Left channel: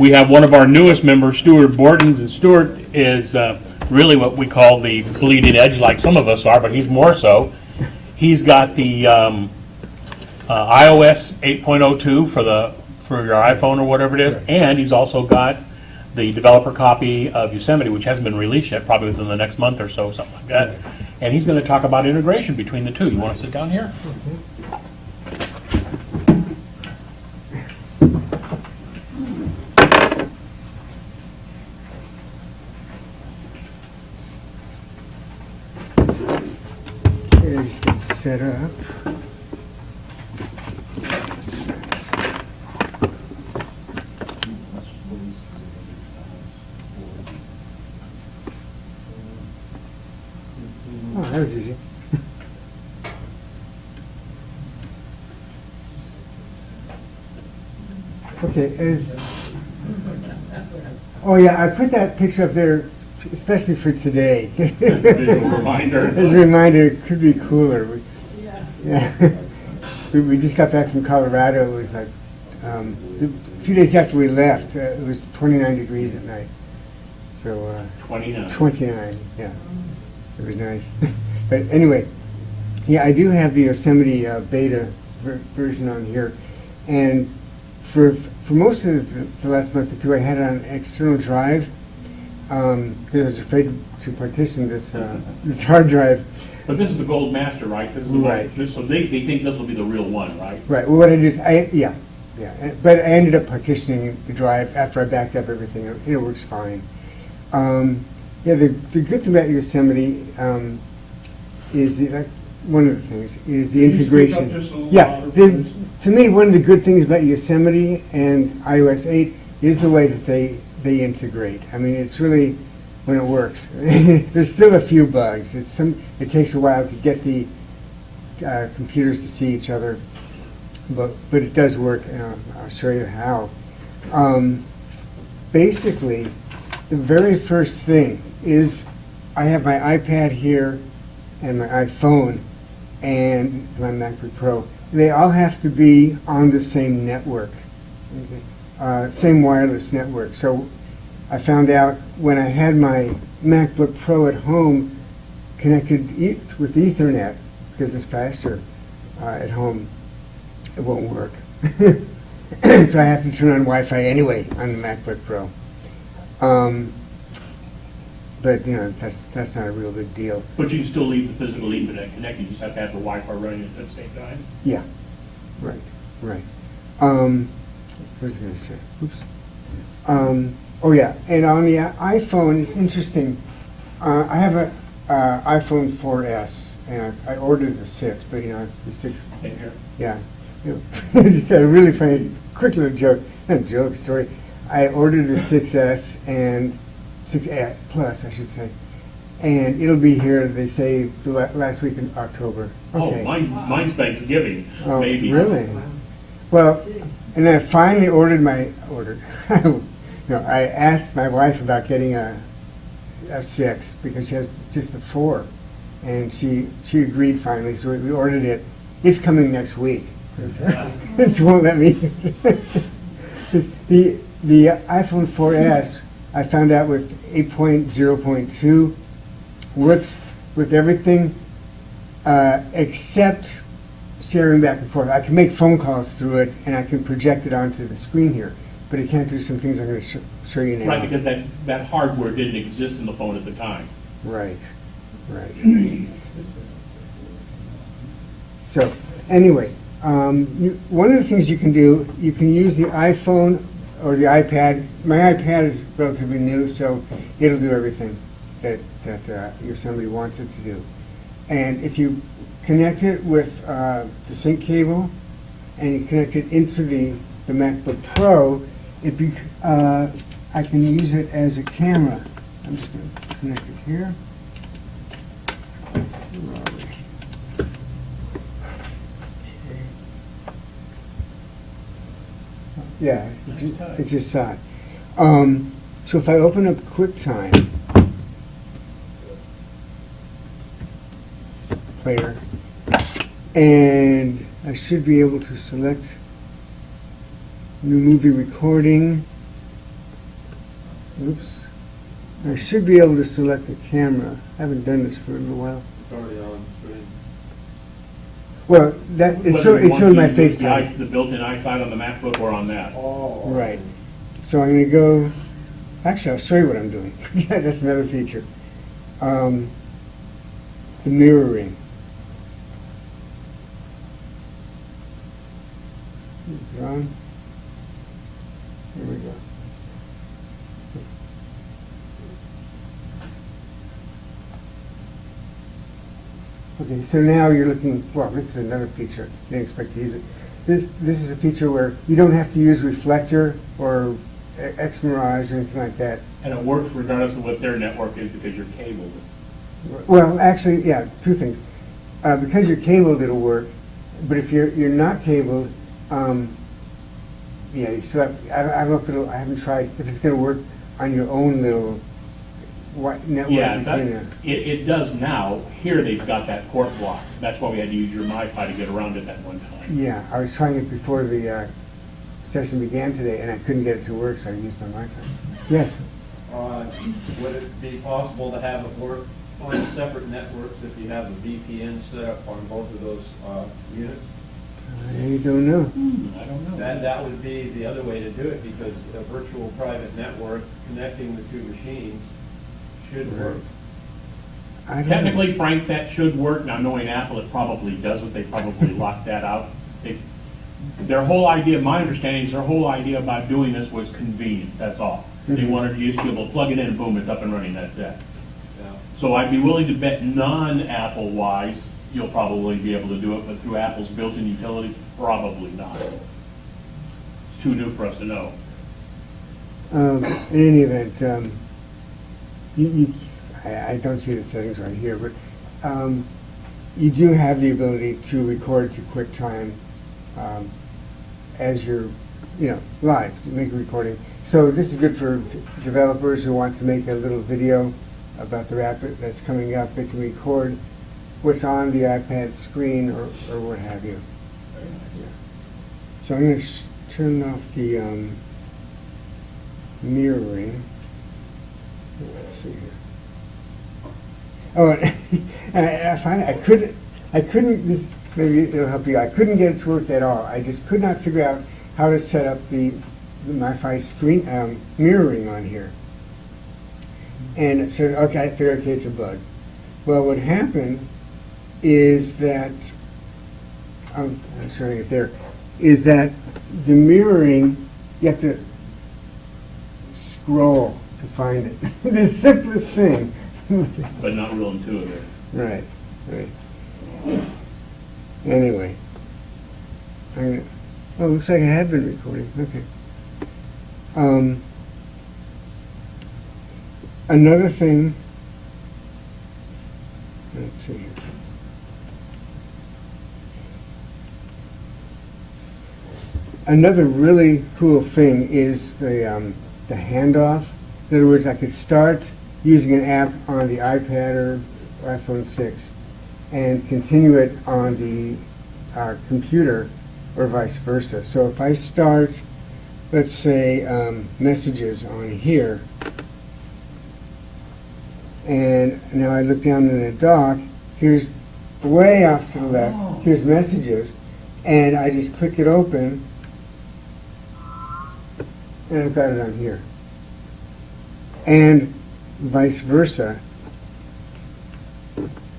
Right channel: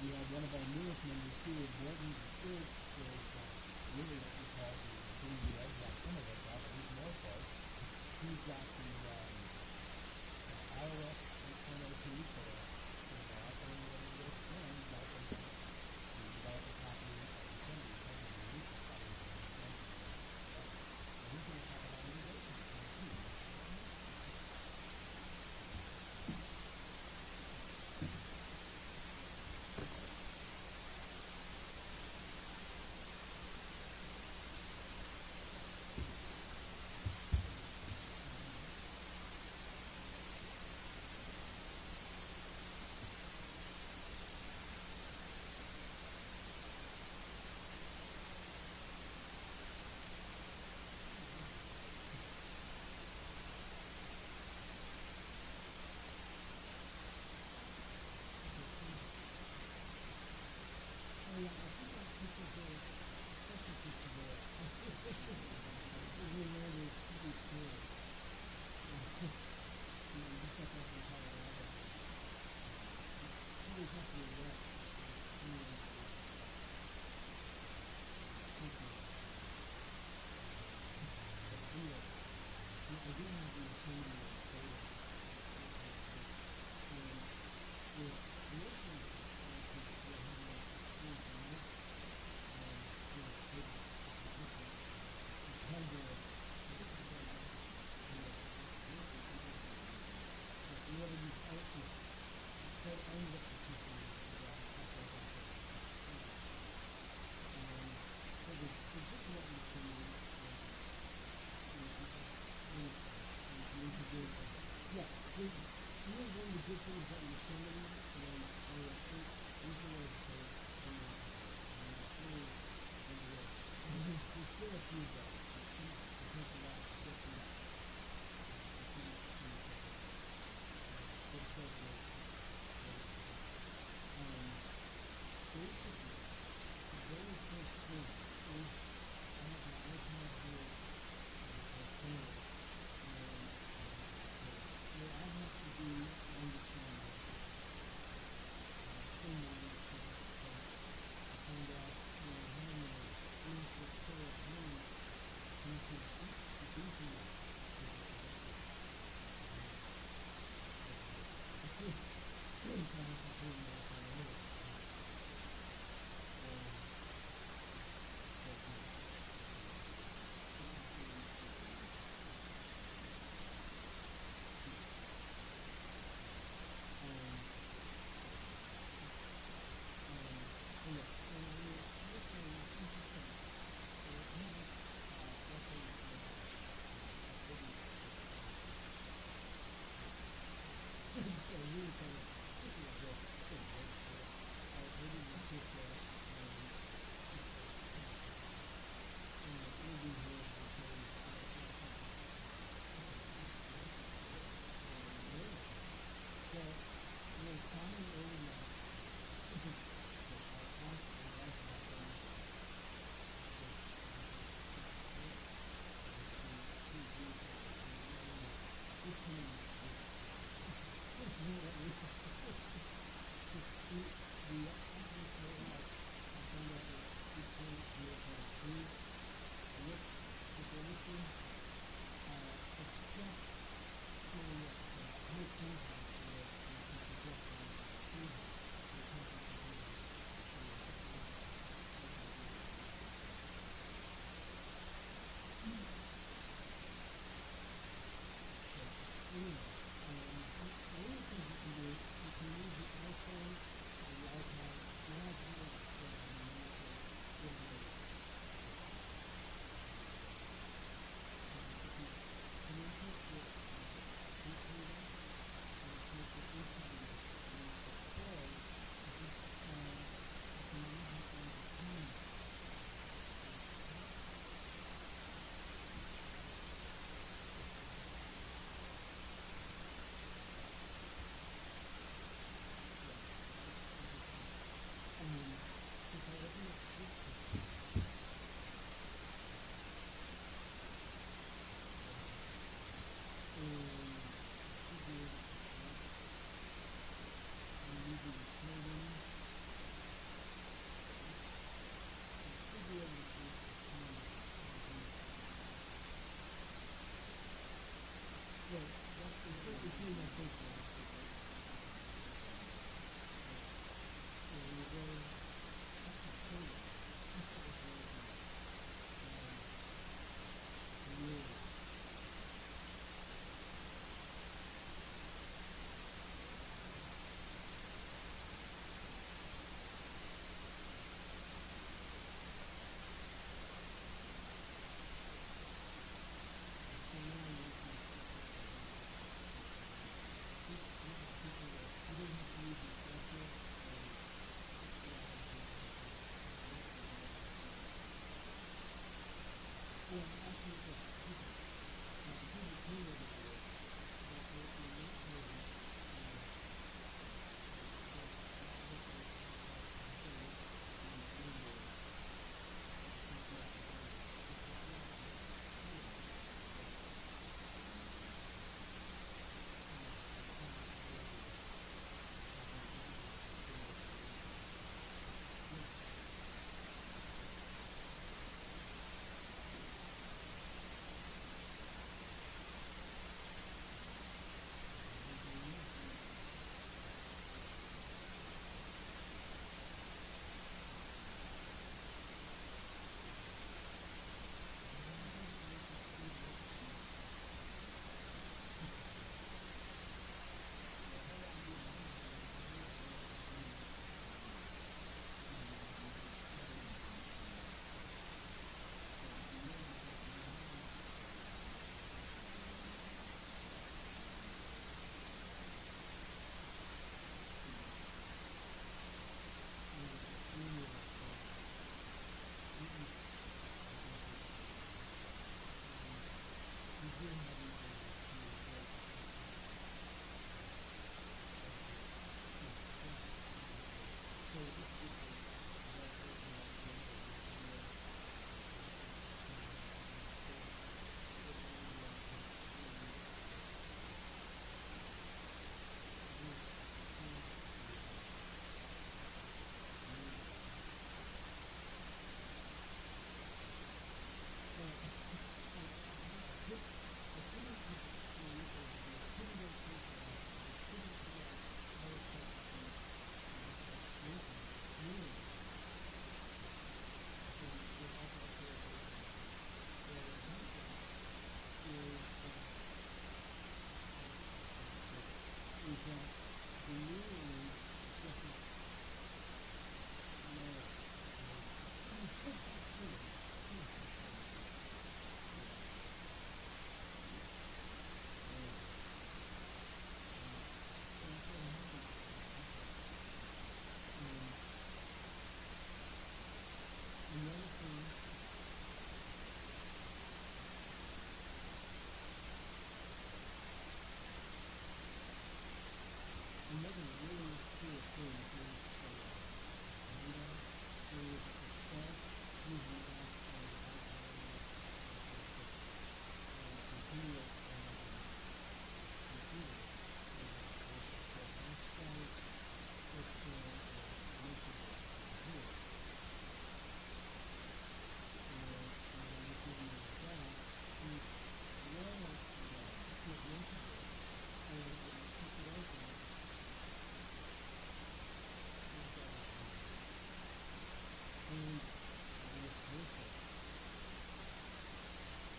We have one of our newest members, Stuart Bordens, and Stuart is really what we call the bleeding edge, like some of us are, but he's more so. He's got the iOS 8.02 for your iPhone or whatever it is, and he's also got the developer copy of Yosemite, which hasn't been released yet, probably within the next month or so, something like that. And he's going to talk about integration between the two. You want to sit down here? Okay, just get set up. Oh, that was easy. Okay, oh yeah, I put that picture up there especially for today. As a reminder. As a reminder, it could be cooler. Yeah. We just got back from Colorado. It was like a few days after we left. It was 29 degrees at night. So 29. 29, yeah. It was nice. But anyway, yeah, I do have the Yosemite beta version on here, and for most of the last month or two, I had it on an external drive because I was afraid to partition this hard drive. But this is the gold master, right? This is the Right. One, so they think this will be the real one, right? Right. Well, what I did is, yeah. But I ended up partitioning the drive after I backed up everything. It works fine. Yeah, the good thing about Yosemite is one of the things is the integration. Yeah, to me, one of the good things about Yosemite and iOS 8 is the way that they integrate. I mean, it's really when it works. There's still a few bugs. It takes a while to get the computers to see each other, but it does work. And I'll show you how. Basically, the very first thing is I have my iPad here and my iPhone and my MacBook Pro. They all have to be on the same network, same wireless network. So I found out when I had my MacBook Pro at home connected with Ethernet, because it's faster at home, it won't work. So I have to turn on Wi-Fi anyway on the MacBook Pro. But that's not a real big deal. But you can still leave the physical Ethernet connected. You just have to have the Wi-Fi running at the same time. Yeah, right. What was I going to say? Oops. Oh yeah, and on the iPhone, it's interesting. I have a iPhone 4S, and I ordered the 6, but it's the 6. Same here. Yeah. Just a really funny, quick little joke, not joke, story. I ordered the 6S and 6S Plus, I should say, and it'll be here, they say, the last week in October. Okay. Oh, mine's Thanksgiving, Oh, maybe. really? Well, and then I finally I asked my wife about getting a 6 because she has just a 4, and she agreed finally, so we ordered it. It's coming next week. It won't let me. The iPhone 4S, I found out with 8.0.2 works with everything except sharing back and forth. I can make phone calls through it, and I can project it onto the screen here, but it can't do some things I'm going to show you now. Right, because that hardware didn't exist in the phone at the time. Right. So, anyway, one of the things you can do, you can use the iPhone or the iPad. My iPad is relatively new, so it'll do everything that Yosemite wants it to do. And if you connect it with the sync cable and you connect it into the MacBook Pro, I can use it as a camera. I'm just going to connect it here. Yeah, it just saw it. So if I open up QuickTime player, and I should be able to select new movie recording, Oops. I should be able to select the camera. I haven't done this for a little while. It's already on screen. Well, that, it Whether showed, you it want showed to my use FaceTime. the built-in eyesight on the MacBook or on that. Oh. Right. So I'm gonna go, actually, I'll show you what I'm doing. Yeah, that's another feature. The mirroring. It's on. There we go. Okay, so now you're looking, well, this is another feature. Didn't expect to use it. This is a feature where you don't have to use reflector or XMirage or anything like that. And it works regardless of what their network is because you're cabled. Well, actually, yeah, two things. Because you're cabled, it'll work. But if you're not cabled, yeah, you still have, I don't know if it'll, I haven't tried, if it's gonna work on your own little network. Yeah, between it does now. Here they've got that port block. That's why we had to use your MiFi to get around it that one time. Yeah, I was trying it before the session began today, and I couldn't get it to work, so I used my Wi-Fi. Yes? Would it be possible to have it work on separate networks if you have a VPN set up on both of those units? I don't know. I don't know. That would be the other way to do it, because a virtual private network connecting the two machines should work. I don't know. Technically, Frank, that should work. Now, knowing Apple, it probably doesn't. They probably locked that out. Their whole idea, my understanding is their whole idea about doing this was convenience, that's all. They Mhm. wanted you to be able to plug it in, boom, it's up and running, that's it. Yeah. So I'd be willing to bet non-Apple wise, you'll probably be able to do it, but through Apple's built-in utilities, probably not. It's too new for us to know. In any event, I don't see the settings right here, but you do have the ability to record to QuickTime as you're, live, make a recording. So this is good for developers who want to make a little video about their app that's coming up. They can record what's on the iPad screen or what have you. Yeah. So I'm going to turn off the mirroring. Let's see here. Oh, I find I couldn't, this maybe it'll help you. I couldn't get it to work at all. I just could not figure out how to set up the MiFi screen mirroring on here. And so, okay, I figured, okay, it's a bug. Well, what happened is that, I'm showing it there, is that the mirroring, you have to scroll to find it. The simplest thing. But not real intuitive. Right. Anyway. Oh, looks like I have been recording. Okay. Another thing, let's see here. Another really cool thing is the handoff. In other words, I could start using an app on the iPad or iPhone 6 and continue it on the computer or vice versa. So if I start, let's say, messages on here, and now I look down in the dock, here's way off to the left, here's messages, and I just click it open, and I've got it on here. And vice versa.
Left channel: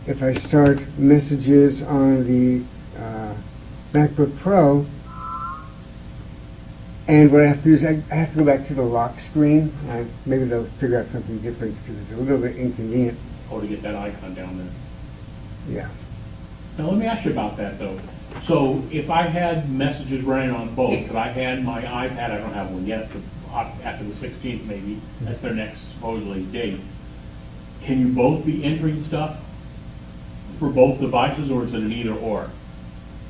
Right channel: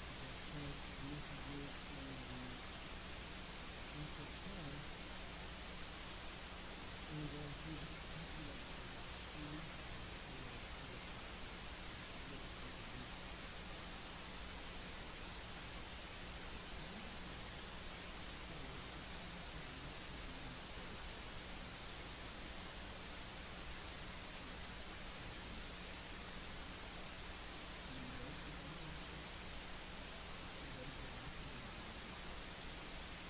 If I start messages on the MacBook Pro, and what I have to do is I have to go back to the lock screen. Maybe they'll figure out something different because it's a little bit inconvenient. Or to get that icon down there. Yeah. Now, let me ask you about that, though. So, if I had messages running on both, if I had my iPad, I don't have one yet, but after the 16th maybe, that's their next supposedly date, can you both be entering stuff for both devices, or is it an either or?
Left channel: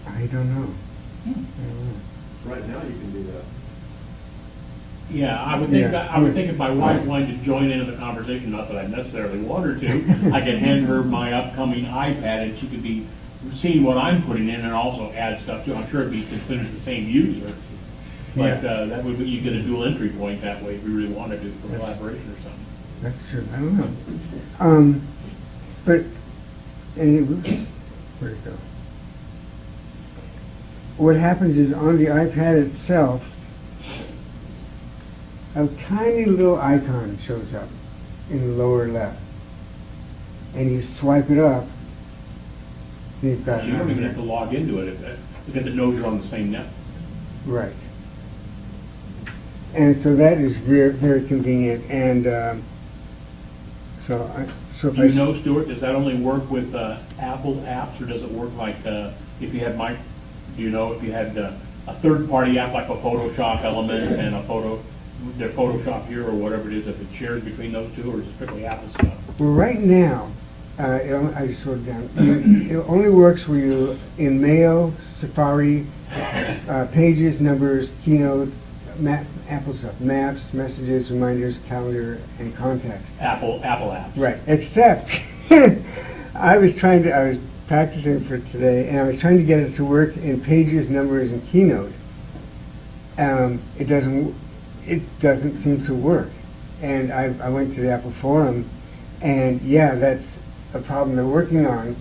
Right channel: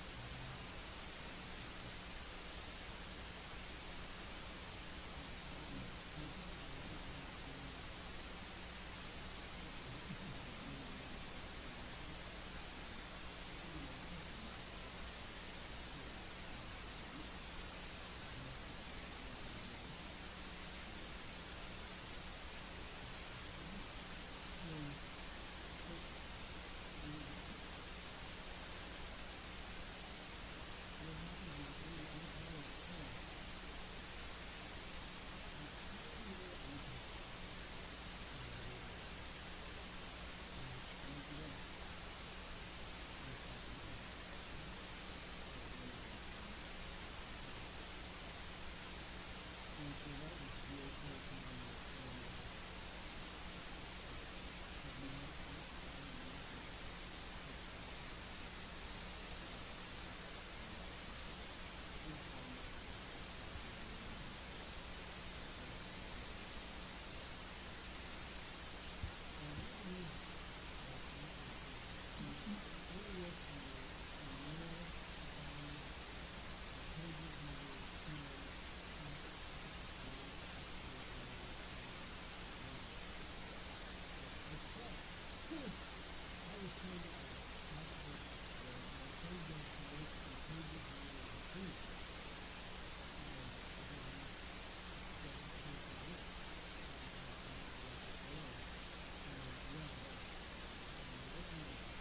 I don't know. Right now you can do that. Yeah, I would think Yeah. I would think if my wife wanted to join in the conversation, not that I necessarily want her to, I could hand her my upcoming iPad and she could be seeing what I'm putting in and also add stuff to it. I'm sure it'd be considered the same user. But, Yeah. that would, you get a dual entry point that way if you really want to do some Yes. collaboration or something. That's true, I don't know. But, anyway, where'd it go? What happens is on the iPad itself, a tiny little icon shows up in the lower left. And you swipe it up, you've got So you don't even have it. to log into it because it knows you're on the same net. Right. And so that is very, very convenient, and so if Do I... you know, Stuart, does that only work with Apple apps, or does it work like, if you had do you know if you had a third-party app like a Photoshop Elements and their Photoshop here or whatever it is, if it shares between those two, or is it strictly Apple stuff? Well, right now, I just wrote it down. It only works where you, in Mail, Safari, Pages, Numbers, Keynote, Apple stuff, Maps, Messages, Reminders, Calendar, and Contacts. Apple apps. Right, except I was practicing for today, and I was trying to get it to work in Pages, Numbers, and Keynote. It doesn't seem to work. And I went to the Apple Forum, and yeah, that's a problem they're working on.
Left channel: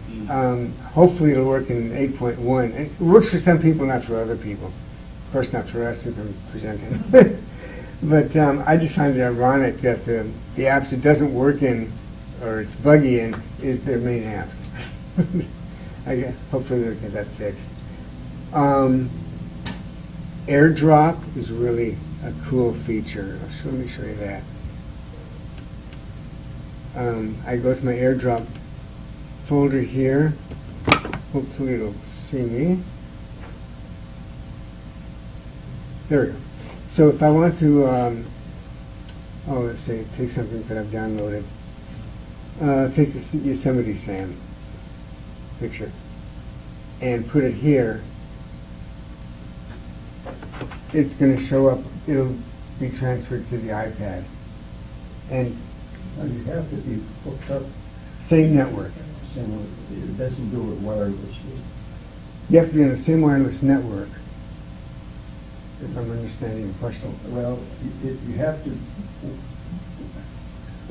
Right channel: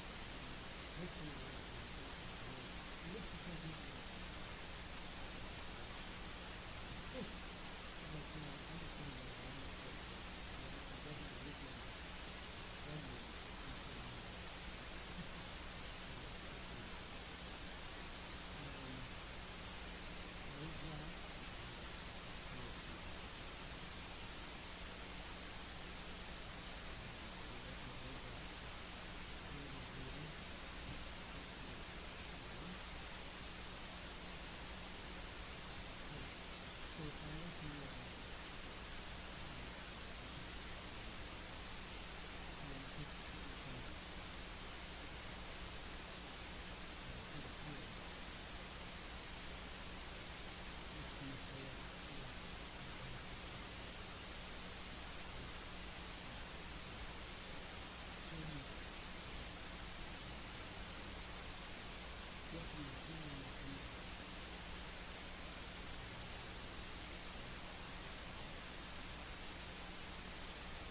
Hopefully it'll work in 8.1. It works for some people, not for other people. Of course, not for us since I'm presenting. But I just find it ironic that the apps it doesn't work in, or it's buggy in, is their main apps. Hopefully they'll get that fixed. AirDrop is really a cool feature. Let me show you that. I go to my AirDrop folder here. Hopefully it'll see me. There we go. So if I want to, let's say, take something that I've downloaded. Take the Yosemite Sam picture and put it here. It's going to show up. It'll be transferred to the iPad. And You have to be hooked up, same network. it doesn't do it wirelessly. You have to be on the same wireless network, if I'm understanding your question. Well, you have to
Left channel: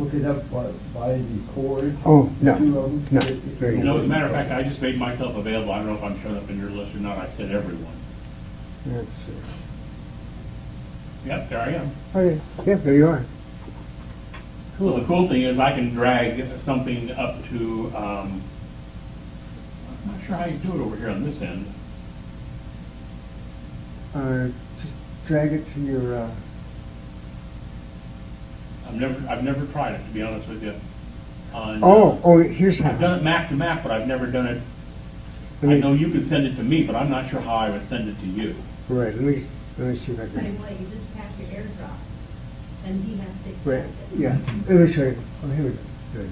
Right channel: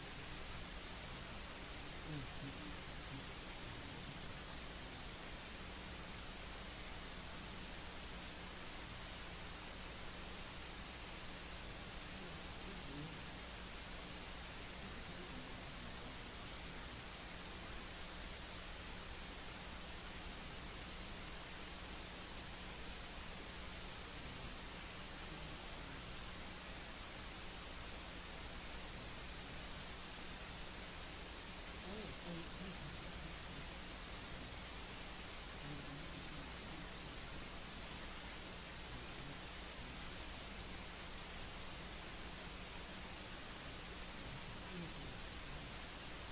hook it up by the cord. Oh, no, Two of them. no, It- very You good. know, as a matter of fact, I just made myself available. I don't know if I'm showing up in your list or not. I said everyone. Let's see. Yep, there I am. Okay, yeah, there you are. Well, the cool thing is I can drag something up to, I'm not sure how you do it over here on this end. Just drag it to your, I've never tried it, to be honest with you. Here's how. I've done it Mac to Mac, but I've never done it, I Let me- know you could send it to me, but I'm not sure how I would send it to you. Right, let me see if I Same can. way, you just tap your AirDrop, and he has to. Right, accept it. yeah, let me show you. Oh, here we go. Good.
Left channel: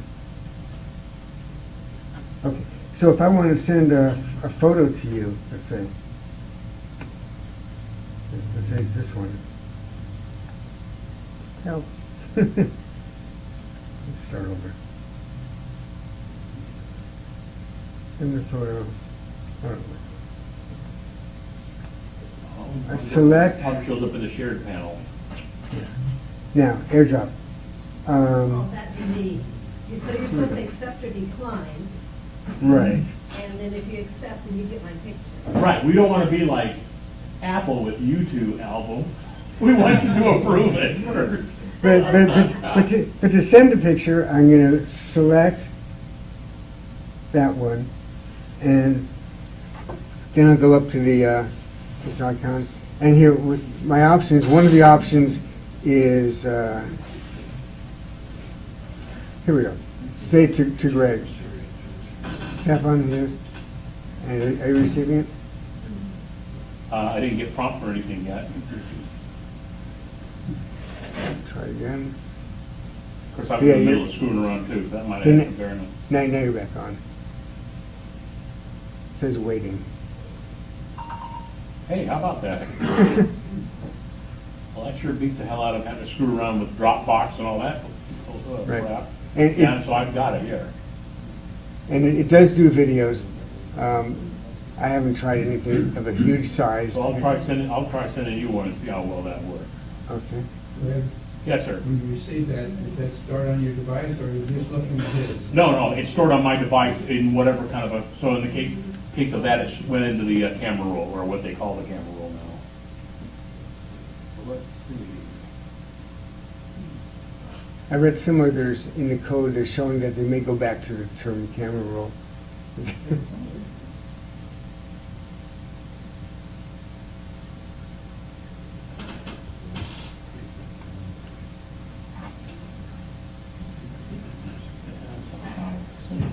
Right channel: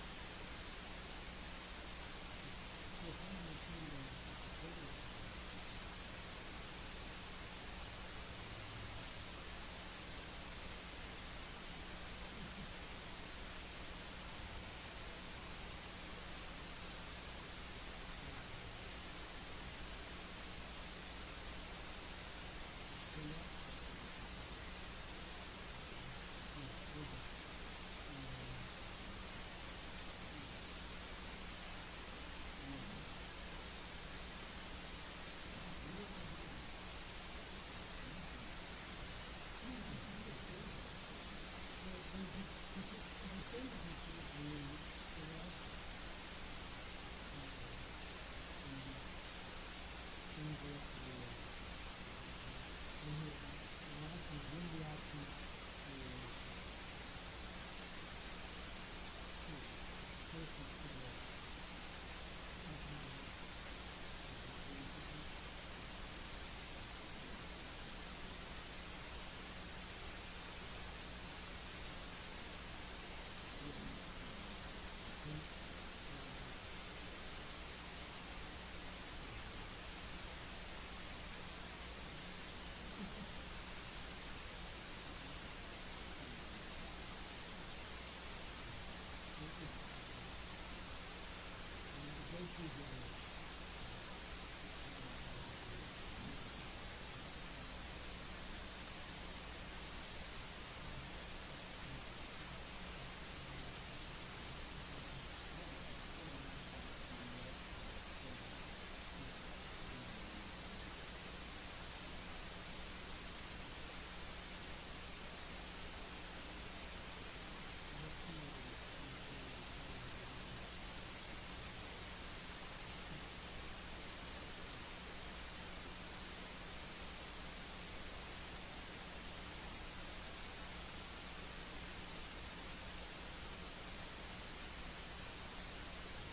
Okay, so if I want to send a photo to you, let's say it's this one. Help. Let's start over. Send the photo. I select- Probably shows up in the shared panel. Now, AirDrop. All that you need. So you're supposed to accept or decline, Right. and then if you accept, then you get my picture. Right, we don't want to be like Apple with YouTube album. We want you to approve it first. But to send the picture, I'm going to select that one, and then I'll go up to the this icon, and here with my options, one of the options is here we go. Say to Greg. Tap on his, and are you receiving it? I didn't get prompt or anything yet. Try again. Of course, I'm in the middle of screwing around too, so that might Then- add some fairness. Now you're back on. It says waiting. Hey, how about that? Well, that sure beats the hell out of having to screw around with Dropbox and all that Right. crap. And Yeah, so I've got it here. it does do videos. I haven't tried anything of a huge size. So I'll try sending you one and see how well that works. Okay. When Yes, sir. when you receive that, is that stored on your device, or are you just looking at his? No, it's stored on my device in whatever kind of a, so in the case of that, it went into the camera roll, or what they call the camera roll now. So let's see. I read somewhere there's, in the code, they're showing that they may go back to the term camera roll.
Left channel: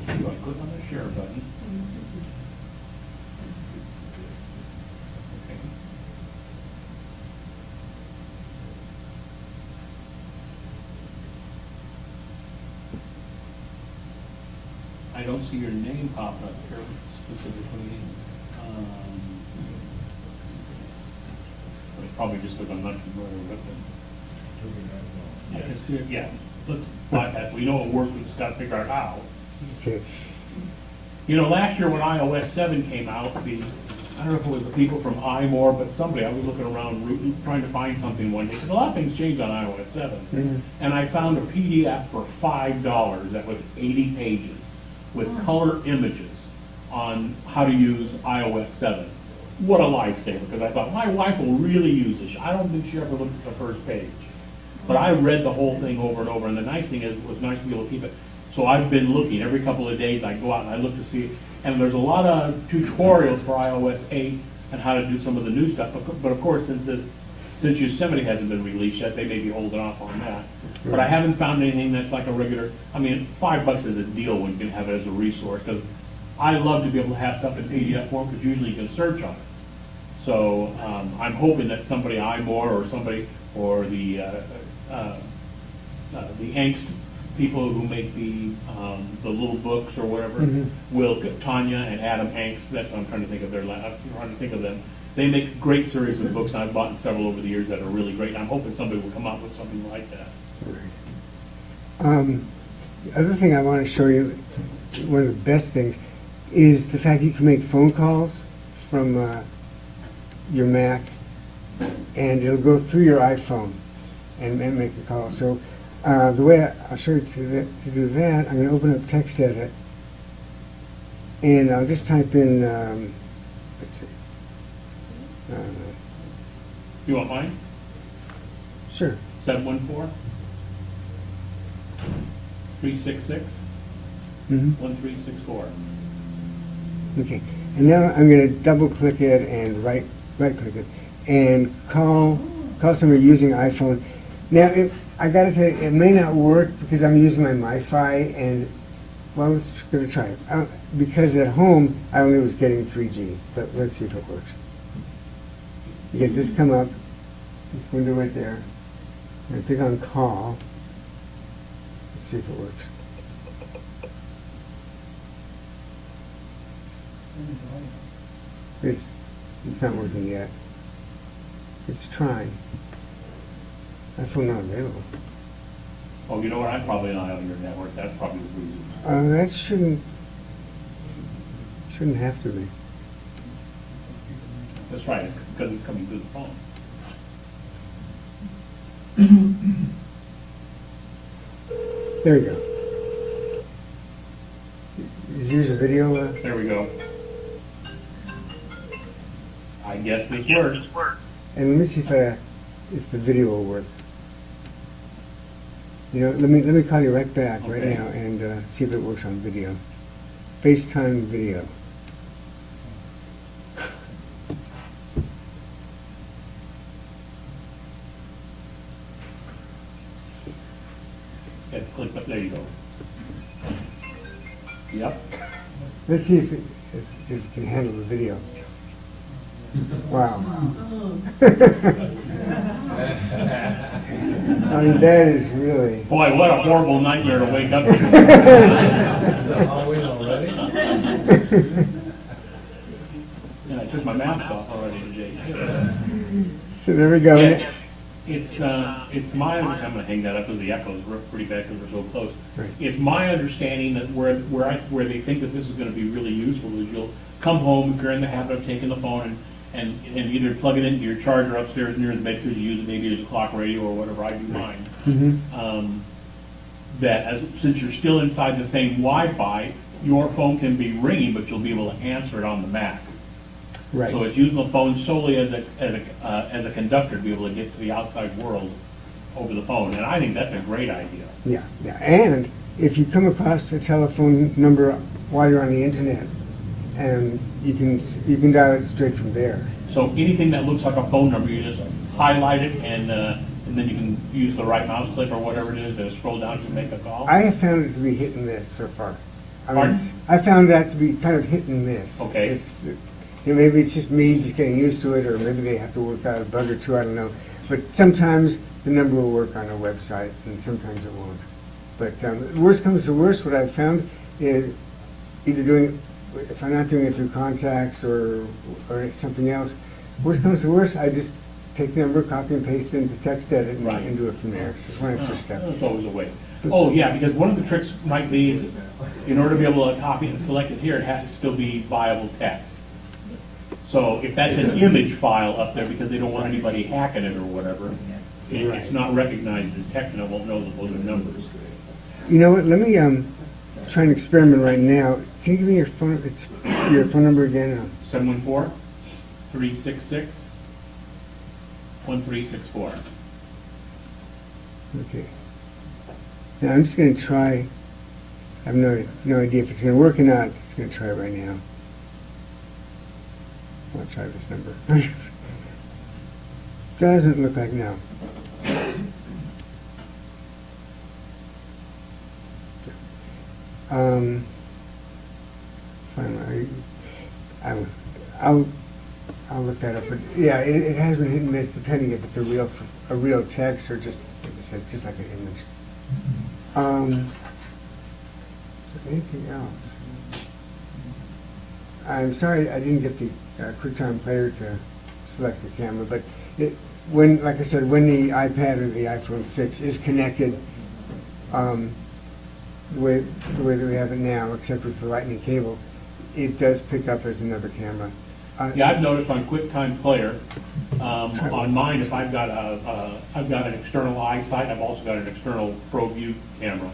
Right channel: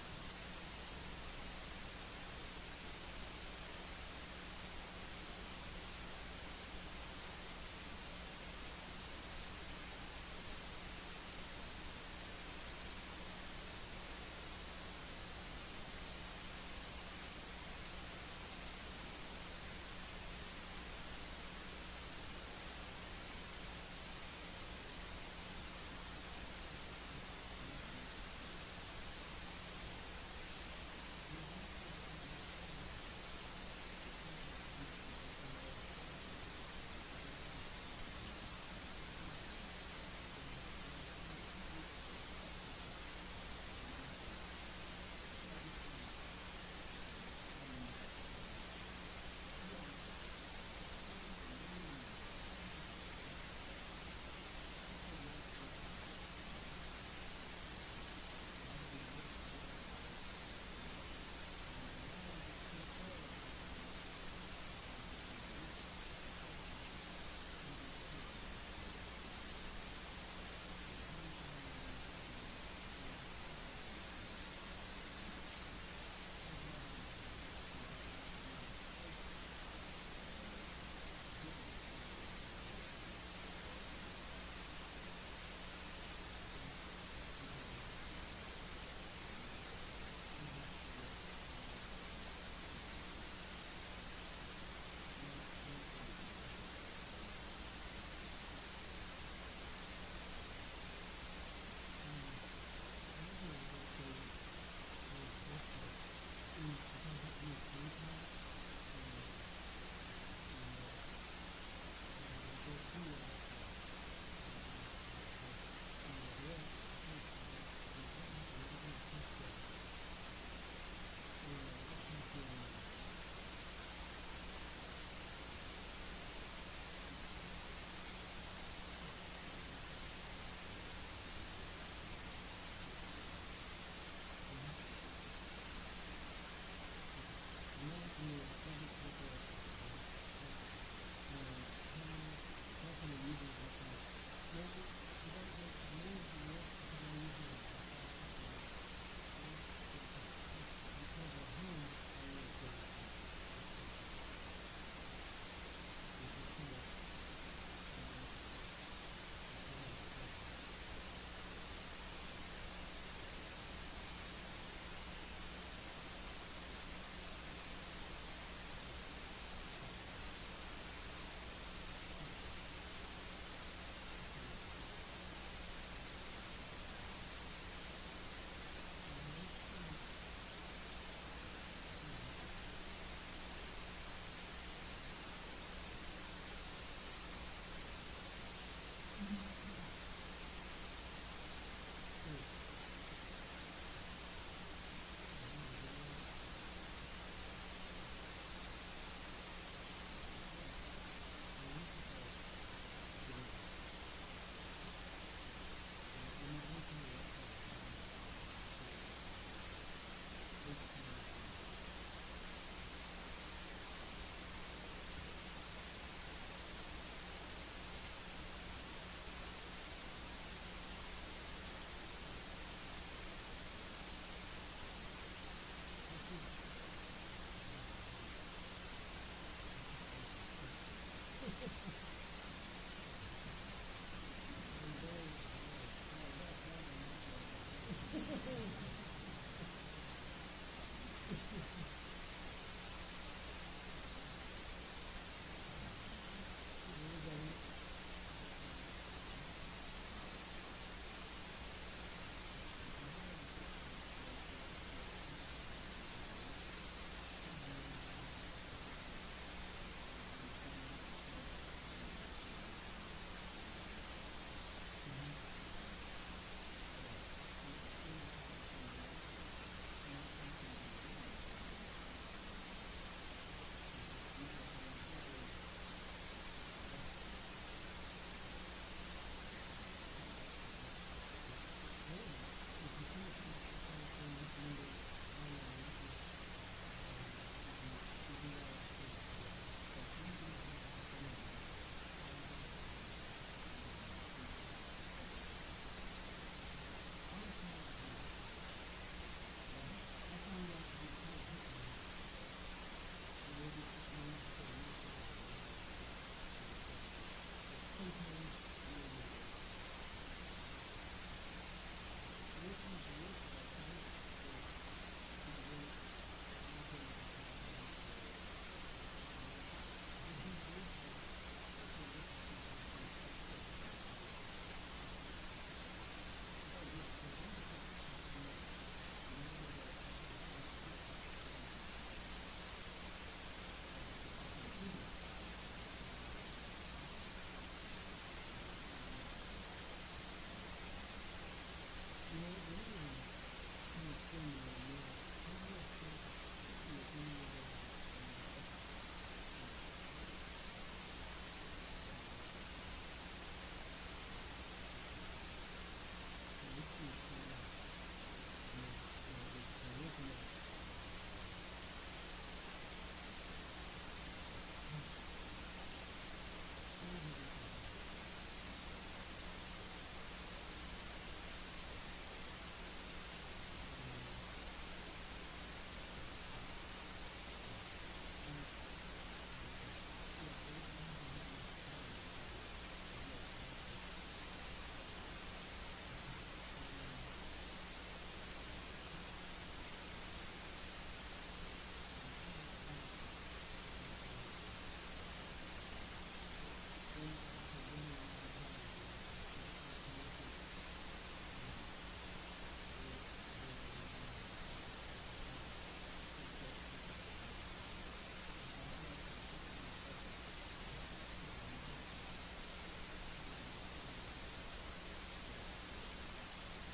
You want to click on the share button. I don't see your name pop up here specifically. It's probably just because I'm not familiar with it. Yeah, it's here, yeah. Let's bypass. We know it works, we just got to figure out how. Okay. You know, last year when iOS 7 came out, I don't know if it was the people from iMore, but somebody, I was looking around trying to find something one day, because a lot of things changed on iOS 7. Mhm. And I found a PDF for $5 that was 80 pages with color images on how to use iOS 7. What a lifesaver, because I thought, my wife will really use this. I don't think she ever looked at the first page. But I read the whole thing over and over, and the nice thing is, it was nice to be able to keep it. So I've been looking, every couple of days I go out and I look to see, and there's a lot of tutorials for iOS 8 and how to do some of the new stuff. But of course, since Yosemite hasn't been released yet, they may be holding off on that. But I haven't found anything that's like a regular, I mean, $5 is a deal when you can have it as a resource, because I love to be able to have stuff in PDF form, because usually you can search on it. So I'm hoping that somebody, iMore or somebody, or the angst people who make the little books or whatever, Mhm. will, Tanya and Adam Angst, that's what I'm trying to think of I'm trying to think of them. They make a great series of books, and I've bought several over the years that are really great, and I'm hoping somebody will come up with something like that. The other thing I want to show you, one of the best things, is the fact you can make phone calls from your Mac, and it'll go through your iPhone and make a call. So the way I'll show you to do that, I'm going to open up TextEdit, and I'll just type in, let's see, You want mine? sure, 714-366-1364. Okay, and now I'm going to double click it and right click it and call somebody using iPhone. Now, I got to tell you, it may not work because I'm using my MiFi, and well, let's give it a try. Because at home I only was getting 3G, but let's see if it works. You get this come up, this window right there, and click on call. Let's see if it works. It's not working yet. It's trying. iPhone not available. Oh, you know what, I'm probably not on your network, that's probably the reason. That shouldn't have to be. That's right, because it's coming through the phone. There you go. Is yours a video? There we go. I guess this works. And let me see if the video will work. You know, let me call you right back right Okay. now and see if it works on video. FaceTime video. Yeah, click up, there you go. Yep. Let's see if it can handle the video. Wow. I mean, that is really... Boy, what a horrible nightmare to wake up to. Halloween already? And I took my mask off already today. So there we go. Yeah, it's my, I'm gonna hang that up because the echo is pretty bad because we're so close. Right. It's my understanding that where they think that this is gonna be really useful is you'll come home, if you're in the habit of taking the phone and either plug it into your charger upstairs near the bed because you use it maybe as a clock radio or whatever, I do mine. Mm-hmm. Since you're still inside the same Wi-Fi, your phone can be ringing, but you'll be able to answer it on the Mac. Right. So it's using the phone solely as a conductor to be able to get to the outside world over the phone, and I think that's a great idea. Yeah, yeah. And if you come across a telephone number while you're on the internet, and you can dial it straight from there. So anything that looks like a phone number, you just highlight it, and then you can use the right mouse click or whatever it is to scroll down to make a call. I have found it to be hit and miss so far. Pardon? I found that to be kind of hit and miss. Okay. Maybe it's just me just getting used to it, or maybe they have to work out a bug or two, I don't know. But sometimes the number will work on a website, and sometimes it won't. But worst comes to worst, what I've found is either doing, if I'm not doing it through contacts or something else, worst comes to worst, I just take the number, copy and paste it into text edit Right. and do it from there. It's just one extra step. That's always a way. Oh, yeah, because one of the tricks might be is in order to be able to copy and select it here, it has to still be viable text. So if that's an image file up there because they don't want anybody hacking it or whatever, it's not recognized as text and it won't know that those are numbers. You know what, let me try an experiment right now. Can you give me your phone number again? 714-366-1364. Okay. Now I'm just going to try. I have no idea if it's going to work or not. Just going to try it right now. I want to try this number. Doesn't look like no. Finally, I'll look that up. But yeah, it has been hit and miss depending if it's a real text or just, like I said, just like an image. Is there anything else? I'm sorry I didn't get the QuickTime Player to select the camera, but like I said, when the iPad or the iPhone 6 is connected, the way that we have it now, except for the lightning cable, it does pick up as another camera. Yeah, I've noticed on QuickTime Player, on mine, if I've got an external eyesight, I've also got an external ProView camera.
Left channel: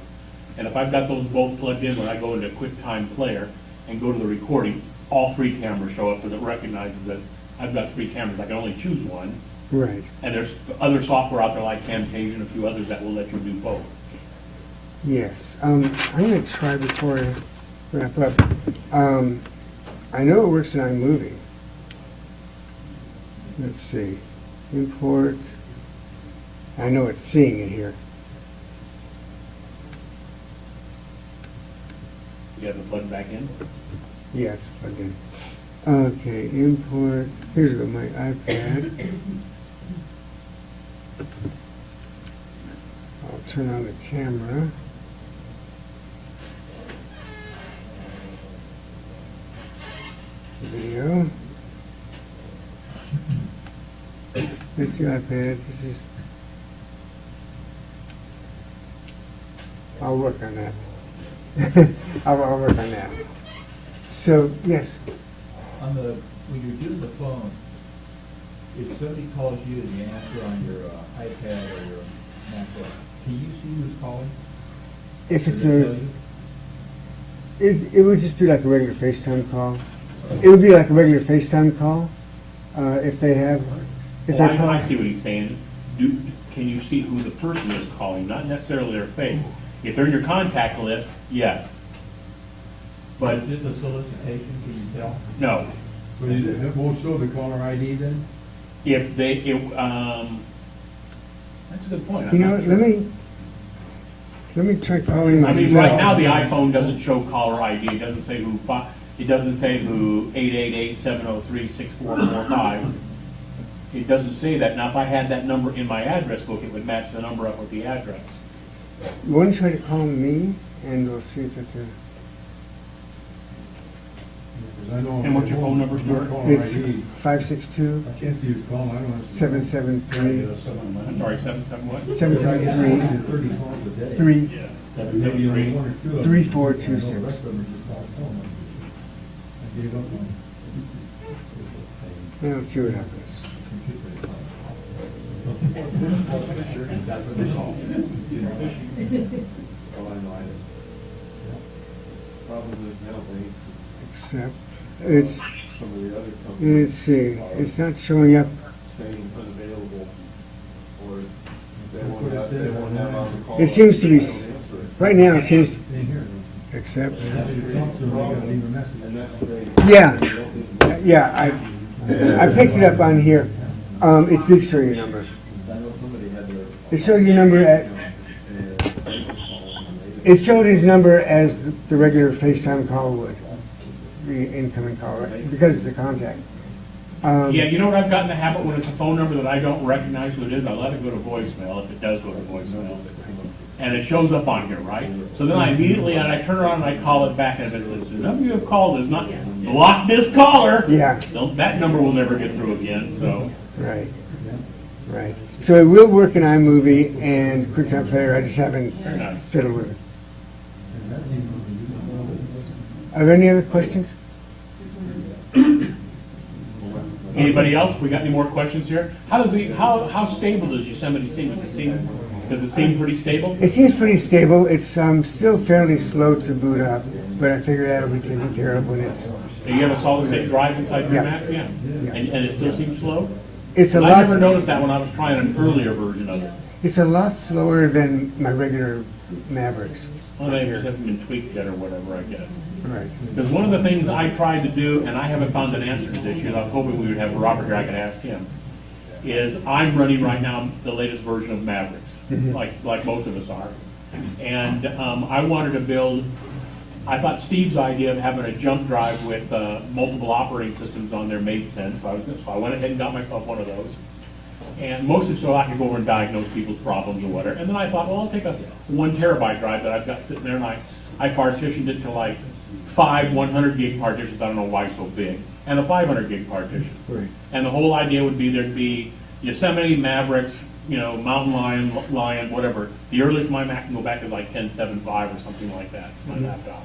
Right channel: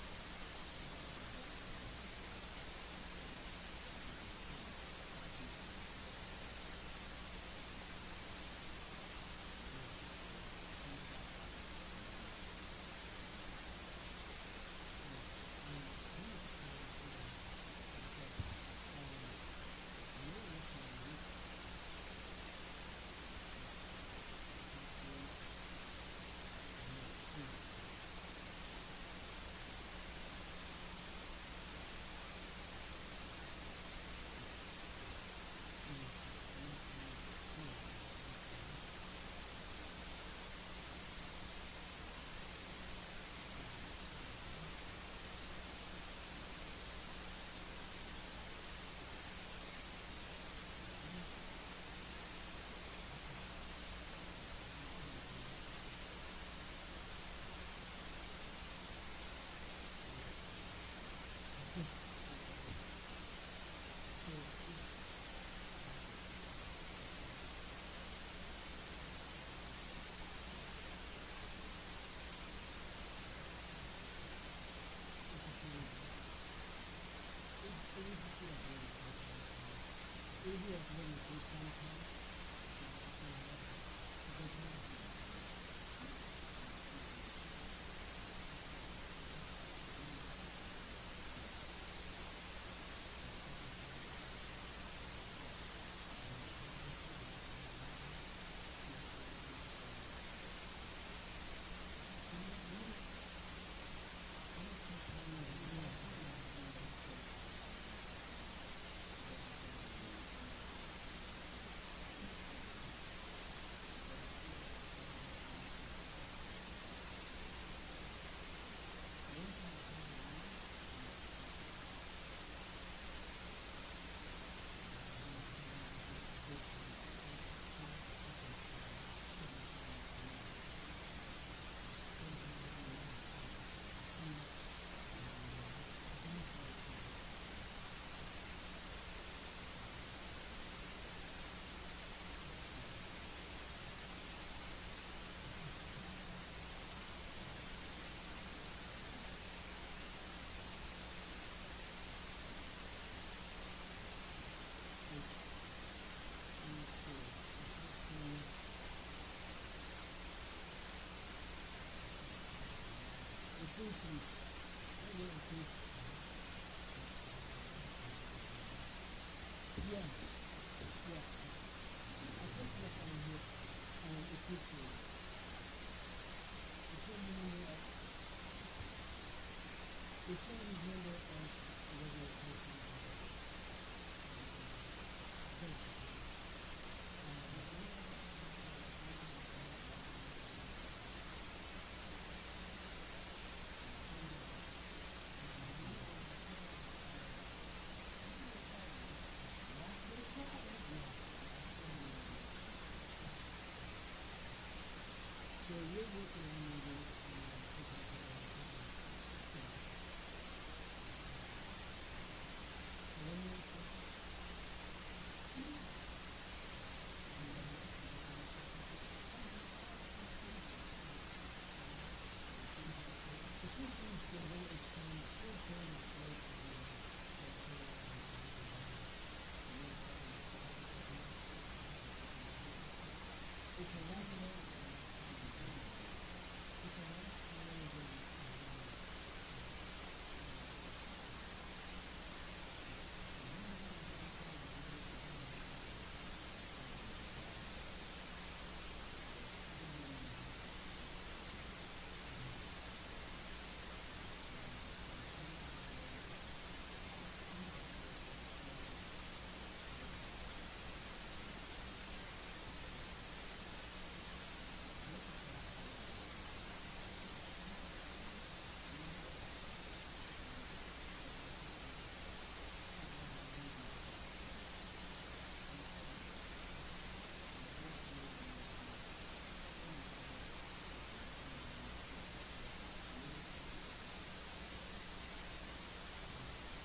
And if I've got those both plugged in, when I go into QuickTime Player and go to the recording, all three cameras show up because it recognizes that I've got three cameras. I can only choose one. Right. And there's other software out there like Camtasia and a few others that will let you do both. Yes. I'm going to try before I wrap up. I know it works in iMovie. Let's see. Import. I know it's seeing it here. You have it plugged back in? Yes, plugged in. Okay, import. Here's my iPad. I'll turn on the camera. Video. That's the iPad. This is. I'll work on that. I'll work on that. So, yes. When you do the phone, if somebody calls you and you answer on your iPad or your MacBook, can you see who's calling? If it's Does it tell you? it would just be like a regular FaceTime call. It would be like a regular FaceTime call, if they have, if Oh, they're calling. I see what he's saying. Can you see who the person is calling, not necessarily their face? If they're in your contact list, yes. But Is this a solicitation, can you tell? no. So it won't show the caller ID then? If they, that's a good point. You know, what, let me try calling I myself. mean, right now, the iPhone doesn't show caller ID. It doesn't say who, it doesn't say who 888-703-6445. It doesn't say that. Now, if I had that number in my address book, it would match the number up with the address. You want to try to call me, and we'll see if it's And what's your phone number, Stuart? it's 562 I can't see his phone, I don't know. 773 I'm sorry, 77 what? 773 3 773. 3426. Yeah, let's see what happens. Problem is now Except, it's, some of the other companies let's see, it's not showing up. saying unavailable, or they won't have on the call. It seems to be, They don't answer it. right now, it seems, except, And that's the. yeah, I picked it up on here. It did show your number. I know somebody had their. It showed your number at, it showed his number as the regular FaceTime call would, the incoming call, right? Because it's a contact. Yeah, you know what I've gotten the habit when it's a phone number that I don't recognize who it is, I let it go to voicemail if it does go to voicemail. And it shows up on here, right? So then I immediately, and I turn around and I call it back, and if it says, the number you have called is not, block this caller. Yeah. That number will never get through again, so. Right, right. So it will work in iMovie and QuickTime Player, I just haven't Very nice. fiddled with it. Are there any other questions? Anybody else? We got any more questions here? How stable does Yosemite seem? Does it seem pretty stable? It seems pretty stable. It's still fairly slow to boot up, but I figure that'll be taken care of when it's, Do you have a solid state drive inside your Yeah. Mac? Yeah. And it still seems slow? it's a I lot, never noticed that when I was trying an earlier version of it. it's a lot slower than my regular Mavericks. Well, they just haven't been tweaked yet or whatever, I guess. Right. Because one of the things I tried to do, and I haven't found an answer to this yet, I was hoping we would have Robert here, I could ask him, is I'm running right now the latest version of Mavericks, like most of us are. And I wanted to build, I thought Steve's idea of having a jump drive with multiple operating systems on there made sense, so I went ahead and got myself one of those. And mostly so I could go over and diagnose people's problems or whatever. And then I thought, well, I'll take a 1 terabyte drive that I've got sitting there, and I partitioned it to like 5 100 gig partitions, I don't know why it's so big, and a 500 gig partition. And the whole idea would be there'd be Yosemite, Mavericks, Mountain Lion, whatever. The earliest my Mac can go back is like 10.7.5 or something like that, my laptop.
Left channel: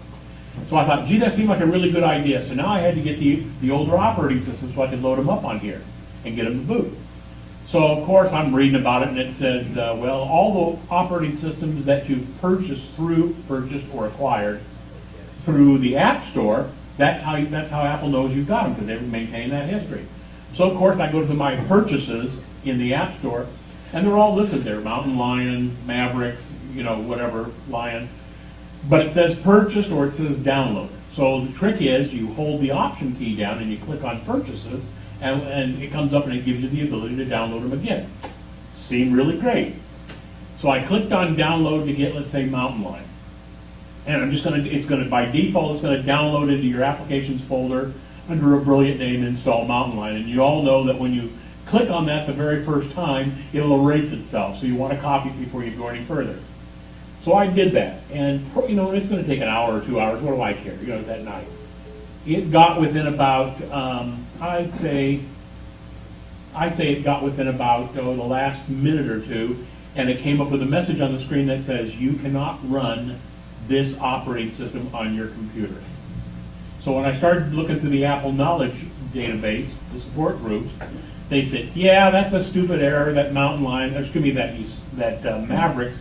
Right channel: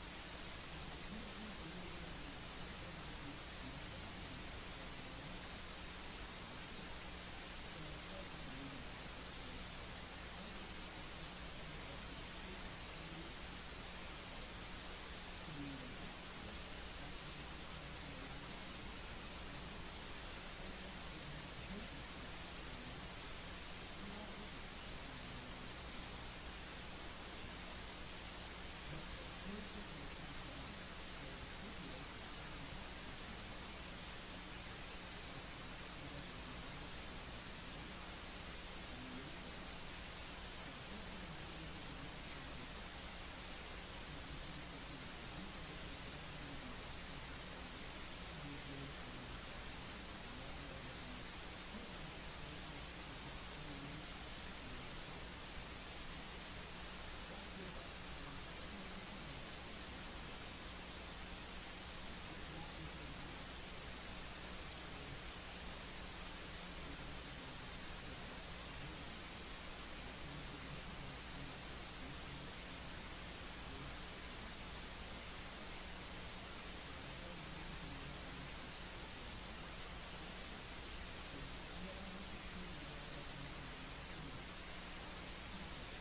So I thought, gee, that seemed like a really good idea. So now I had to get the older operating system so I could load them up on here and get them to boot. So of course I'm reading about it, and it says, well, all the operating systems that you purchased or acquired through the App Store, that's how Apple knows you've got them, because they maintain that history. So of course I go to my purchases in the App Store, and they're all listed there: Mountain Lion, Mavericks, whatever Lion. But it says purchased or it says downloaded. So the trick is you hold the Option key down and you click on purchases, and it comes up and it gives you the ability to download them again. Seemed really great. So I clicked on download to get, let's say, Mountain Lion. And it's gonna, by default, it's gonna download into your applications folder under a brilliant name, install Mountain Lion. And you all know that when you click on that the very first time, it'll erase itself. So you want to copy it before you go any further. So I did that. And, it's gonna take an hour or 2 hours. What do I care? It's at night. It got within about, I'd say it got within about the last minute or two, and it came up with a message on the screen that says, you cannot run this operating system on your computer. So when I started looking through the Apple Knowledge database, the support groups, they said, yeah, that's a stupid error that that Mavericks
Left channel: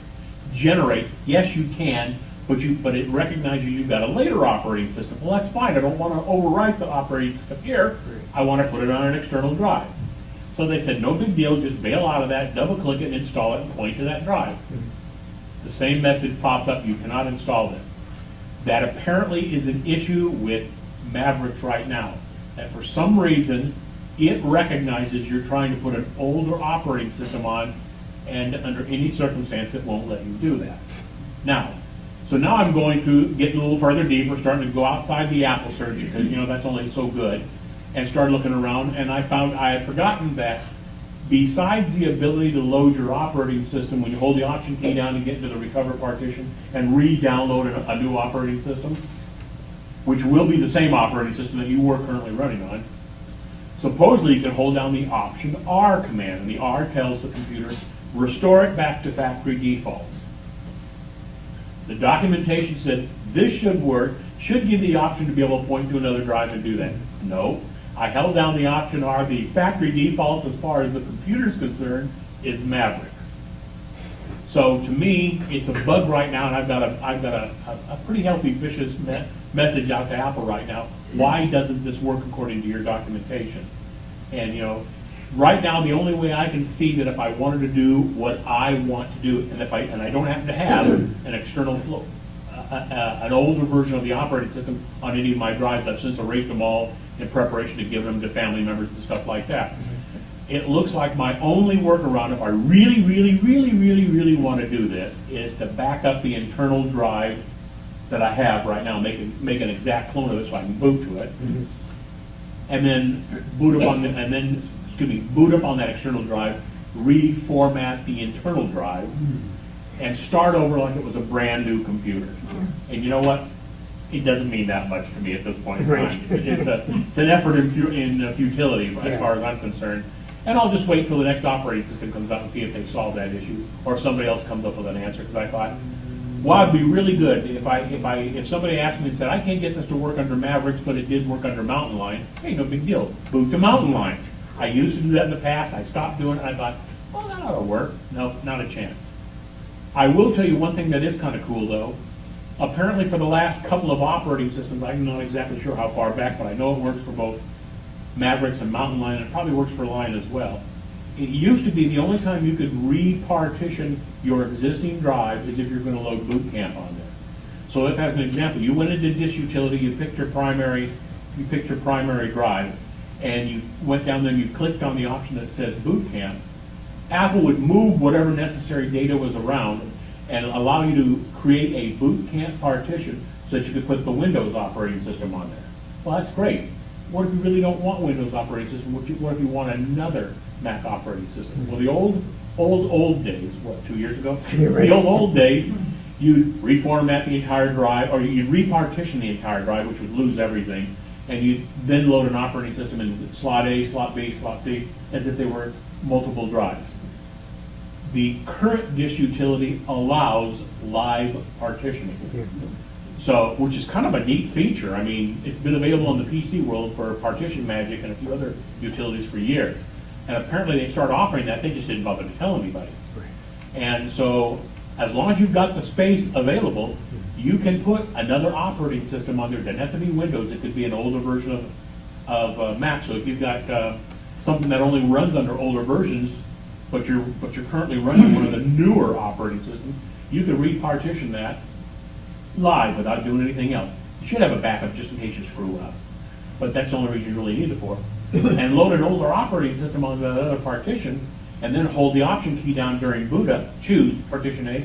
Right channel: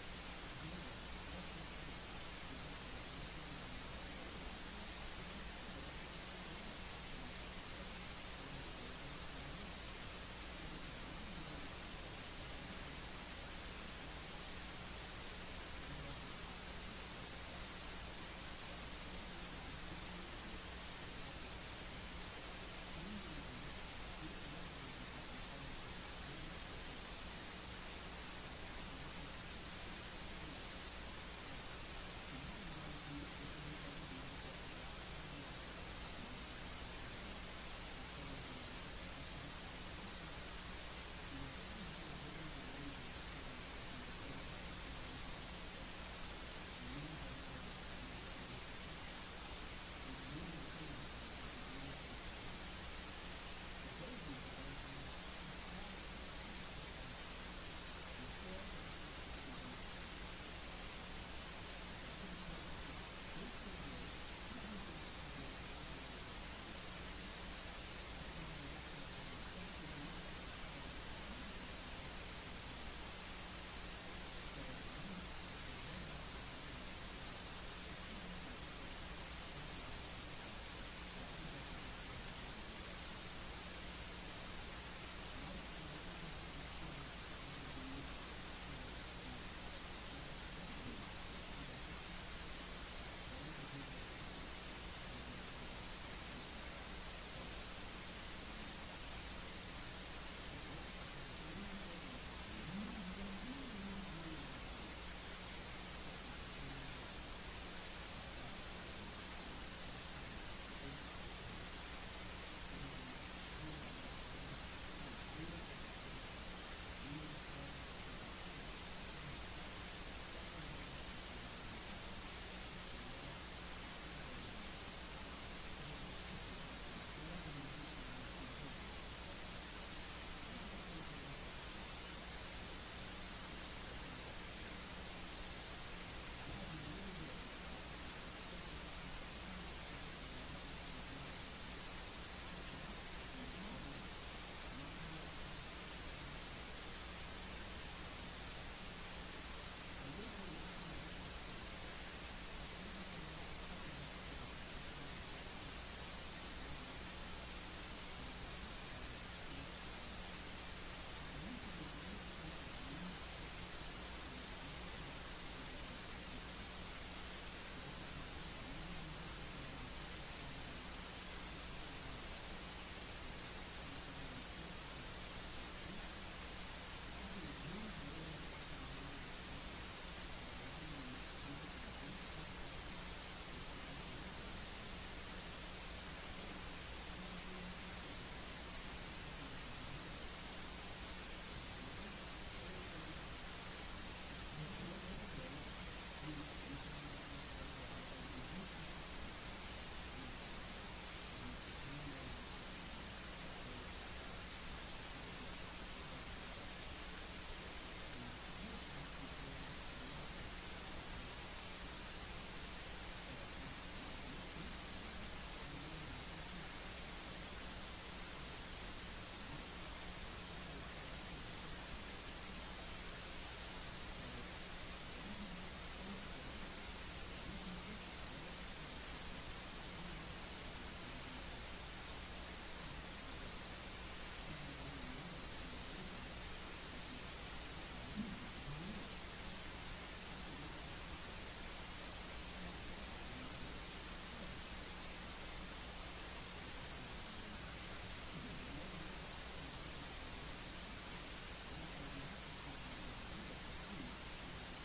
generates. Yes, you can, but it recognizes you've got a later operating system. Well, that's fine. I don't want to overwrite the operating system here. I want to put it on an external drive. So they said, no big deal, just bail out of that, double click it, and install it, and point to that drive. The same message pops up, you cannot install this. That apparently is an issue with Mavericks right now. That for some reason, it recognizes you're trying to put an older operating system on, and under any circumstance, it won't let you do that. So now I'm going to get a little further deeper, starting to go outside the Apple search, because that's only so good, and start looking around, and I found I had forgotten that besides the ability to load your operating system when you hold the Option key down and get into the recover partition and re-download a new operating system, which will be the same operating system that you were currently running on, supposedly you can hold down the Option R command, and the R tells the computer, restore it back to factory defaults. The documentation said this should work should give the option to be able to point to another drive and do that. No, I held down the option R, the factory default as far as the computer's concerned is Mavericks. So to me, it's a bug right now, and I've got a pretty healthy vicious message out to Apple right now. Why doesn't this work according to your documentation? And right now, the only way I can see that if I wanted to do what I want to do, and I don't happen to have an external flow, an older version of the operating system on any of my drives, I've since erased them all in preparation to give them to family members and stuff like that. It looks like my only workaround, if I really, really, really, really, really want to do this, is to back up the internal drive that I have right now, make an exact clone of it so I can boot to it, and then boot up on that external drive, reformat the internal drive, and start over like it was a brand new computer. And you know what? It doesn't mean that much to me at this point in time. It's an effort in futility as far as I'm concerned. And I'll just wait till the next operating system comes out and see if they solve that issue, or if somebody else comes up with an answer. Because I thought, well, it'd be really good if somebody asked me and said, I can't get this to work under Mavericks, but it did work under Mountain Lion. Hey, no big deal. Boot to Mountain Lions. I used to do that in the past. I stopped doing it. I thought, well, that ought to work. No, not a chance. I will tell you one thing that is kind of cool, though. Apparently, for the last couple of operating systems, I'm not exactly sure how far back, but I know it works for both Mavericks and Mountain Lion, and it probably works for Lion as well. It used to be the only time you could repartition your existing drive is if you're going to load Boot Camp on there. So if, as an example, you went into Disk Utility, you picked your primary drive, and you went down there and you clicked on the option that says Boot Camp, Apple would move whatever necessary data was around and allow you to create a Boot Camp partition so that you could put the Windows operating system on there. Well, that's great. What if you really don't want Windows operating system? What if you want another Mac operating system? Well, the old days, 2 years ago? Yeah, right. The old days, you'd reformat the entire drive, or you'd repartition the entire drive, which would lose everything, and you'd then load an operating system in slot A, slot B, slot C, as if they were multiple drives. The current disk utility allows live partitioning. So, which is kind of a neat feature. I mean, it's been available in the PC world for Partition Magic and a few other utilities for years. And apparently they started offering that, they just didn't bother to tell anybody. And so, as long as you've got the space available, you can put another operating system on there. It doesn't have to be Windows, it could be an older version of Mac. So if you've got something that only runs under older versions, but you're currently running one of the newer operating systems, you can repartition that live without doing anything else. You should have a backup just in case you screw up. But that's the only reason you really need it for. And load an older operating system on the other partition, and then hold the option key down during boot up, choose partition A,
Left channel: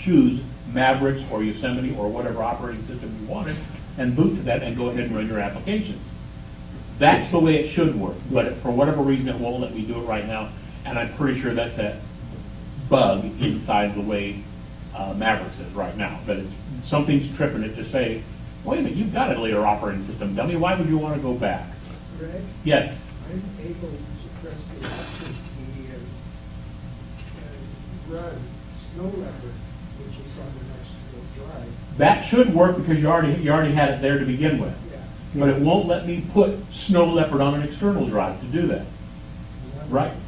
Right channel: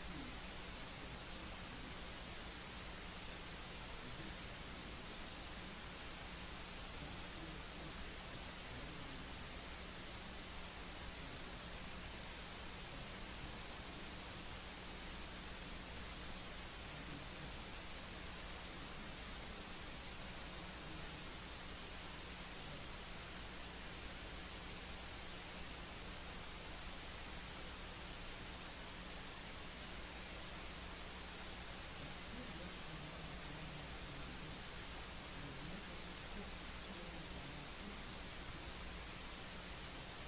choose Mavericks or Yosemite or whatever operating system you wanted, and boot to that and go ahead and run your applications. That's the way it should work, but for whatever reason it won't let me do it right now, and I'm pretty sure that's a bug inside the way Mavericks is right now. But something's tripping it to say, wait a minute, you've got a later operating system, dummy, why would you want to go back? Greg, Yes? I'm able to suppress the option key and run Snow Leopard, which is on the next drive. That should work because you already had it there to begin with. Yeah. But it won't let me put Snow Leopard on an external drive to do that.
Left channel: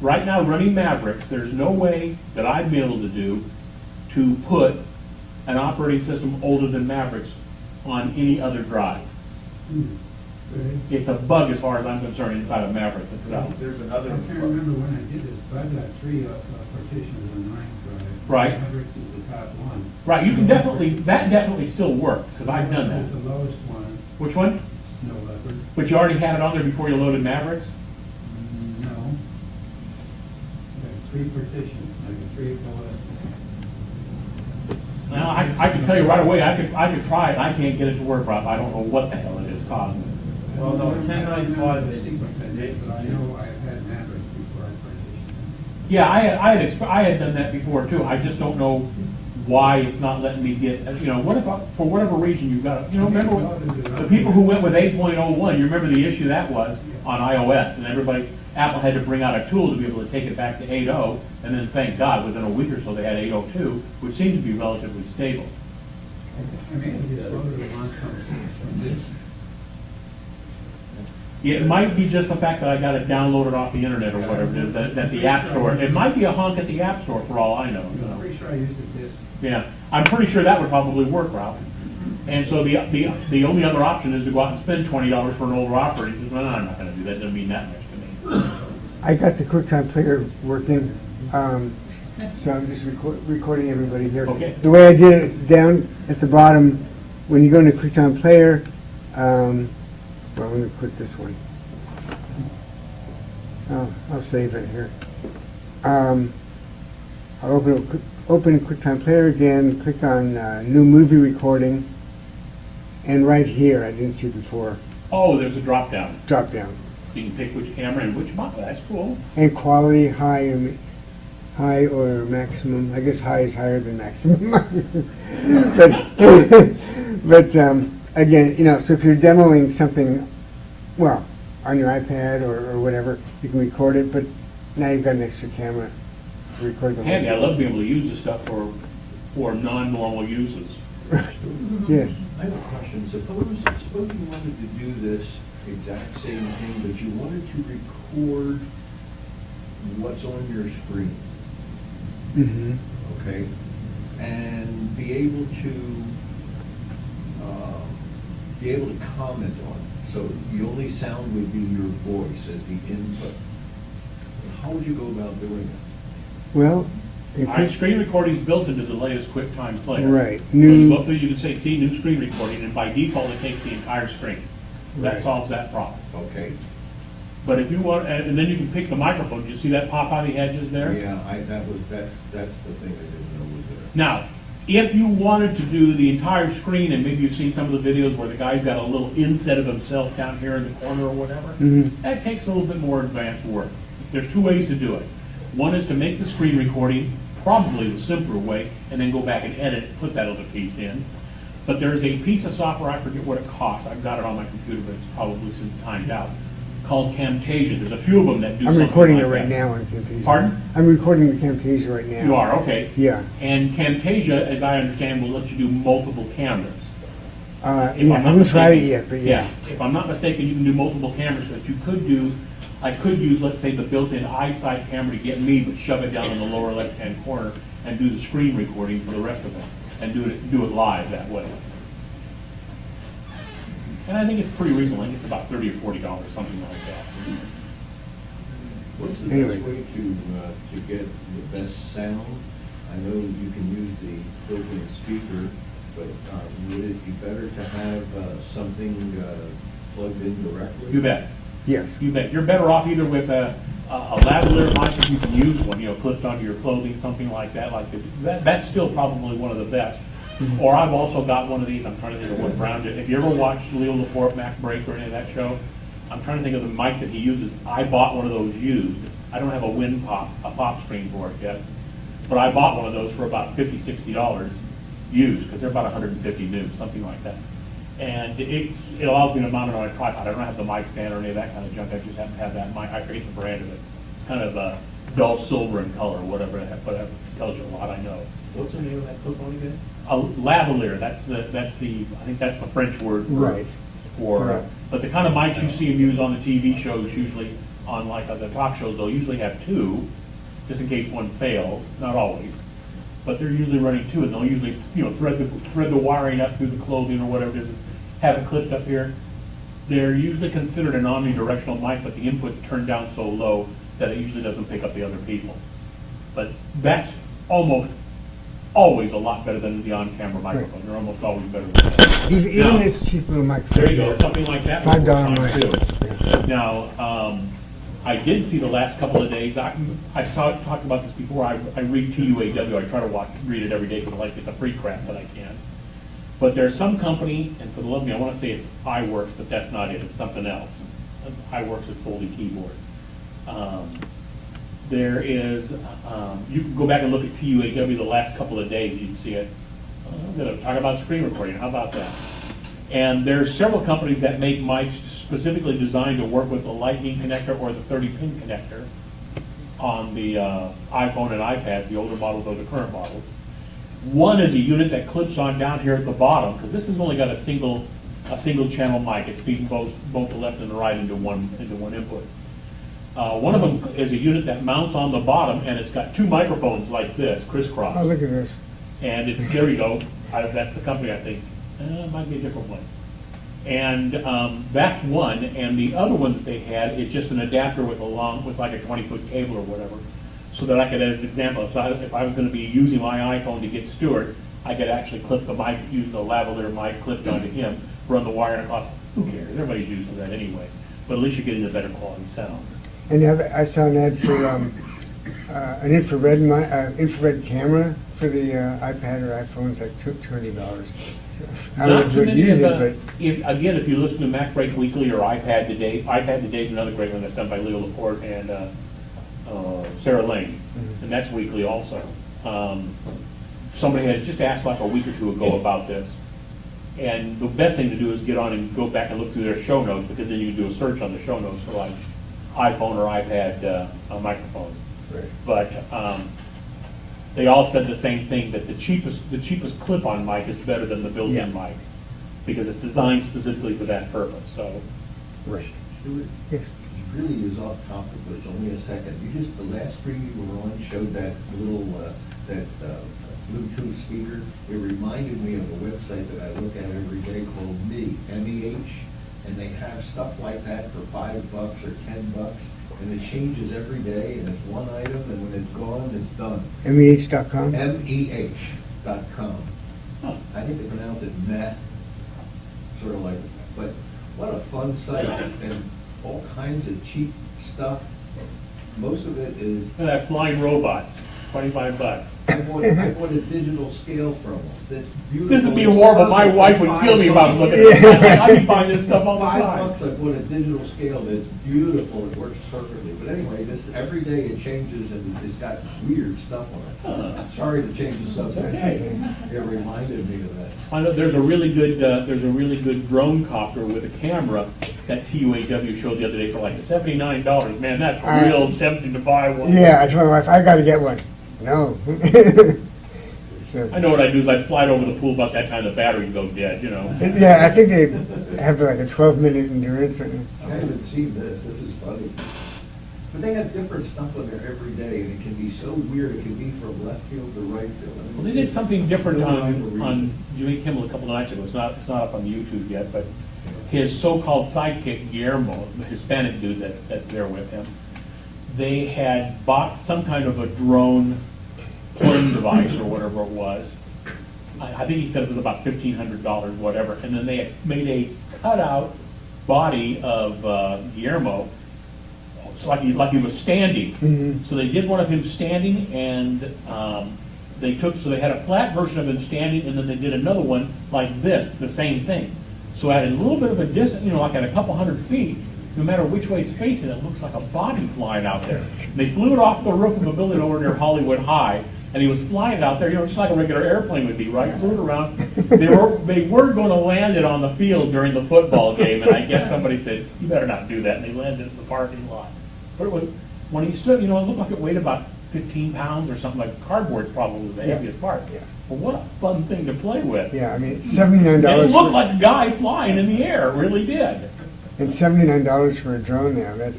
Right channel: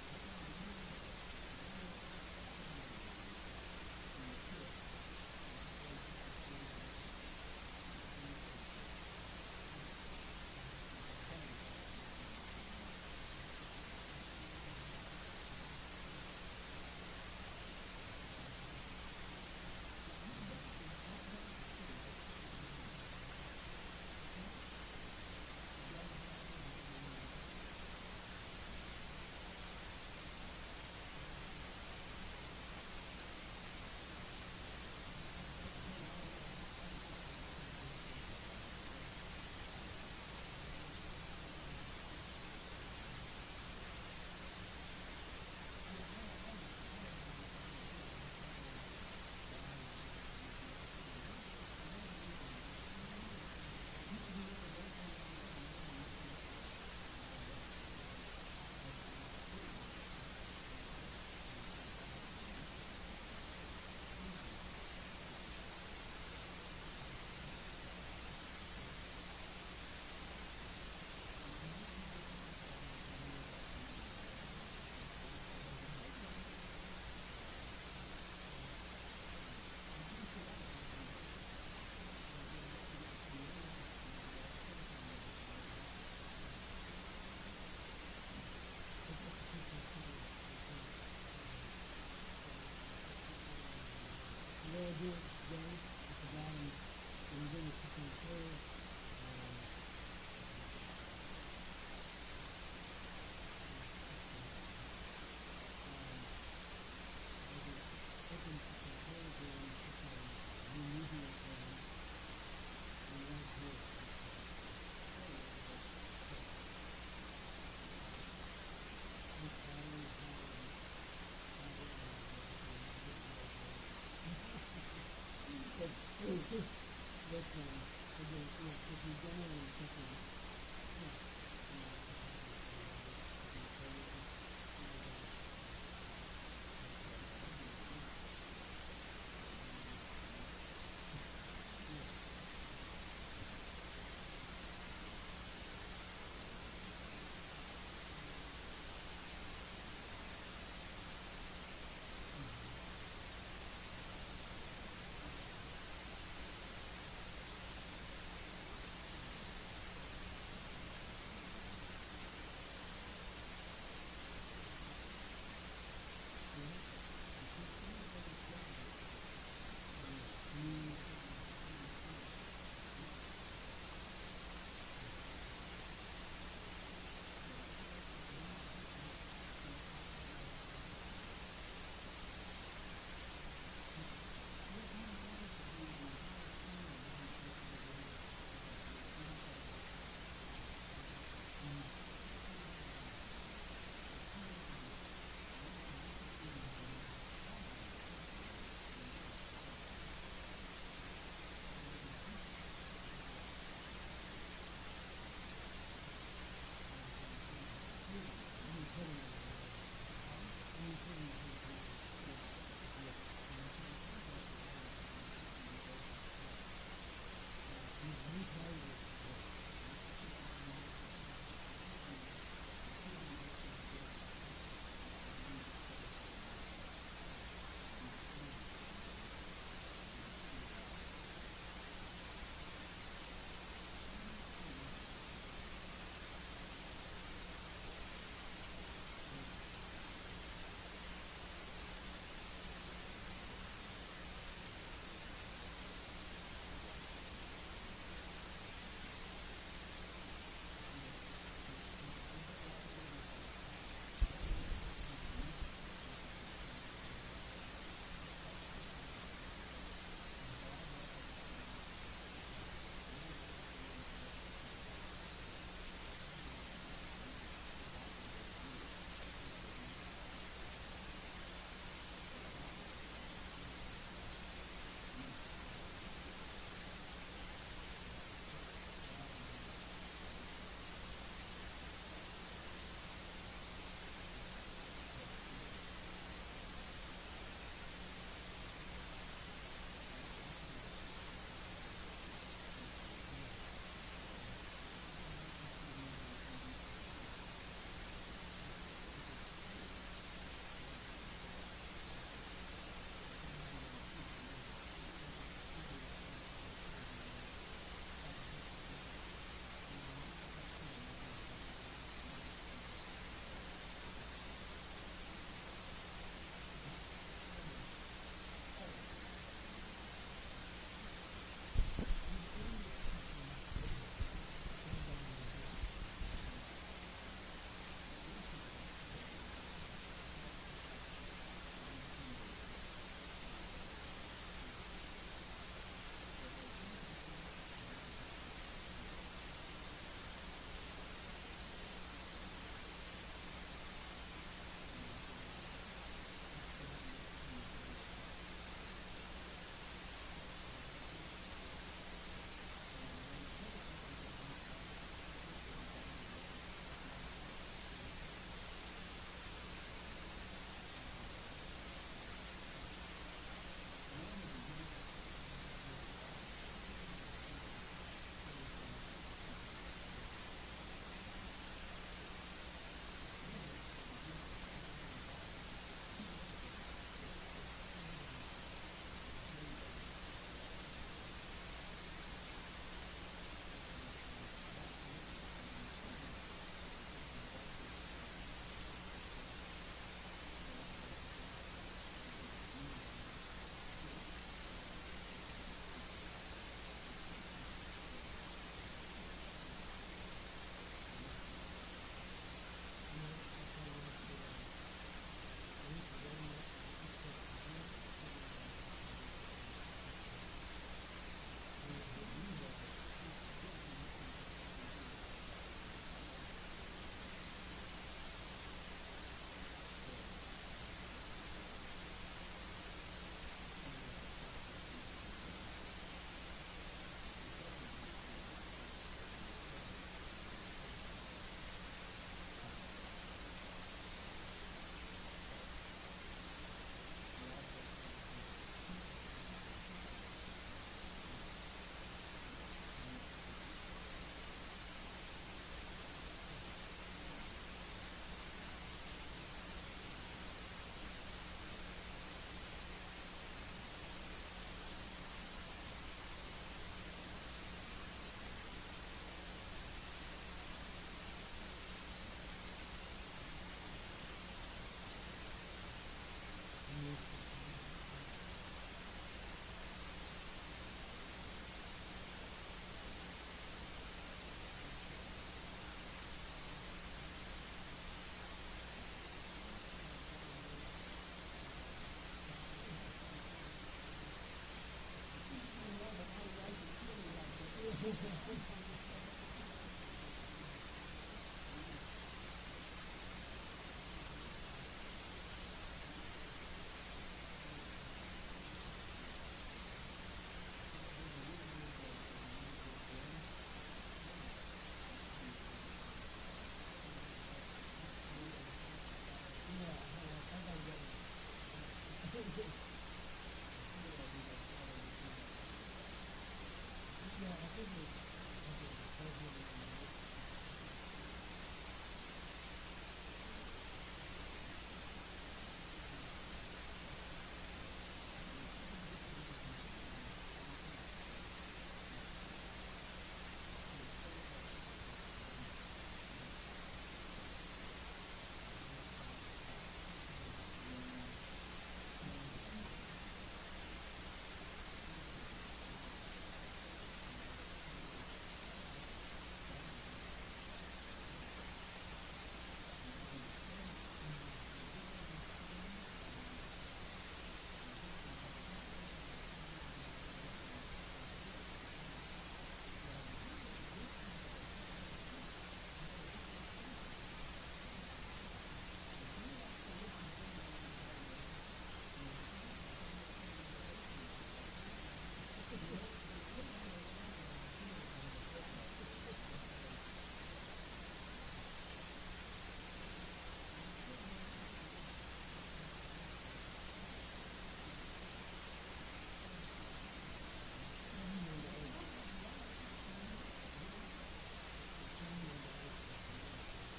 Right now, running Mavericks, there's no way that I'd be able to do to put an operating system older than Mavericks on any other drive. It's a bug as far as I'm concerned inside of Mavericks itself. There's I another. can't remember when I did this, but I've got 3 partitions on mine drive. Right. Mavericks is the top one. Right, you can that definitely still works, because I've done that. It's the lowest one, Which one? Snow Leopard. But you already had it on there before you loaded Mavericks? No. I got 3 partitions, I got 3 OS. Now, I can tell you right away, I could try it, I can't get it to work, Rob, I don't know what the hell it is causing it. Well, no, 1095 I is. see what that is, but I know I've had Mavericks before I partitioned. Yeah, I had done that before too, I just don't know why it's not letting me get, what if, for whatever reason you've got, remember the people who went with 8.01, you remember the issue that was on iOS, and Apple had to bring out a tool to be able to take it back to 8.0, and then thank God, within a week or so they had 8.02, which seems to be relatively stable. I mean, it'd be slower to launch from this. Yeah, it might be just the fact that I got it downloaded off the internet or whatever, it is, that the App Store, it might be a honk at the App Store for all I know. I'm pretty sure I used it this. Yeah, I'm pretty sure that would probably work, Ralph. And so the only other option is to go out and spend $20 for an older operating system. No, I'm not gonna do that, doesn't mean that much to me. I got the QuickTime Player working, so I'm just recording everybody here. Okay. The way I did it, down at the bottom, when you go into QuickTime Player, well, let me put this one. I'll save it here. I'll open QuickTime Player again, click on New Movie Recording, and right here, I didn't see before, Oh, there's a drop down. drop down. You can pick which camera and which model, that's cool. And quality, high or maximum. I guess high is higher than maximum. but again, so if you're demoing something, well, on your iPad or whatever, you can record it. But now you've got an extra camera to record the whole Handy, I thing. love being able to use this stuff for non-normal uses. Yes. I have a question. Suppose you wanted to do this exact same thing, but you wanted to record what's on your screen, Mm-hmm. okay? And be able to comment on it. So the only sound would be your voice as the input. How would you go about doing that? Well, if All right, you- screen recording is built into the latest QuickTime Player. Right. So you New- go up there, you can say, see new screen recording, and by default, it takes the entire screen. That Right. solves that problem. Okay? But if you want, and then you can pick the microphone, do you see that pop out of the edges there? Yeah, that's the thing I didn't know was there. Now, if you wanted to do the entire screen, and maybe you've seen some of the videos where the guy's got a little inset of himself down here in the corner or whatever, Mhm. that takes a little bit more advanced work. There's two ways to do it. One is to make the screen recording, probably the simpler way, and then go back and edit it, put that other piece in. But there's a piece of software, I forget what it costs, I've got it on my computer, but it's probably since timed out, called Camtasia. There's a few of them that do I'm something recording it like right that. now on Camtasia. Pardon? I'm recording the Camtasia right now. You are, okay. Yeah. And Camtasia, as I understand, will let you do multiple cameras. If Yeah, I I'm not haven't tried it mistaken- yet, but yeah. If I'm not mistaken, you can do multiple cameras, so that you could do, I could use, let's say, the built-in iSight camera to get me, but shove it down in the lower left-hand corner and do the screen recording for the rest of them, and do it live that way. And I think it's pretty reasonable, I think it's about $30 or $40, something like that. What's the Anyway. best way to get the best sound? I know you can use the built-in speaker, but would it be better to have something plugged in directly? You bet. Yes. You bet. You're better off either with a lavalier mic, if you can use one, clipped onto your clothing, something like that. That's still probably one of the best. Or I've also got one of these, I'm trying to think of what brand it. If you ever watched Leo Laporte, Mac Break, or any of that show, I'm trying to think of the mic that he uses. I bought one of those used. I don't have a pop screen for it yet, but I bought one of those for about $50, $60 used, because they're about 150 new, something like that. And it allows me to mount it on a tripod. I don't have the mic stand or any of that kind of junk. I just happen to have that mic. I forget the brand of it. It's kind of dull silver in color, whatever tells you a lot, I know. What's the name of that flip one again? A lavalier, I think that's the French word Right. for, Right. but the kind of mics you see them use on the TV shows, usually on like the talk shows, they'll usually have two, just in case one fails, not always. But they're usually running two, and they'll usually, thread the wiring up through the clothing or whatever it is, have it clipped up here. They're usually considered an omnidirectional mic, but the input's turned down so low that it usually doesn't pick up the other people. But that's almost always a lot better than the on-camera microphone. They're almost always better than that. Even Now, this cheap little microphone. there you go, something like that. would work $5 fine, mic. too. Yeah. Now, I did see the last couple of days, I talked about this before, I read TUAW, I try to read it every day because I like to get the free crap that I can. But there's some company, and for the love of me, I want to say it's iWorks, but that's not it, it's something else. iWorks is Foldy keyboard. There is, you can go back and look at TUAW the last couple of days, you can see it. I'm going to talk about screen recording, how about that? And there's several companies that make mics specifically designed to work with the Lightning connector or the 30-pin connector on the iPhone and iPad, the older models or the current models. One is a unit that clips on down here at the bottom, because this has only got a single channel mic. It's feeding both the left and the right into one input. One of them is a unit that mounts on the bottom, and it's got two microphones like this, crisscross. Oh, look at this. And it's, there you go, that's the company, I think. It might be a different one. And that's one, and the other one that they had is just an adapter with like a 20-foot cable or whatever, so that I could, as an example, if I was going to be using my iPhone to get Stuart, I could actually clip the mic, use the lavalier mic clipped onto him, run the wire across. Who cares? Everybody's using that anyway. But at least you're getting a better quality sound. And I saw an ad for an infrared camera for the iPad or iPhone. It's like $200. I Not too would many use of it, but again, if you listen to Mac Break Weekly or iPad Today is another great one that's done by Leo Laporte and Sarah Lane, and that's weekly also. Somebody had just asked like a week or two ago about this, and the best thing to do is get on and go back and look through their show notes, because then you can do a search on the show notes for like iPhone or iPad microphone. right. But they all said the same thing, that the cheapest clip-on mic is better than the built-in Yeah. mic, because it's designed specifically for that purpose, so. Right. Stuart, Yes. it really is off topic, but it's only a second. You just, the last screen you were on showed that little, Bluetooth speaker. It reminded me of a website that I look at every day called MEH, and they have stuff like that for $5 or $10, and it changes every day, and it's one item, and when it's gone, it's done. MEH.com? MEH.com. Huh. I think they pronounce it Met, sort of like, but what a fun site, and all kinds of cheap stuff. Most of it is, And that flying robot, $25. I bought a digital scale from them. That's beautiful. This would be horrible, my wife would kill me if I was looking at it. I'd be buying this stuff all the $5, time. I bought a digital scale that's beautiful, it works perfectly. But anyway, this, every day it changes and it's got weird stuff on it. Sorry to change the subject. Okay. It reminded me of that. I know there's a really good drone copter with a camera that TUAW showed the other day for like $79. Man, that's real tempting to buy one. Yeah, I told my wife, I gotta get one. No. So, I know what I do is I fly it over the pool, about that time the battery goes dead, you know. yeah, I think they have like a 12-minute endurance. I haven't seen this is funny. But they have different stuff on there every day, and it can be so weird, it can be from left field to right field. I mean, Well, they did something different no rhyme or on reason. Jimmy Kimmel a couple of nights ago. It's not up on YouTube yet, but his so-called sidekick Guillermo, the Hispanic dude that's there with him, they had bought some kind of a drone playing device or whatever it was. I think he said it was about $1,500, whatever, and then they had made a cutout body of Guillermo, it's like he was standing. Mhm. So they did one of him standing, and they had a flat version of him standing, and then they did another one like this, the same thing. So at a little bit of a distance, like at a couple hundred feet, no matter which way it's facing, it looks like a body flying out there. They flew it off the roof of a building over near Hollywood High, and he was flying out there, just like a regular airplane would be, right? Flew it around. They were going to land it on the field during the football game, and I guess somebody said, "You better not do that," and they landed it in the parking lot. But it was, when he stood, it looked like it weighed about 15 pounds or something, like cardboard probably was the Yeah. heaviest part. Yeah. But what a fun thing to play with. Yeah, I mean, And $79. it looked like a guy flying in the air, it really did. And $79 for a drone now, that's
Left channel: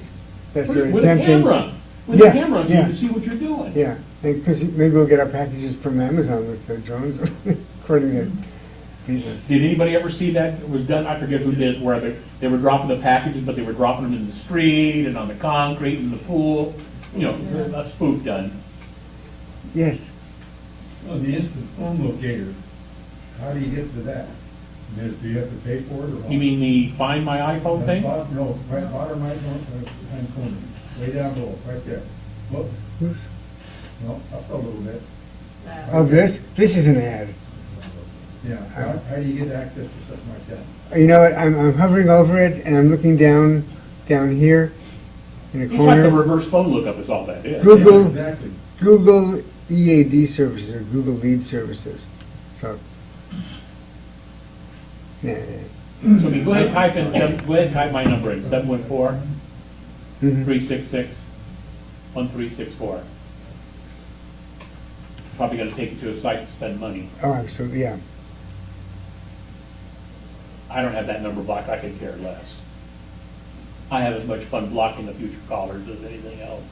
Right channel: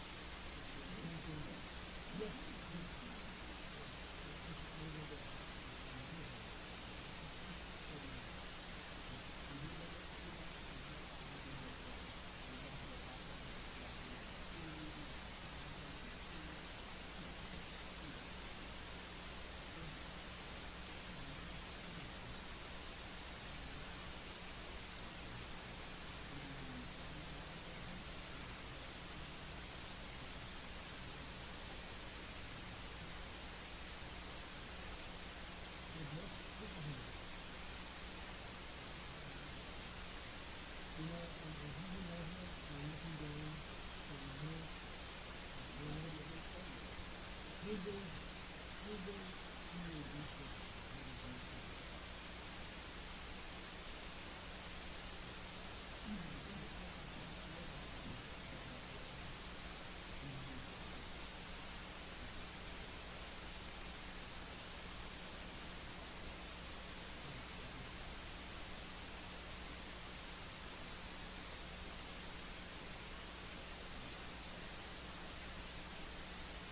very With a tempting. camera. With Yeah, a camera, so you yeah. can see what you're doing. Yeah, because maybe we'll get our packages from Amazon with the drones, according to pieces. Did anybody ever see that? It was done, I forget who did, where they were dropping the packages, but they were dropping them in the street and on the concrete in the pool. A spoof done. Yes. Oh, the instant phone locator, how do you get to that? Do you have to pay for it or what? You mean the Find My iPhone thing? No, right bottom right hand corner, way down below, right there. Look, no, up a little bit. Oh, this is an ad. Yeah, how do you get access to something like that? You know what, I'm hovering over it, and I'm looking down here in the It's like the corner. reverse phone lookup is all that is. Google. Yeah, exactly. Google EAD services or Google Lead services. So, yeah. So if you go ahead and type my number in, 714-366-1364. probably gonna take you to a site to spend money. Oh, absolutely, yeah. I don't have that number blocked, I could care less. I have as much fun blocking the future callers as anything else.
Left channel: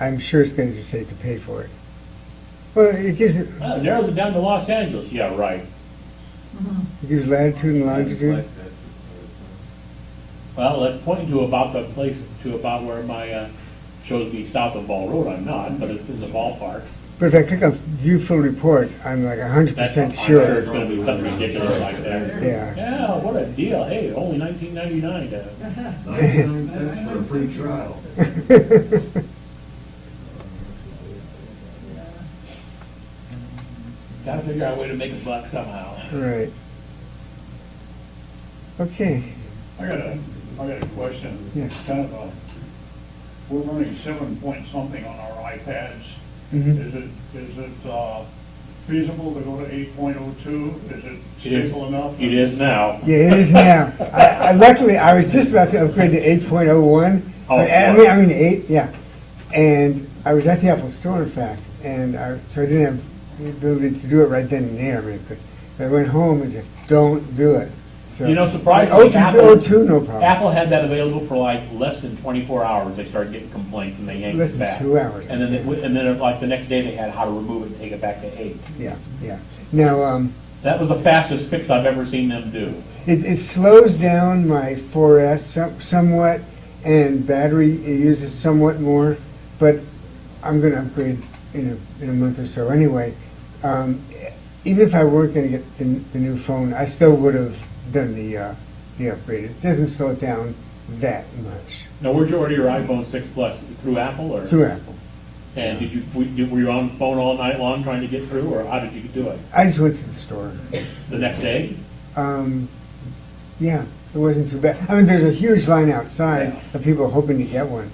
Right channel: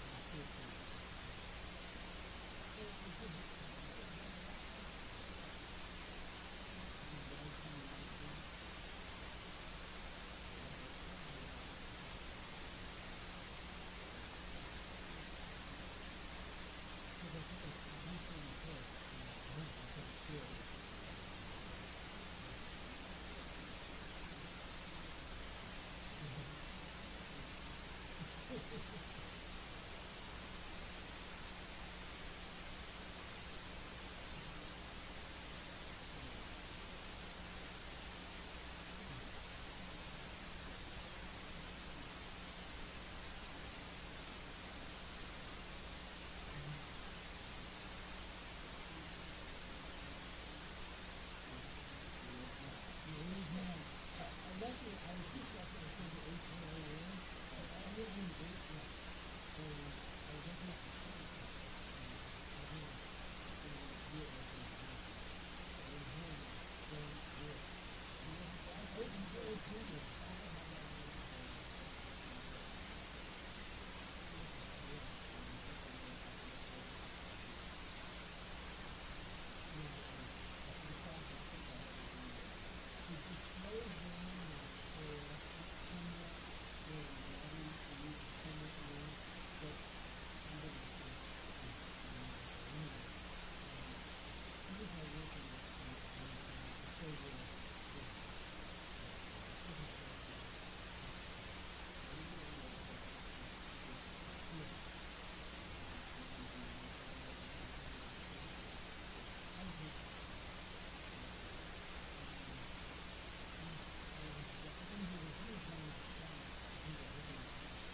I'm sure it's gonna just say to pay for it. Well, it gives it Narrows it down to Los Angeles, yeah, right. gives latitude and longitude. Well, that's pointing to about the place, to about where my, shows me south of Ball Road, I'm not, but it's in the ballpark. But if I click on view full report, I'm like 100% I'm sure sure. it's gonna be something ridiculous like that. Yeah. Yeah, what a deal, hey, only $19.99 99 cents for a free trial. Gotta figure out a way to make a buck somehow. Right. Okay. I got a question. Yes. Kind of we're running 7 point something on our iPads. Mhm. Is it feasible to go to 8.02? Is it It is. stable enough? It is now. Yeah, it is now. Luckily, I was just about to upgrade to 8.01. Oh, I mean 8, yeah. And I was at the Apple Store, in fact, and so I didn't have the ability to do it right then and there. I mean, I went home and just, don't do it. So, You know, surprisingly, Apple, 0.02, no problem. Apple had that available for like less than 24 hours. They started getting complaints and they yanked Less it than back. 2 hours. And then like the next day they had how to remove it and take it back to 8. Yeah, yeah. Now, That was the fastest fix I've ever seen them do. it slows down my 4S somewhat, and battery it uses somewhat more, but I'm going to upgrade in a month or so anyway. Even if I weren't going to get the new phone, I still would have done the upgrade. It doesn't slow it down that much. Now, where'd you order your iPhone 6 Plus? Through Apple or? Through Apple. And were you on the phone all night long trying to get through, or how did you do it? I just went to the store. The next day? Yeah, it wasn't too bad. I mean, there's a huge line outside of people hoping to get one,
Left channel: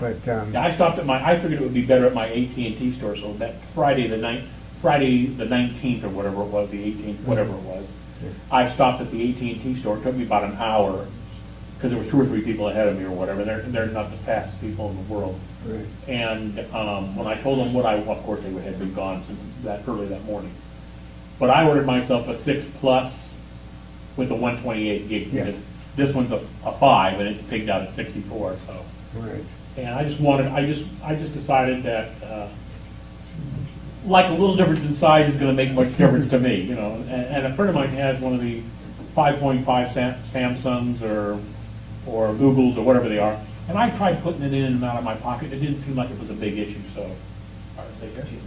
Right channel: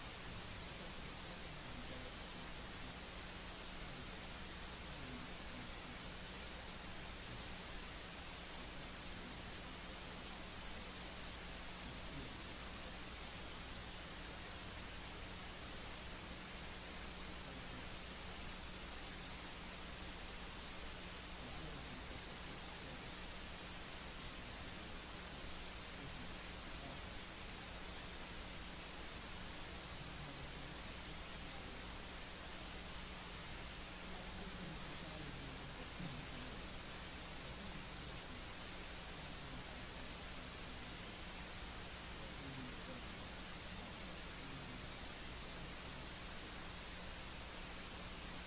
but Yeah, I stopped at I figured it would be better at my AT&T store, so that Friday the 19th or whatever it was, the 18th, whatever it was, I stopped at the AT&T store. It took me about an hour, because there were 2 or 3 people ahead of me or whatever. They're not the fastest people in the world. right. And when I told them of course they had been gone since that early that morning. But I ordered myself a 6 Plus with the 128 gig. Yeah. Because this one's a 5 and it's pigged out at 64. So, Right. and I just decided that like a little difference in size is going to make much difference to me, you know. And a friend of mine has one of the 5.5 Samsungs or Googles or whatever they are. And I tried putting it in and out of my pocket. It didn't seem like it was a big issue, so.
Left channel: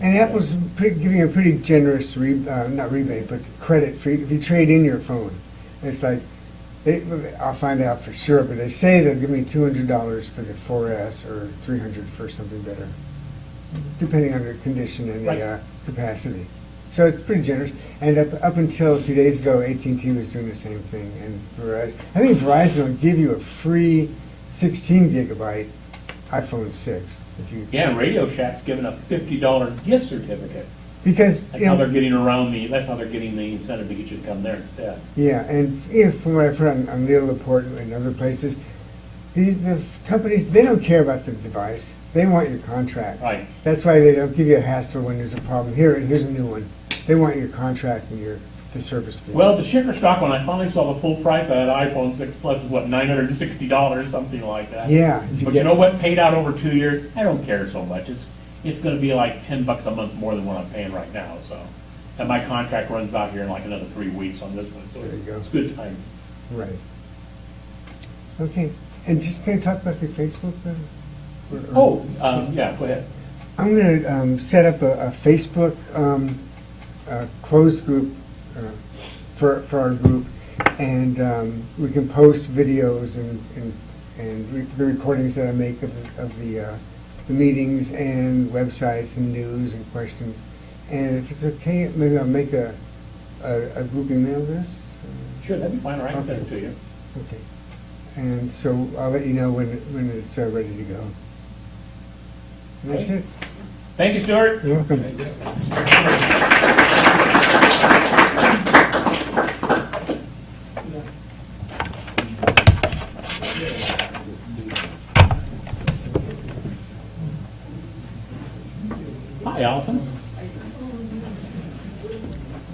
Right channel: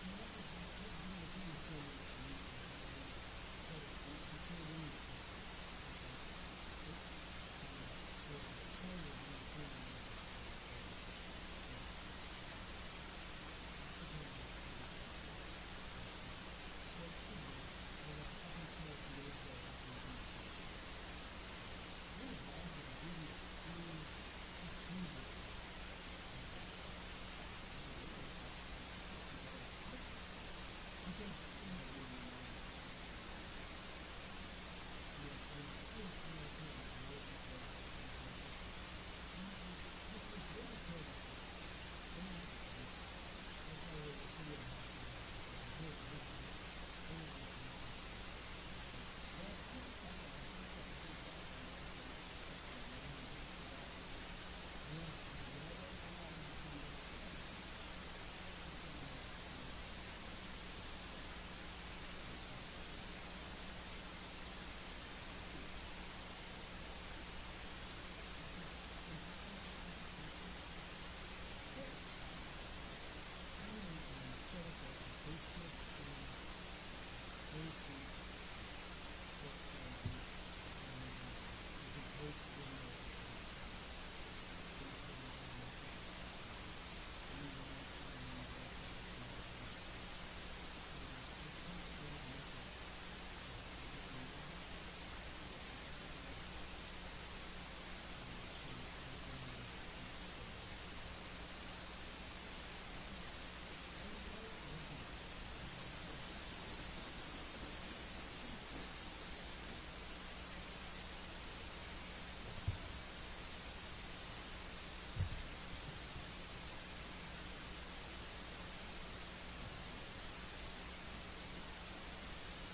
And Apple's giving a pretty generous, not rebate, but credit for if you trade in your phone. It's like, I'll find out for sure, but they say they'll give me $200 for the 4S or $300 for something better, depending on the condition and the Right. capacity. So it's pretty generous. And up until a few days ago, AT&T was doing the same thing. And Verizon, I think Verizon will give you a free 16 gigabyte iPhone 6. If you, Yeah, and Radio Shack's giving a $50 gift certificate. because, That's you how know, they're getting around that's how they're getting the incentive to get you to come there instead. yeah, and from what I've heard on Leo Laporte and other places, the companies, they don't care about the device. They want your contract. Right. That's why they don't give you a hassle when there's a problem. Here's a new one. They want your contract and the service fee. Well, the Shaker stock, when I finally saw the full price of that iPhone 6 Plus, is what, $960, something like that. Yeah. But you know what? Paid out over 2 years, I don't care so much. It's going to be like $10 a month more than what I'm paying right now. So, and my contract runs out here in like another 3 weeks on this one. So There you go. it's good time. Right. Okay. And just can you talk about the Facebook then? Yeah, go ahead. I'm going to set up a Facebook closed group for our group, and we can post videos and the recordings that I make of the meetings and websites and news and questions. And if it's okay, maybe I'll make a group email list. Sure, that'd be fine, or I can send it to you. Okay. And so I'll let you know when it's ready to go. And that's Okay. it. Thank you, Stuart. You're welcome. Allison?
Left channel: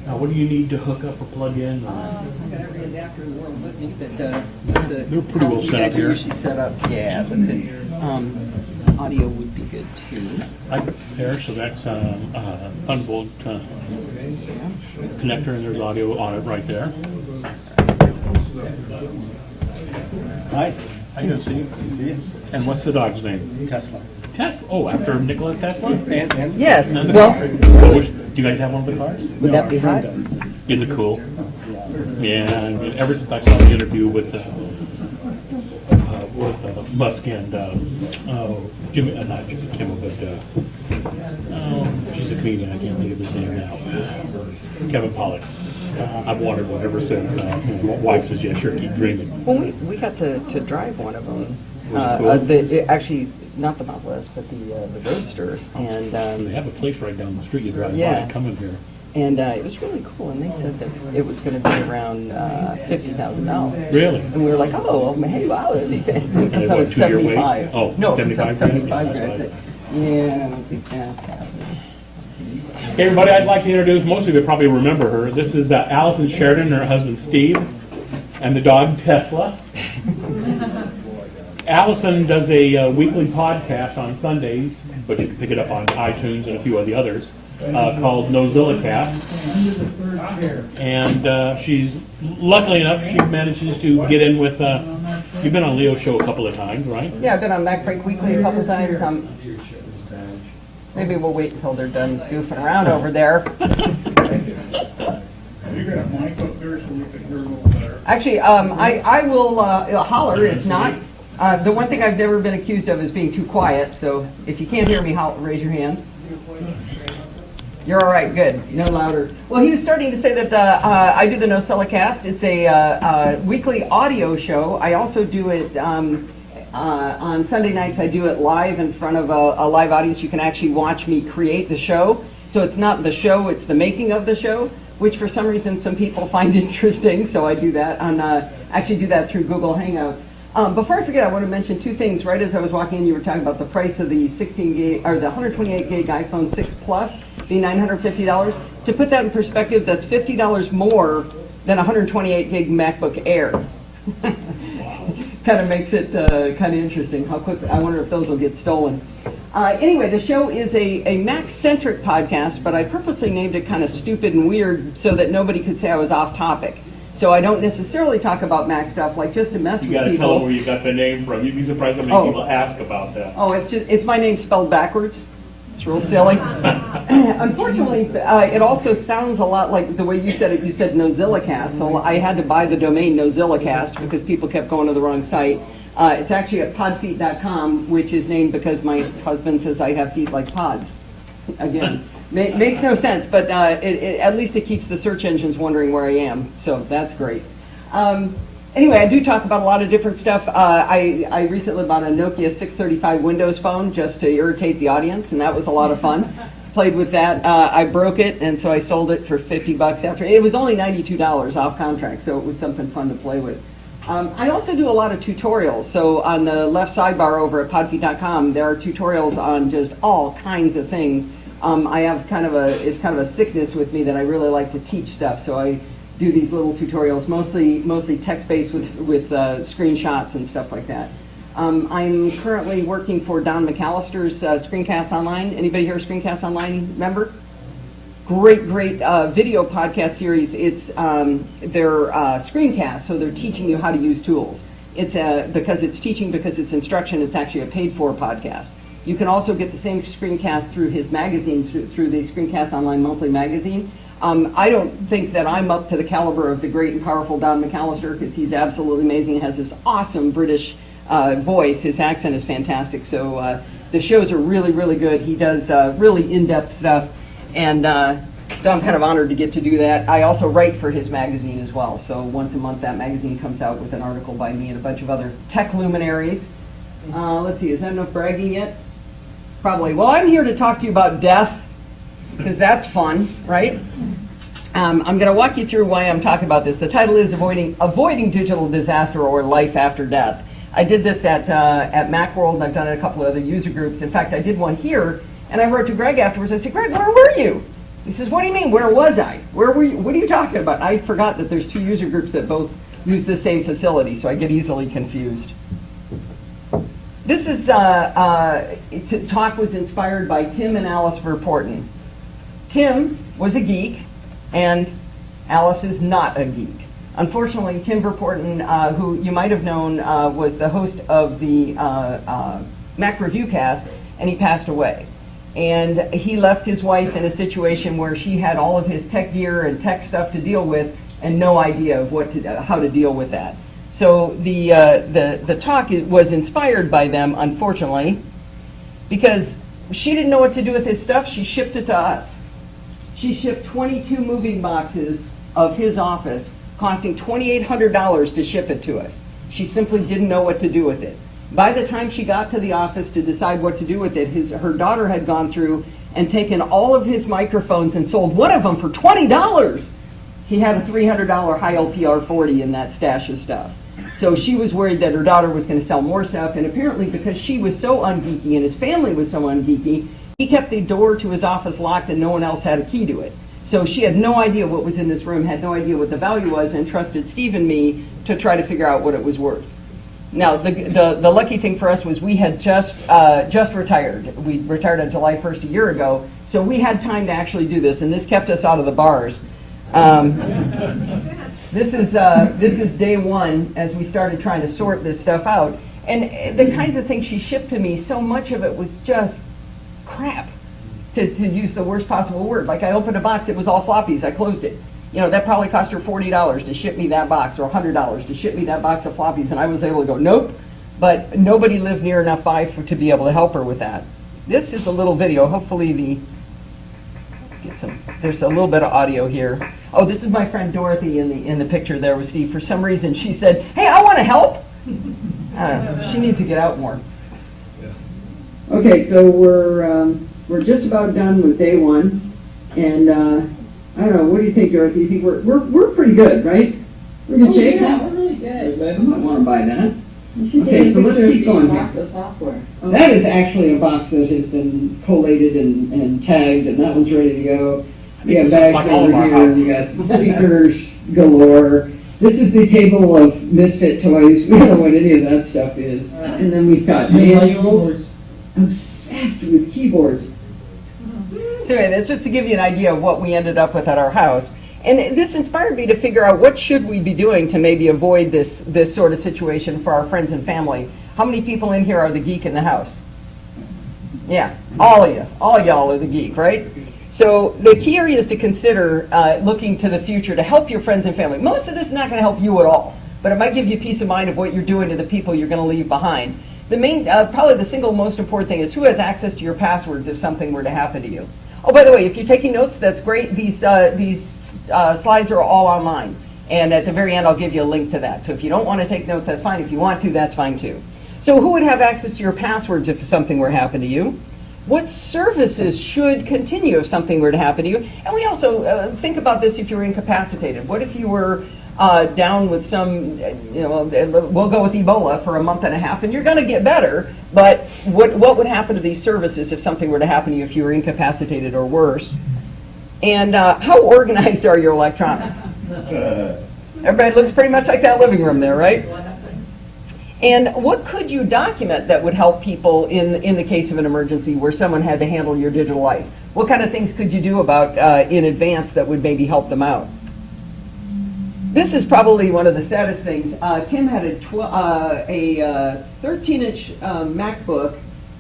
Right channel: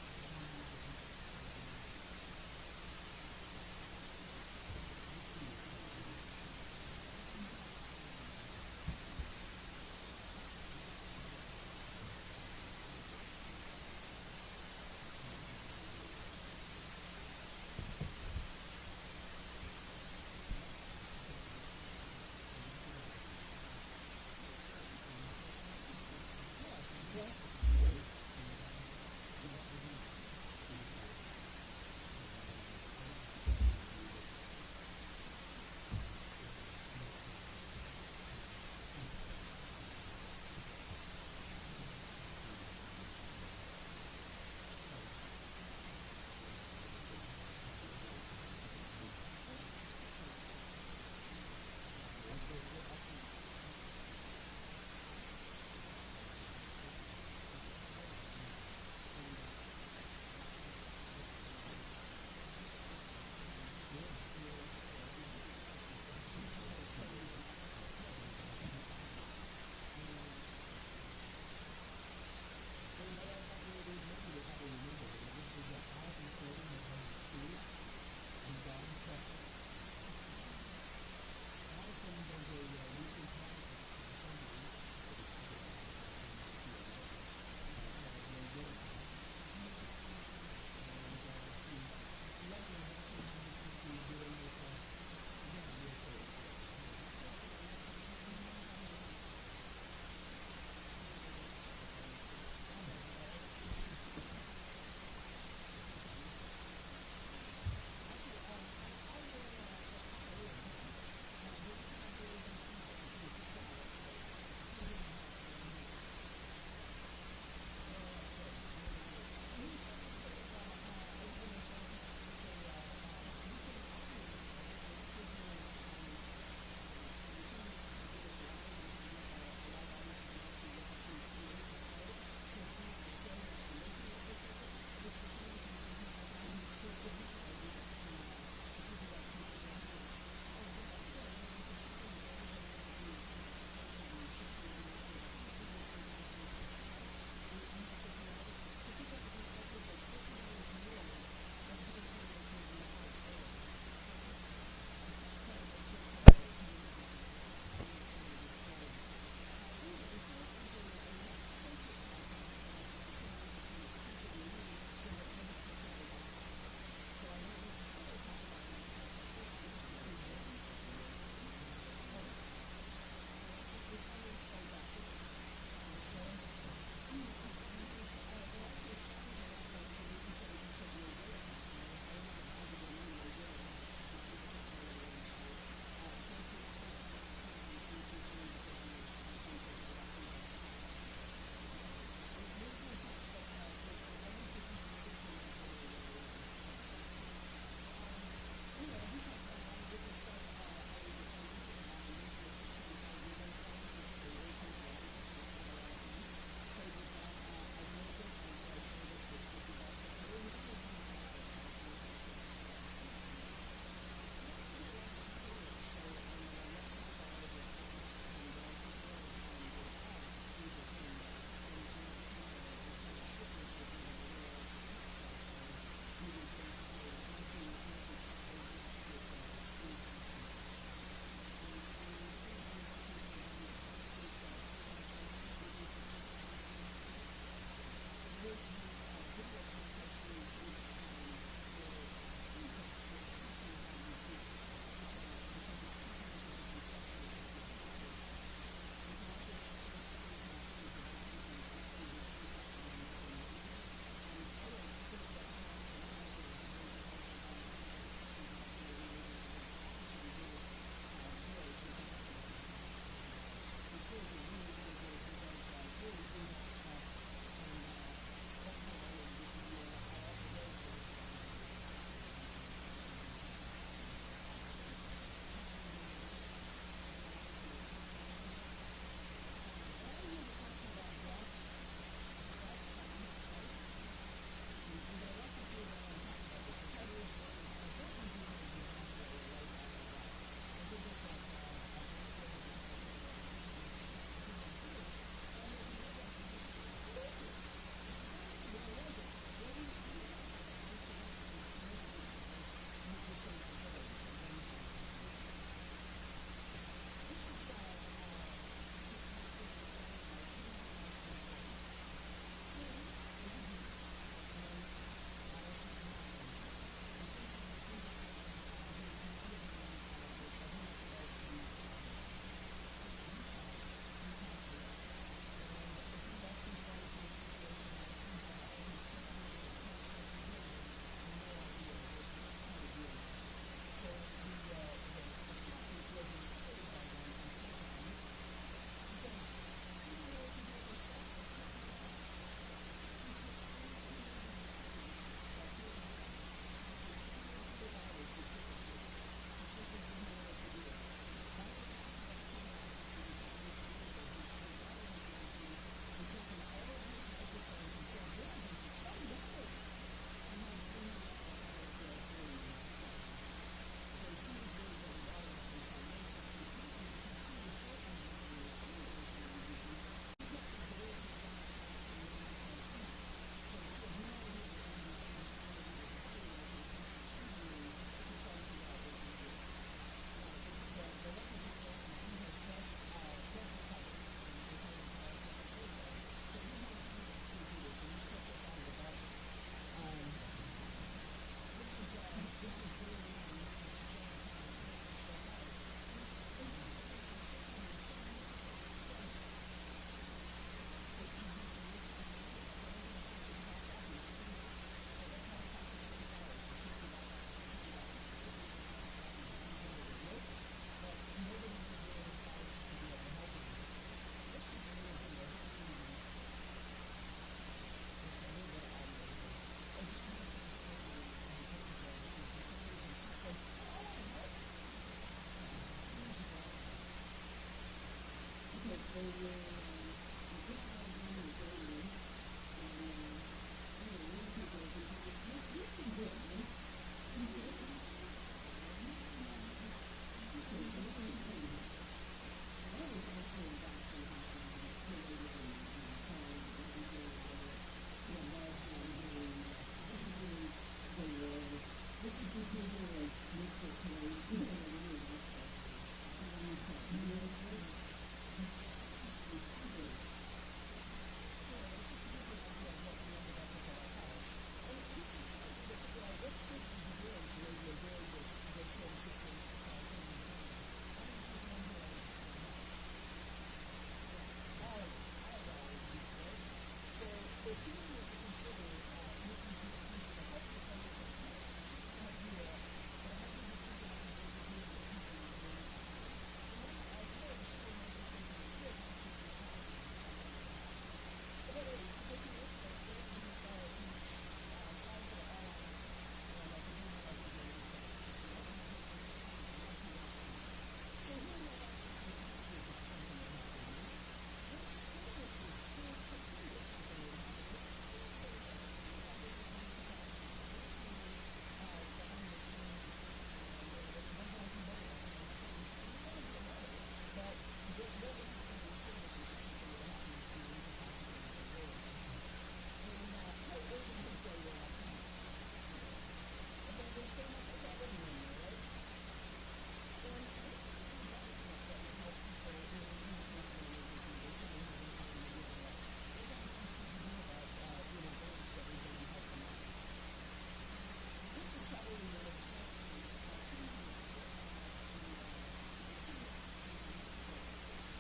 Now, what do you need to hook up or plug in? I got every adapter in the world with me, but, They're pretty well set up here. You guys are usually set up, yeah, that's it. Audio would be good too. Right there, so that's Thunderbolt connector, and there's audio on it right there. Hi. How you doing, Steve? And what's the dog's name? Tesla. Tesla? Oh, after Nikola Tesla? Yes, And- well, Do you guys have one of the cars? would that be hot? Is it cool? Yeah, and ever since I saw the interview with Musk and, Jimmy, not Jimmy Kimmel, but, she's a comedian, I can't think of his name now. Kevin Pollak. I've wanted one ever since, my wife says, yeah, sure, keep dreaming. Well, we got to drive one of them. Was it cool? Actually, not the Model S, but the Roadster, and, They have a place right down the street you drive by Yeah. and come in here. and it was really cool, and they said that it was gonna be around $50,000. Really? And we were like, oh, hey, wow, that'd be good. And it what, 2-year wait? 75. Oh, No, 75 grand? 75 Yeah, grand. that's Yeah, yeah. Hey, everybody, I'd like to introduce, most of you probably remember her. This is Allison Sheridan and her husband Steve, and the dog Tesla. Allison does a weekly podcast on Sundays, but you can pick it up on iTunes and a few of the others, called NoZillacast. And she's, luckily enough, she manages to get in with, you've been on Leo's show a couple of times, right? Yeah, I've been on Mac Break Weekly a couple times. Maybe we'll wait until they're done goofing around over there. Actually, I will holler if not. The one thing I've never been accused of is being too quiet, so if you can't hear me, raise your hand. You're all right, good. No louder. Well, he was starting to say that I do the NoZillacast. It's a weekly audio show. I also do it on Sunday nights. I do it live in front of a live audience. You can actually watch me create the show. So it's not the show, it's the making of the show, which for some reason some people find interesting. So I do that actually do that through Google Hangouts. Before I forget, I want to mention two things. Right as I was walking in, you were talking about the price of the 16 gig or the 128 gig iPhone 6 Plus, the $950. To put that in perspective, that's $50 more than a 128 gig MacBook Air. Kind of makes it kind of interesting how quick. I wonder if those will get stolen. Anyway, the show is a Mac-centric podcast, but I purposely named it kind of stupid and weird so that nobody could say I was off topic. So I don't necessarily talk about Mac stuff, like just to mess You with gotta people. tell them where you got the name from. You'd be surprised how many Oh. people ask about that. Oh, it's my name spelled backwards. It's real silly. Unfortunately, it also sounds a lot like the way you said it. You said NoZillacast, so I had to buy the domain NoZillacast because people kept going to the wrong site. It's actually at podfeet.com, which is named because my husband says I have feet like pods. Again, makes no sense, but at least it keeps the search engines wondering where I am, so that's great. Anyway, I do talk about a lot of different stuff. I recently bought a Nokia 635 Windows phone just to irritate the audience, and that was a lot of fun. Played with that. I broke it, and so I sold it for $50 after. It was only $92 off contract, so it was something fun to play with. I also do a lot of tutorials. So on the left sidebar over at podfeet.com, there are tutorials on just all kinds of things. I have it's kind of a sickness with me that I really like to teach stuff. So I do these little tutorials, mostly text-based with screenshots and stuff like that. I'm currently working for Don McAllister's Screencast Online. Anybody here a Screencast Online member? Great video podcast series. It's their screencast, so they're teaching you how to use tools. It's because it's instruction. It's actually a paid-for podcast. You can also get the same screencast through his magazines, through the Screencast Online monthly magazine. I don't think that I'm up to the caliber of the great and powerful Don McAllister because he's absolutely amazing. He has this awesome British voice. His accent is fantastic. So the shows are really, really good. He does really in-depth stuff. And so I'm kind of honored to get to do that. I also write for his magazine as well. So once a month that magazine comes out with an article by me and a bunch of other tech luminaries. Let's see, is that enough bragging yet? Probably. Well, I'm here to talk to you about death, because that's fun, right? I'm going to walk you through why I'm talking about this. The title is Avoiding Digital Disaster or Life After Death. I did this at Macworld, and I've done it at a couple of other user groups. In fact, I did one here And I wrote to Greg afterwards, I said, Greg, where were you? He says, what do you mean, where was I? Where were you? What are you talking about? I forgot that there's two user groups that both use the same facility, so I get easily confused. This is, talk was inspired by Tim and Alice Verporten. Tim was a geek, and Alice is not a geek. Unfortunately, Tim Verporten, who you might have known, was the host of the Mac Review Cast, and he passed away. And he left his wife in a situation where she had all of his tech gear and tech stuff to deal with, and no idea of how to deal with that. So the talk was inspired by them, unfortunately, because she didn't know what to do with his stuff. She shipped it to us. She shipped 22 moving boxes of his office, costing $2,800 to ship it to us. She simply didn't know what to do with it. By the time she got to the office to decide what to do with it, her daughter had gone through and taken all of his microphones and sold one of them for $20. He had a $300 high LPR 40 in that stash of stuff. So she was worried that her daughter was going to sell more stuff, and apparently because she was so ungeeky and his family was so ungeeky, he kept the door to his office locked and no one else had a key to it. So she had no idea what was in this room, had no idea what the value was, and trusted Steve and me to try to figure out what it was worth. Now, the lucky thing for us was we had just retired. We retired on July 1st a year ago, so we had time to actually do this, and this kept us out of the bars. This is day one as we started trying to sort this stuff out. And the kinds of things she shipped to me, so much of it was just crap, to use the worst possible word. Like I opened a box, it was all floppies, I closed it. You know, that probably cost her $40 to ship me that box, or $100 to ship me that box of floppies, and I was able to go, nope. But nobody lived near enough by to be able to help her with that. This is a little video, hopefully there's a little bit of audio here. Oh, this is my friend Dorothy in the picture there with Steve. For some reason, she said, hey, I want to help. She needs to get out more. Okay, so we're just about done with day one, and I don't know. What do you think, Dorothy? You think we're pretty good, right? We're in good shape now. We're really good. I might want to buy that. You should Okay, take a so let's picture keep of going the here. box of software. That is actually a box that has been collated and tagged, and that one's ready to go. We got bags Like all of over our here, we got speakers galore. This is the table of misfit toys. We don't know what any of that stuff is. And then we've got manuals. Obsessed with keyboards. So anyway, that's just to give you an idea of what we ended up with at our house. And this inspired me to figure out what should we be doing to maybe avoid this sort of situation for our friends and family. How many people in here are the geek in the house? Yeah, all of you. All y'all are the geek, right? So the key areas to consider looking to the future to help your friends and family. Most of this is not going to help you at all, but it might give you peace of mind of what you're doing to the people you're going to leave behind. The main, probably the single most important thing is who has access to your passwords if something were to happen to you. Oh, by the way, if you're taking notes, that's great. These slides are all online. And at the very end, I'll give you a link to that. So if you don't want to take notes, that's fine. If you want to, that's fine too. So who would have access to your passwords if something were to happen to you? What services should continue if something were to happen to you? And we also think about this if you were incapacitated. What if you were down with some, we'll go with Ebola for a month and a half, and you're going to get better, but what would happen to these services if something were to happen to you if you were incapacitated or worse? And how organized are your electronics? Everybody looks pretty much like that living room there, right? And what could you document that would help people in the case of an emergency where someone had to handle your digital life? What kind of things could you do about in advance that would maybe help them out? This is probably one of the saddest things. Tim had a 13-inch MacBook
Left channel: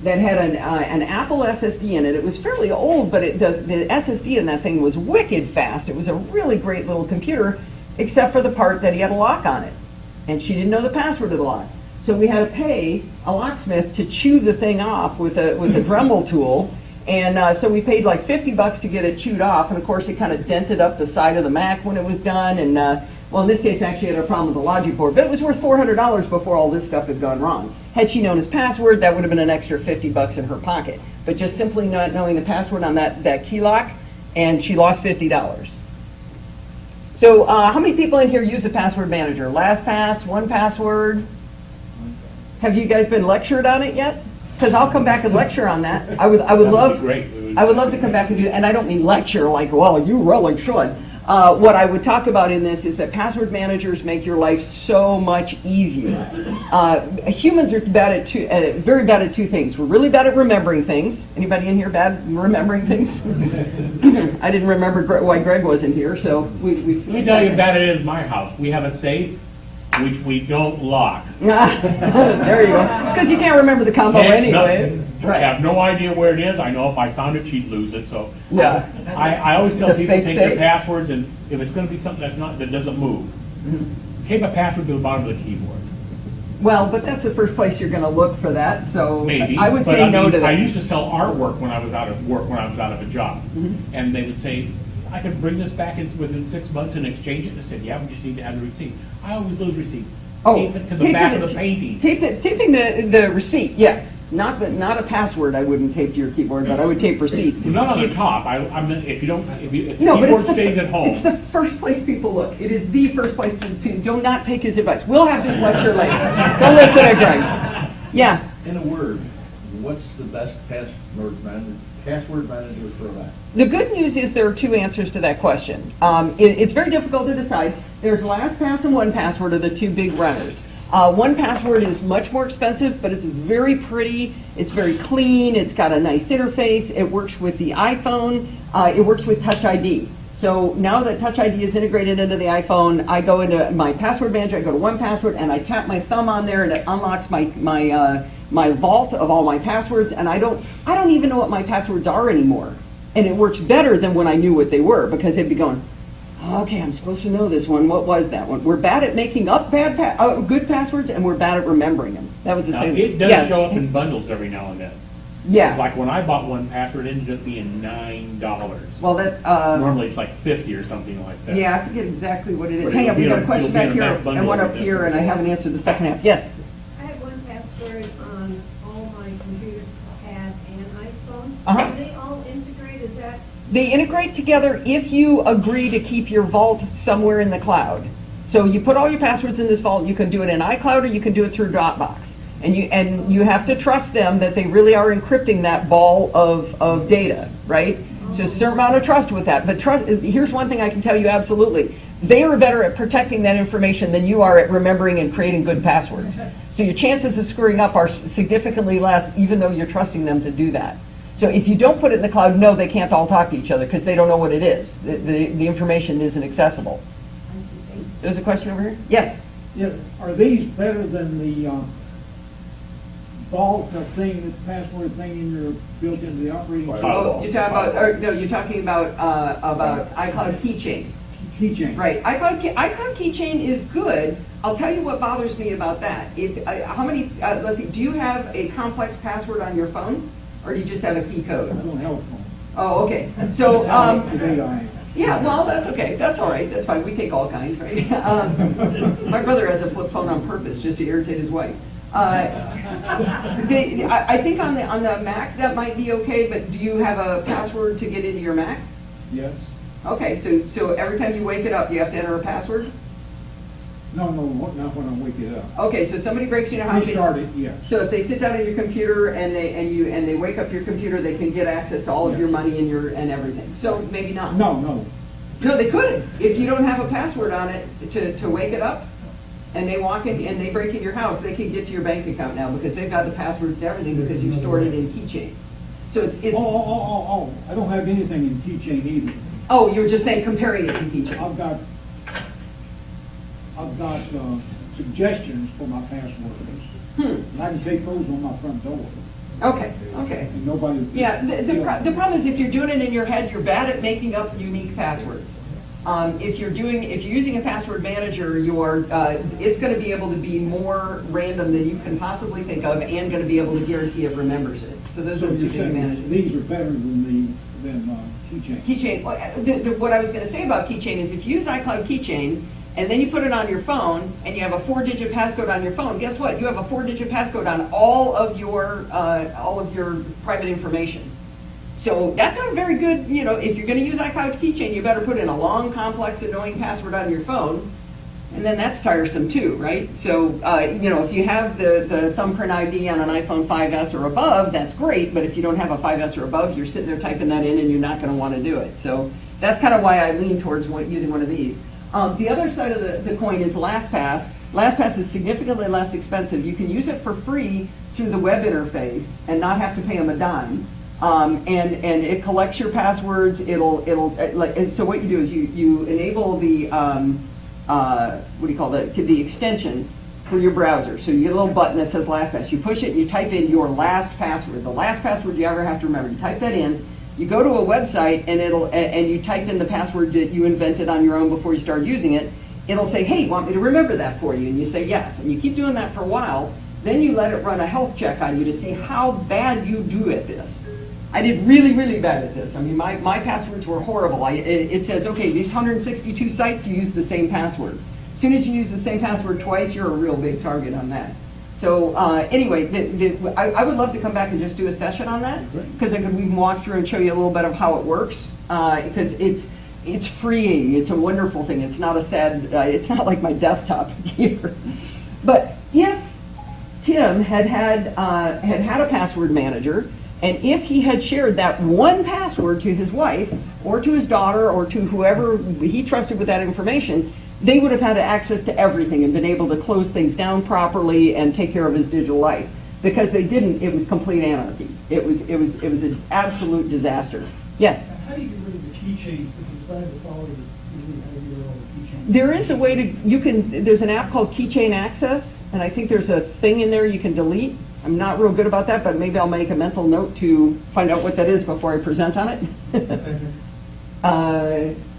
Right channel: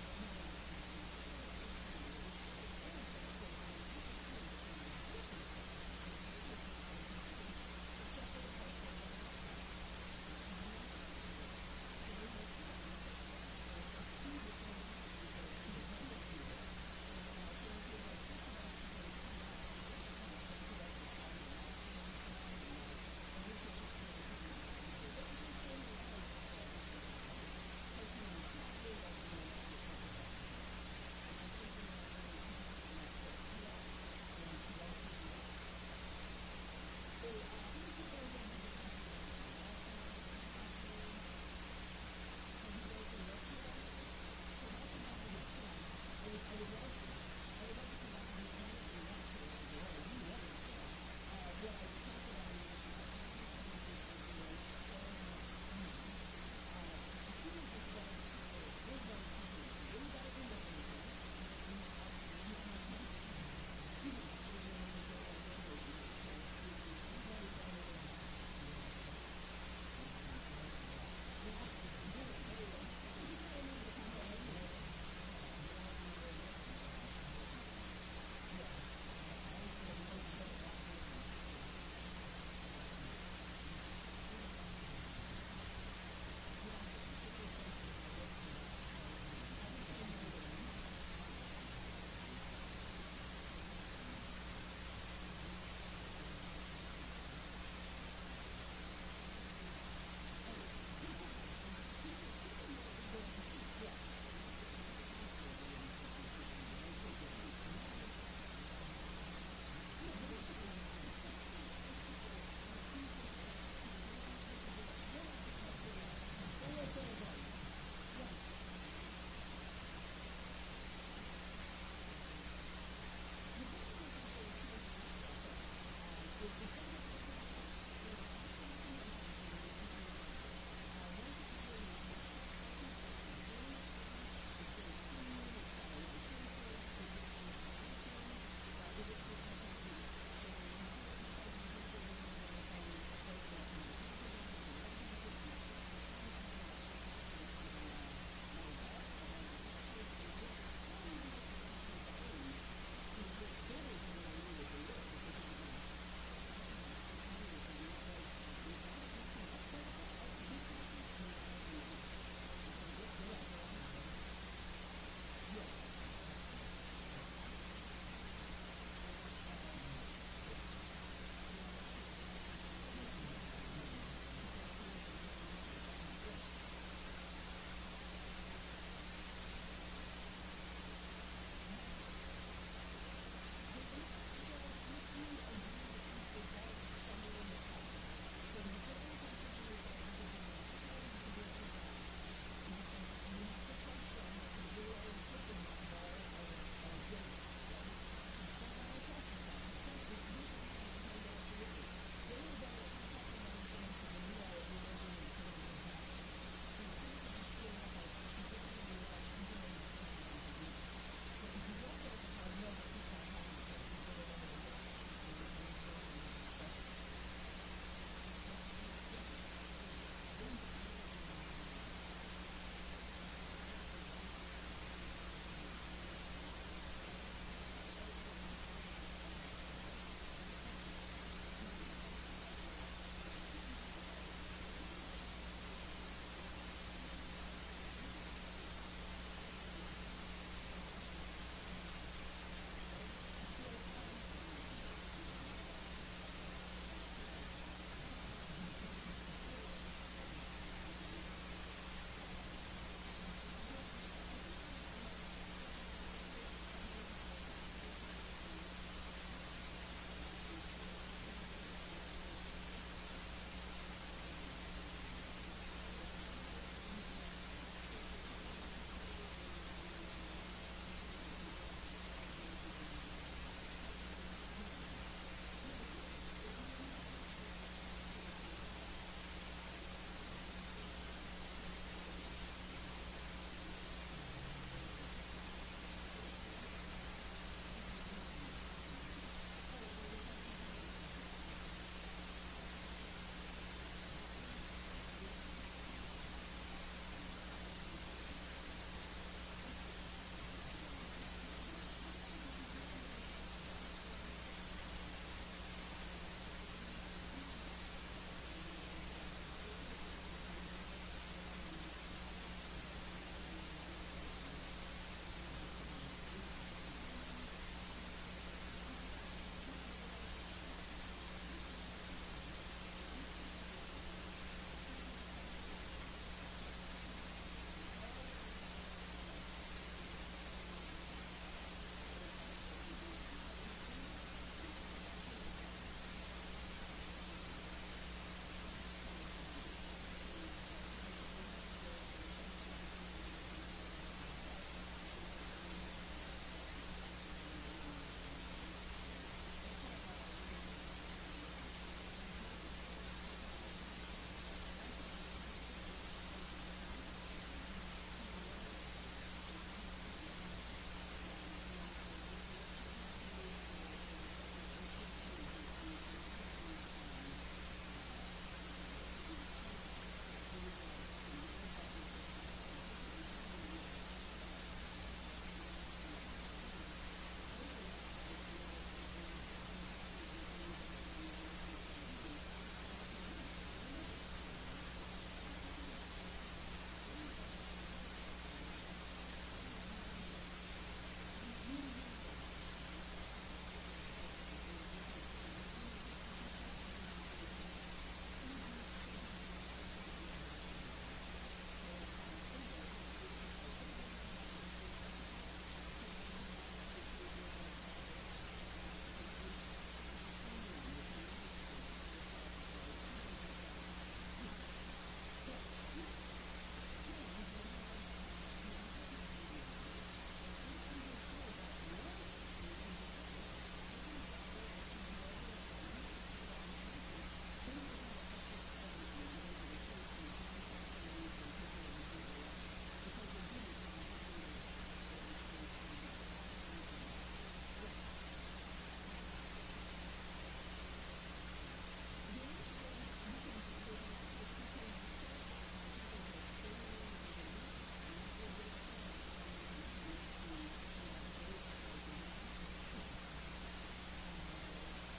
that had an Apple SSD in it. It was fairly old, but the SSD in that thing was wicked fast. It was a really great little computer, except for the part that he had a lock on it. And she didn't know the password to the lock. So we had to pay a locksmith to chew the thing off with a Dremel tool. And so we paid like $50 to get it chewed off. And of course, it kind of dented up the side of the Mac when it was done. And well, in this case, actually had a problem with the logic board. But it was worth $400 before all this stuff had gone wrong. Had she known his password, that would have been an extra $50 in her pocket. But just simply not knowing the password on that key lock, and she lost $50. So how many people in here use a password manager? LastPass, 1Password? Have you guys been lectured on it yet? because I'll come back and lecture on that. I would That would love, be great. I would love to come back and do, and I don't mean lecture like, well, you really should. What I would talk about in this is that password managers make your life so much easier. Humans are very bad at two things. We're really bad at remembering things. Anybody in here bad at remembering things? I didn't remember why Greg wasn't here, so we Let me tell you how bad it is in my house. We have a safe which we don't lock. There you go. Because you can't remember the combo anyway. I have no idea where it is. I know if I found it, she'd lose it, so. Yeah. I always tell It's a people, fake take their safe. passwords, and if it's gonna be something that doesn't move, tape a password to the bottom of the keyboard. Well, but that's the first place you're going to look for that, so Maybe. I would but say no mean, to that. I used to sell artwork when I was out of work, when I was out of a job. Mm-hmm. And they would say, I could bring this back within 6 months and exchange it. And I said, yeah, we just need to have the receipt. I always lose receipts. Tape it to the back of the painting. Taping the receipt, yes. Not a password I wouldn't tape to your keyboard, but I would tape receipts. Not on the top. I mean, if the No, but keyboard it's stays at home. It's the first place people look. It is the first place people do not take his advice. We'll have this lecture later. Don't listen to Greg. Yeah. In a word, what's the best password manager for that? The good news is there are two answers to that question. It's very difficult to decide. There's LastPass and 1Password are the two big runners. 1Password is much more expensive, but it's very pretty. It's very clean. It's got a nice interface. It works with the iPhone. It works with Touch ID. So now that Touch ID is integrated into the iPhone, I go into my password manager, I go to 1Password, and I tap my thumb on there, and it unlocks my vault of all my passwords, and I don't even know what my passwords are anymore. And it works better than when I knew what they were, because it'd be going, okay, I'm supposed to know this one. What was that one? We're bad at making up good passwords, and we're bad at remembering them. That was the Now, same. it does Yeah. show up in bundles every now and then. Yeah. Like when I bought 1Password, it ended up being $9. Well, that. Normally it's like 50 or something like that. Yeah, I forget exactly what it is. But Hang on, it'll we be got a in- question it'll be back in a here back bundle and one with up it. here, and I haven't answered the second half. Yes. I have 1Password on all my computers, pad and iPhone. Uh-huh. Do they all integrate? Is that? They integrate together if you agree to keep your vault somewhere in the cloud. So you put all your passwords in this vault. You can do it in iCloud or you can do it through Dropbox. And you have to trust them that they really are encrypting that ball of data, right? So a certain amount of trust with that. But here's one thing I can tell you absolutely. They are better at protecting that information than you are at remembering and creating good passwords. So your chances of screwing up are significantly less, even though you're trusting them to do that. So if you don't put it in the cloud, no, they can't all talk to each other because they don't know what it is. The information isn't accessible. There's a question over here? Yes. Yeah, are these better than the vault thing, the password thing in your, built into the operating system? Oh, you're talking about, or, no, you're talking about iCloud Keychain. Keychain. Right, iCloud Keychain is good. I'll tell you what bothers me about that. How many, let's see, do you have a complex password on your phone? Or do you just have a key code? I'm on health phone. Oh, okay. So, Today I am. yeah, well, that's okay. That's all right. That's fine. We take all kinds, right? My brother has a flip phone on purpose just to irritate his wife. I think on the Mac that might be okay, but do you have a password to get into your Mac? Yes. Okay, so every time you wake it up, you have to enter a password? No, not when I wake it up. Okay, so somebody breaks in your house. Restart it, yes. So if they sit down at your computer and they wake up your computer, they can get access to all of your money and everything. So maybe not. No. No, they could. If you don't have a password on it to wake it up, and they walk in and they break in your house, they can get to your bank account now because they've got the passwords to everything because you've stored it in Keychain. So it's Oh, I don't have anything in Keychain either. oh, you were just saying comparing it to Keychain. I've got suggestions for my passwords. And I can take those on my front door. Okay. And nobody. Yeah, the problem is if you're doing it in your head, you're bad at making up unique passwords. If you're using a password manager, it's going to be able to be more random than you can possibly think of, and going to be able to guarantee it remembers it. So those are the two you're big saying advantages. these are better than Keychain. Keychain. What I was going to say about Keychain is if you use iCloud Keychain and then you put it on your phone and you have a 4-digit passcode on your phone, guess what? You have a 4-digit passcode on all of your private information. So that's not very good, if you're going to use iCloud Keychain, you better put in a long, complex, annoying password on your phone And then that's tiresome too, right? So, if you have the thumbprint ID on an iPhone 5S or above, that's great, but if you don't have a 5S or above, you're sitting there typing that in and you're not gonna wanna do it. So that's kind of why I lean towards using one of these. The other side of the coin is LastPass. LastPass is significantly less expensive. You can use it for free through the web interface and not have to pay them a dime. And it collects your passwords. So what you do is you enable the the extension for your browser. So you get a little button that says LastPass. You push it and you type in your last password, the last password you ever have to remember. You type that in. You go to a website and you type in the password that you invented on your own before you started using it. It'll say, hey, want me to remember that for you? And you say yes. And you keep doing that for a while. Then you let it run a health check on you to see how bad you do at this. I did really, really bad at this. I mean, my passwords were horrible. It says, okay, these 162 sites, you use the same password. As soon as you use the same password twice, you're a real big target on that. So anyway, I would love to come back and just do a session on that, because we can walk through and show you a little bit of how it works, because it's freeing. It's a wonderful thing. It's not a sad, it's not like my desktop here. But if Tim had a password manager, and if he had shared that one password to his wife, or to his daughter, or to whoever he trusted with that information, they would have had access to everything and been able to close things down properly and take care of his digital life. Because they didn't, it was complete anarchy. It was an absolute disaster. Yes? How do you get rid of the keychains if you decide to follow your own keychain? There is a way to, there's an app called Keychain Access, and I think there's a thing in there you can delete. I'm not real good about that, but maybe I'll make a mental note to find out what that is before I present on it.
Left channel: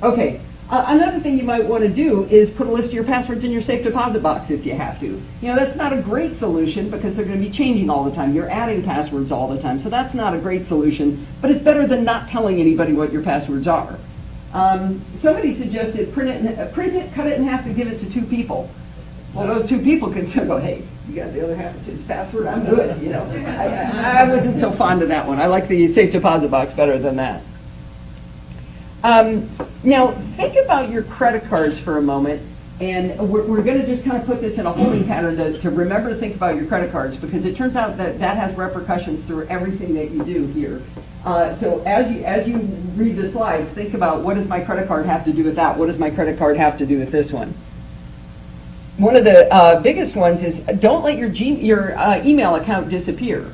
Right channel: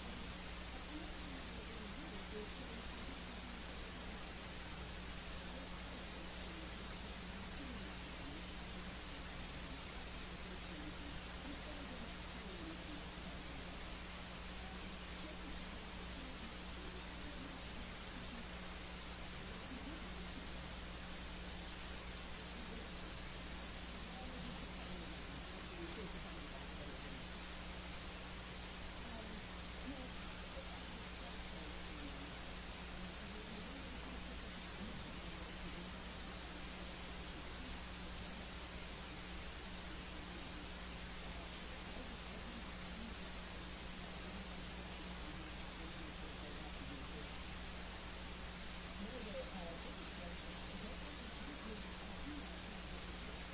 Okay. Another thing you might want to do is put a list of your passwords in your safe deposit box if you have to. That's not a great solution because they're going to be changing all the time. You're adding passwords all the time, so that's not a great solution, but it's better than not telling anybody what your passwords are. Somebody suggested print it, cut it in half, and give it to 2 people. Well, those 2 people can still go, hey, you got the other half of his password, I'm good, I wasn't so fond of that one. I like the safe deposit box better than that. Now, think about your credit cards for a moment, and we're going to just kind of put this in a holding pattern to remember to think about your credit cards, because it turns out that has repercussions through everything that you do here. So as you read the slides, think about, what does my credit card have to do with that? What does my credit card have to do with this one? One of the biggest ones is, don't let your email account disappear.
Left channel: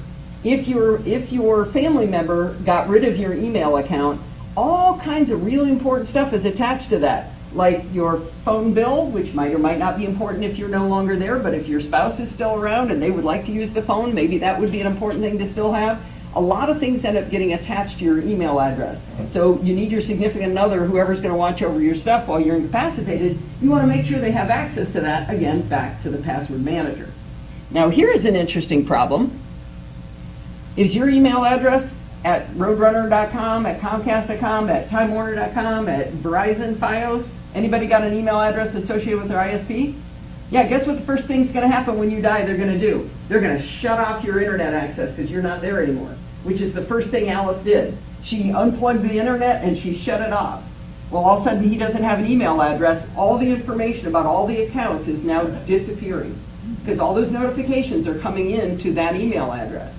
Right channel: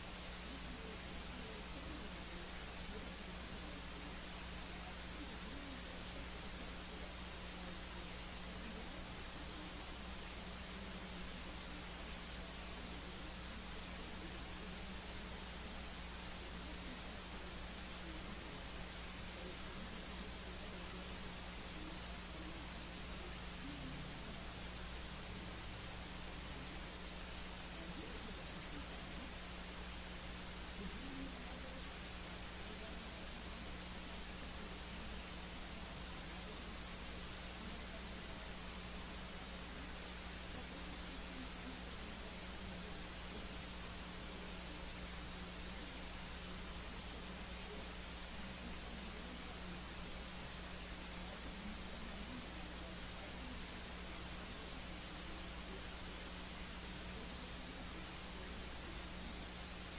If your family member got rid of your email account, all kinds of really important stuff is attached to that, like your phone bill, which might or might not be important if you're no longer there, but if your spouse is still around and they would like to use the phone, maybe that would be an important thing to still have. A lot of things end up getting attached to your email address. So you need your significant other, whoever's going to watch over your stuff while you're incapacitated, you want to make sure they have access to that, again, back to the password manager. Now here is an interesting problem. Is your email address at roadrunner.com, at comcast.com, at timewarner.com, at Verizon, Fios? Anybody got an email address associated with their ISP? Yeah, guess what the first thing's going to happen when you die they're going to do? They're going to shut off your internet access because you're not there anymore, which is the first thing Alice did. She unplugged the internet and she shut it off. Well, all of a sudden he doesn't have an email address. All the information about all the accounts is now disappearing because all those notifications are coming in to that email address.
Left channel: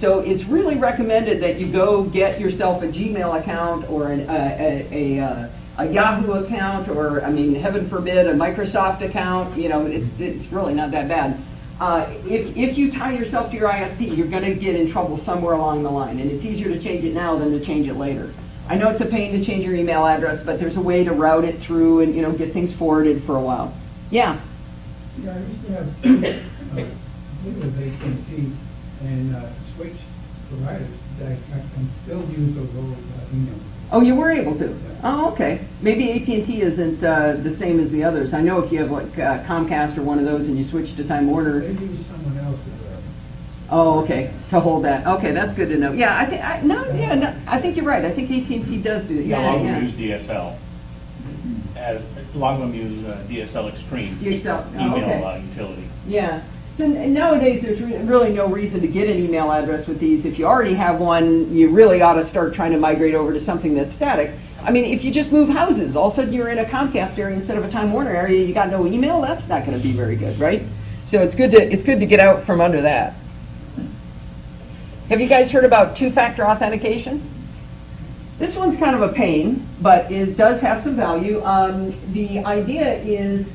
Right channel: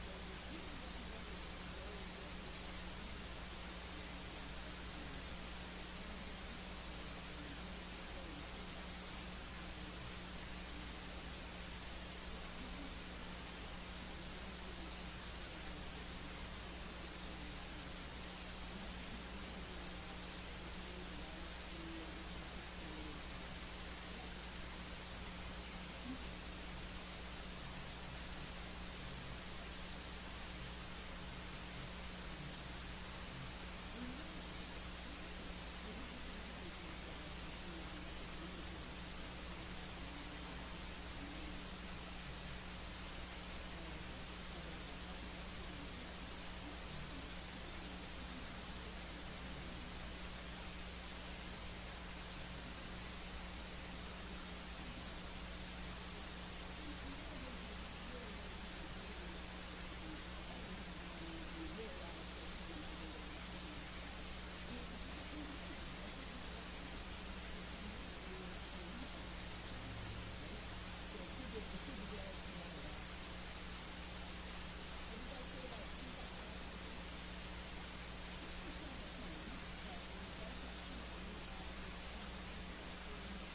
So it's really recommended that you go get yourself a Gmail account or a Yahoo account, or, heaven forbid, a Microsoft account. It's really not that bad. If you tie yourself to your ISP, you're going to get in trouble somewhere along the line, and it's easier to change it now than to change it later. I know it's a pain to change your email address, but there's a way to route it through and get things forwarded for a while. Yeah? Yeah, I used to have based AT&T and switch providers that I can still use those old emails. Oh, you were able to? Oh, okay. Maybe AT&T isn't the same as the others. I know if you have like Comcast or one of those and you switch to Time Warner. Maybe someone else is Oh, okay. To hold that. Okay, that's good to know. Yeah, I think you're right. I think AT&T does do it. Yeah, a lot of them use DSL. A lot of them use DSL Extreme email utility. Yeah. So nowadays, there's really no reason to get an email address with these. If you already have one, you really ought to start trying to migrate over to something that's static. I mean, if you just move houses, all of a sudden you're in a Comcast area instead of a Time Warner area, you got no email, that's not gonna be very good, right? So it's good to get out from under that. Have you guys heard about two-factor authentication? This one's kind of a pain, but it does have some value. The idea is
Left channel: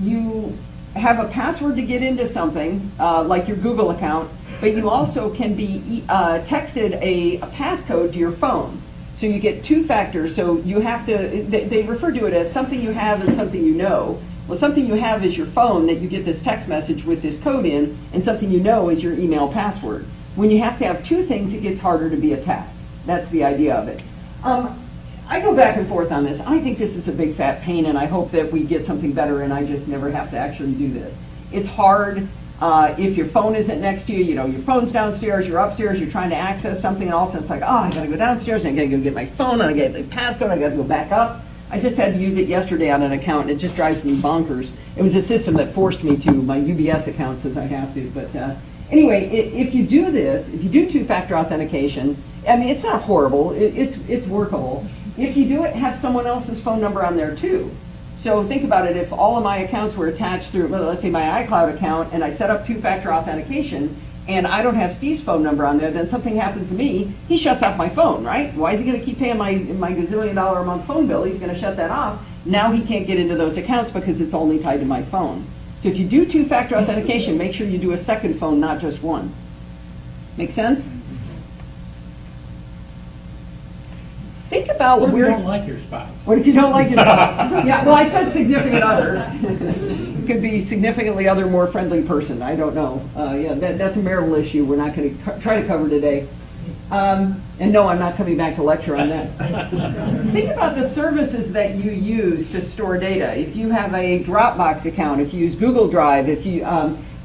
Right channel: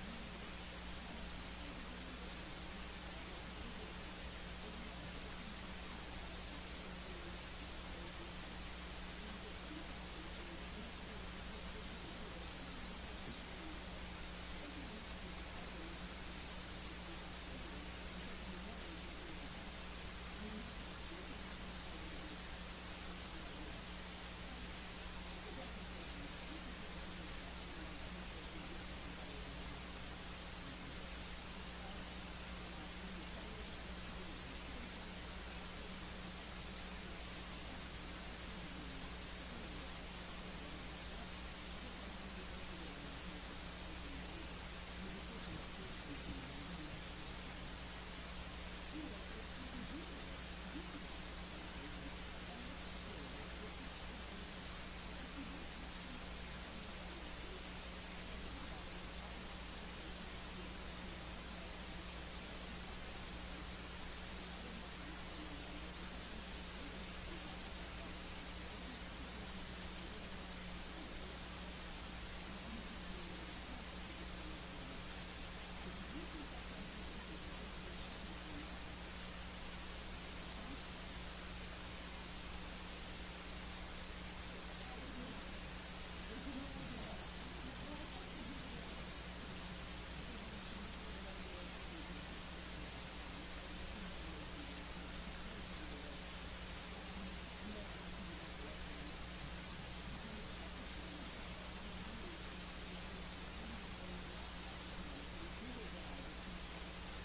you have a password to get into something, like your Google account, but you also can be texted a passcode to your phone. So you get two factors, so you have to, they refer to it as something you have and something you know. Well, something you have is your phone that you get this text message with this code in, and something you know is your email password. When you have to have two things, it gets harder to be attacked. That's the idea of it. I go back and forth on this. I think this is a big fat pain, and I hope that we get something better and I just never have to actually do this. It's hard. If your phone isn't next to you, you know, your phone's downstairs, you're upstairs, you're trying to access something, and all of a sudden it's like, oh, I gotta go downstairs, and I gotta go get my phone, and I gotta get the passcode, I gotta go back up. I just had to use it yesterday on an account, and it just drives me bonkers. It was a system that forced me to my UBS account since I have to, but anyway, if you do this, if you do two-factor authentication, I mean, it's not horrible, it's workable. If you do it, have someone else's phone number on there too. So think about it, if all of my accounts were attached through, well, let's say my iCloud account, and I set up two-factor authentication, and I don't have Steve's phone number on there, then something happens to me, he shuts off my phone, right? Why is he gonna keep paying my gazillion-dollar a month phone bill? He's gonna shut that off. Now he can't get into those accounts because it's only tied to my phone. So if you do two-factor authentication, make sure you do a second phone, not just one. Make sense? Think about What if you where... don't like your spouse? What if you don't like your spouse? Yeah, well, I said significant other. It could be significantly other, more friendly person. I don't know. Yeah, that's a marital issue we're not going to try to cover today. And no, I'm not coming back to lecture on that. Think about the services that you use to store data. If you have a Dropbox account, if you use Google Drive, if you,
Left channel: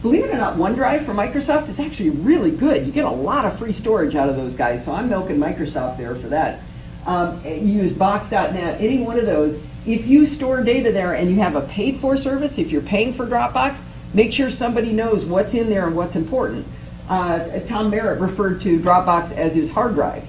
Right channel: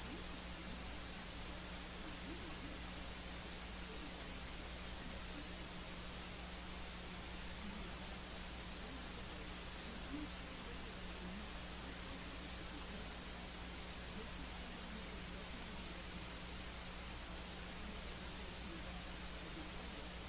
believe it or not, OneDrive from Microsoft is actually really good. You get a lot of free storage out of those guys, so I'm milking Microsoft there for that. You use Box.net, any one of those. If you store data there and you have a paid-for service, if you're paying for Dropbox, make sure somebody knows what's in there and what's important. Tom Merritt referred to Dropbox as his hard drive.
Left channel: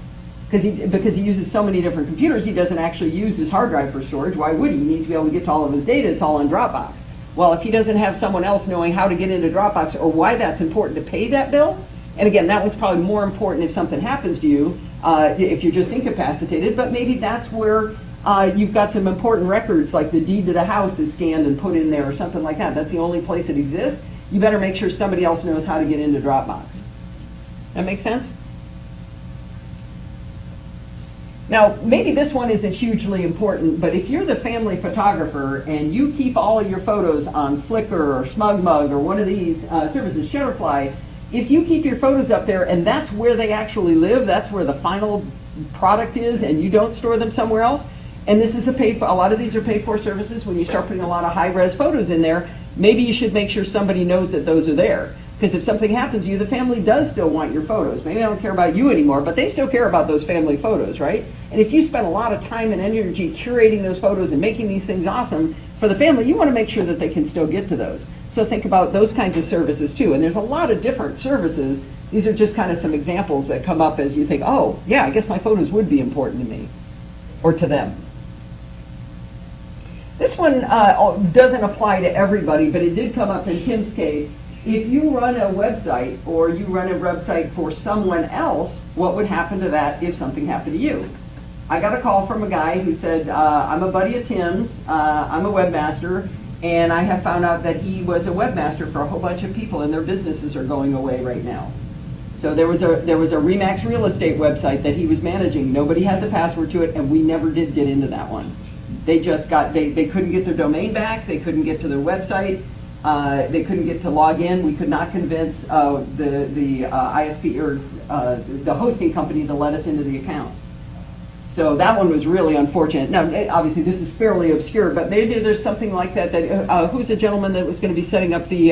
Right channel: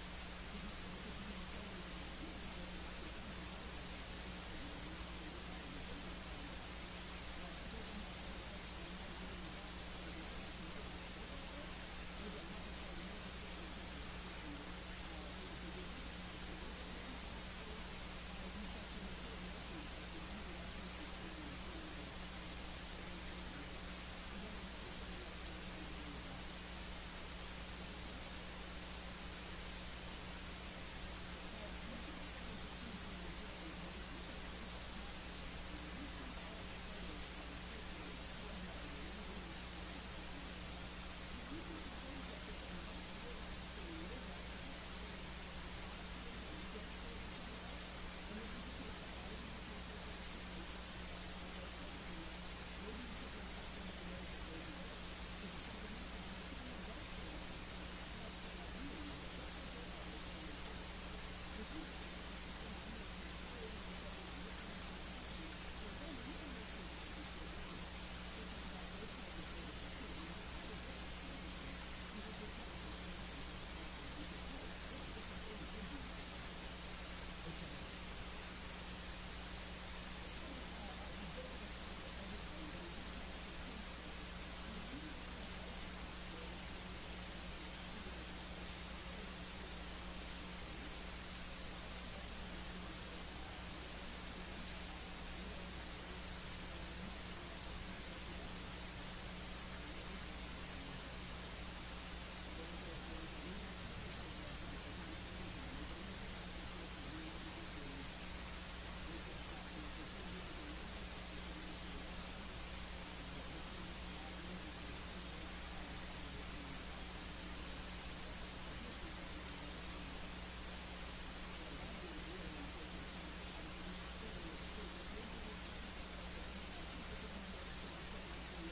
Because he uses so many different computers, he doesn't actually use his hard drive for storage. Why would he? He needs to be able to get to all of his data. It's all in Dropbox. Well, if he doesn't have someone else knowing how to get into Dropbox or why that's important to pay that bill, and again, that one's probably more important if something happens to you, if you're just incapacitated, but maybe that's where you've got some important records, like the deed to the house is scanned and put in there or something like that. That's the only place it exists. You better make sure somebody else knows how to get into Dropbox. That make sense? Now, maybe this one isn't hugely important, but if you're the family photographer and you keep all of your photos on Flickr or SmugMug or one of these services, Shutterfly, if you keep your photos up there and that's where they actually live, that's where the final product is, and you don't store them somewhere else, and this is a lot of these are paid for services, when you start putting a lot of high-res photos in there, maybe you should make sure somebody knows that those are there. Because if something happens to you, the family does still want your photos. Maybe they don't care about you anymore, but they still care about those family photos, right? And if you spend a lot of time and energy curating those photos and making these things awesome for the family, you want to make sure that they can still get to those. So think about those kinds of services too. And there's a lot of different services. These are just kind of some examples that come up as you think, oh, yeah, I guess my photos would be important to me or to them. This one doesn't apply to everybody, but it did come up in Tim's case. If you run a website or you run a website for someone else, what would happen to that if something happened to you? I got a call from a guy who said, I'm a buddy of Tim's, I'm a webmaster, and I have found out that he was a webmaster for a whole bunch of people and their businesses are going away right now. So there was a Remax real estate website that he was managing. Nobody had the password to it, and we never did get into that one. They just got, they couldn't get their domain back, they couldn't get to their website, they couldn't get to log in. We could not convince the ISP or the hosting company to let us into the account. So that one was really unfortunate. Now, obviously, this is fairly obscure, but maybe there's something like that. Who's the gentleman that was going to be setting up the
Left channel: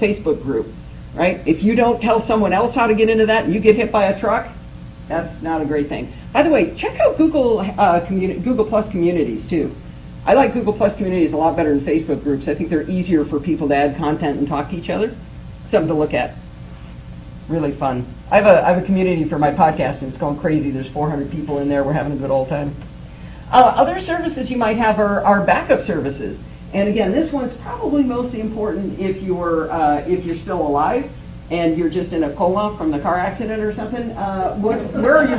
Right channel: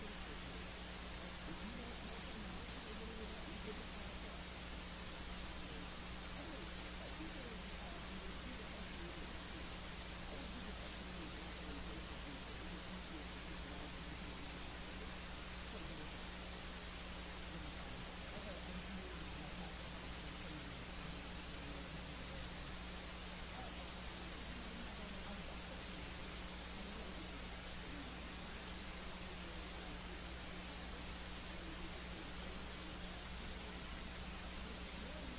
Facebook group, right? If you don't tell someone else how to get into that and you get hit by a truck, that's not a great thing. By the way, check out Google Plus communities, too. I like Google Plus communities a lot better than Facebook groups. I think they're easier for people to add content and talk to each other. Something to look at. Really fun. I have a community for my podcast, and it's going crazy. There's 400 people in there. We're having a good old time. Other services you might have are backup services. And again, this one's probably mostly important if you're still alive and you're just in a coma from the car accident or something. Where are your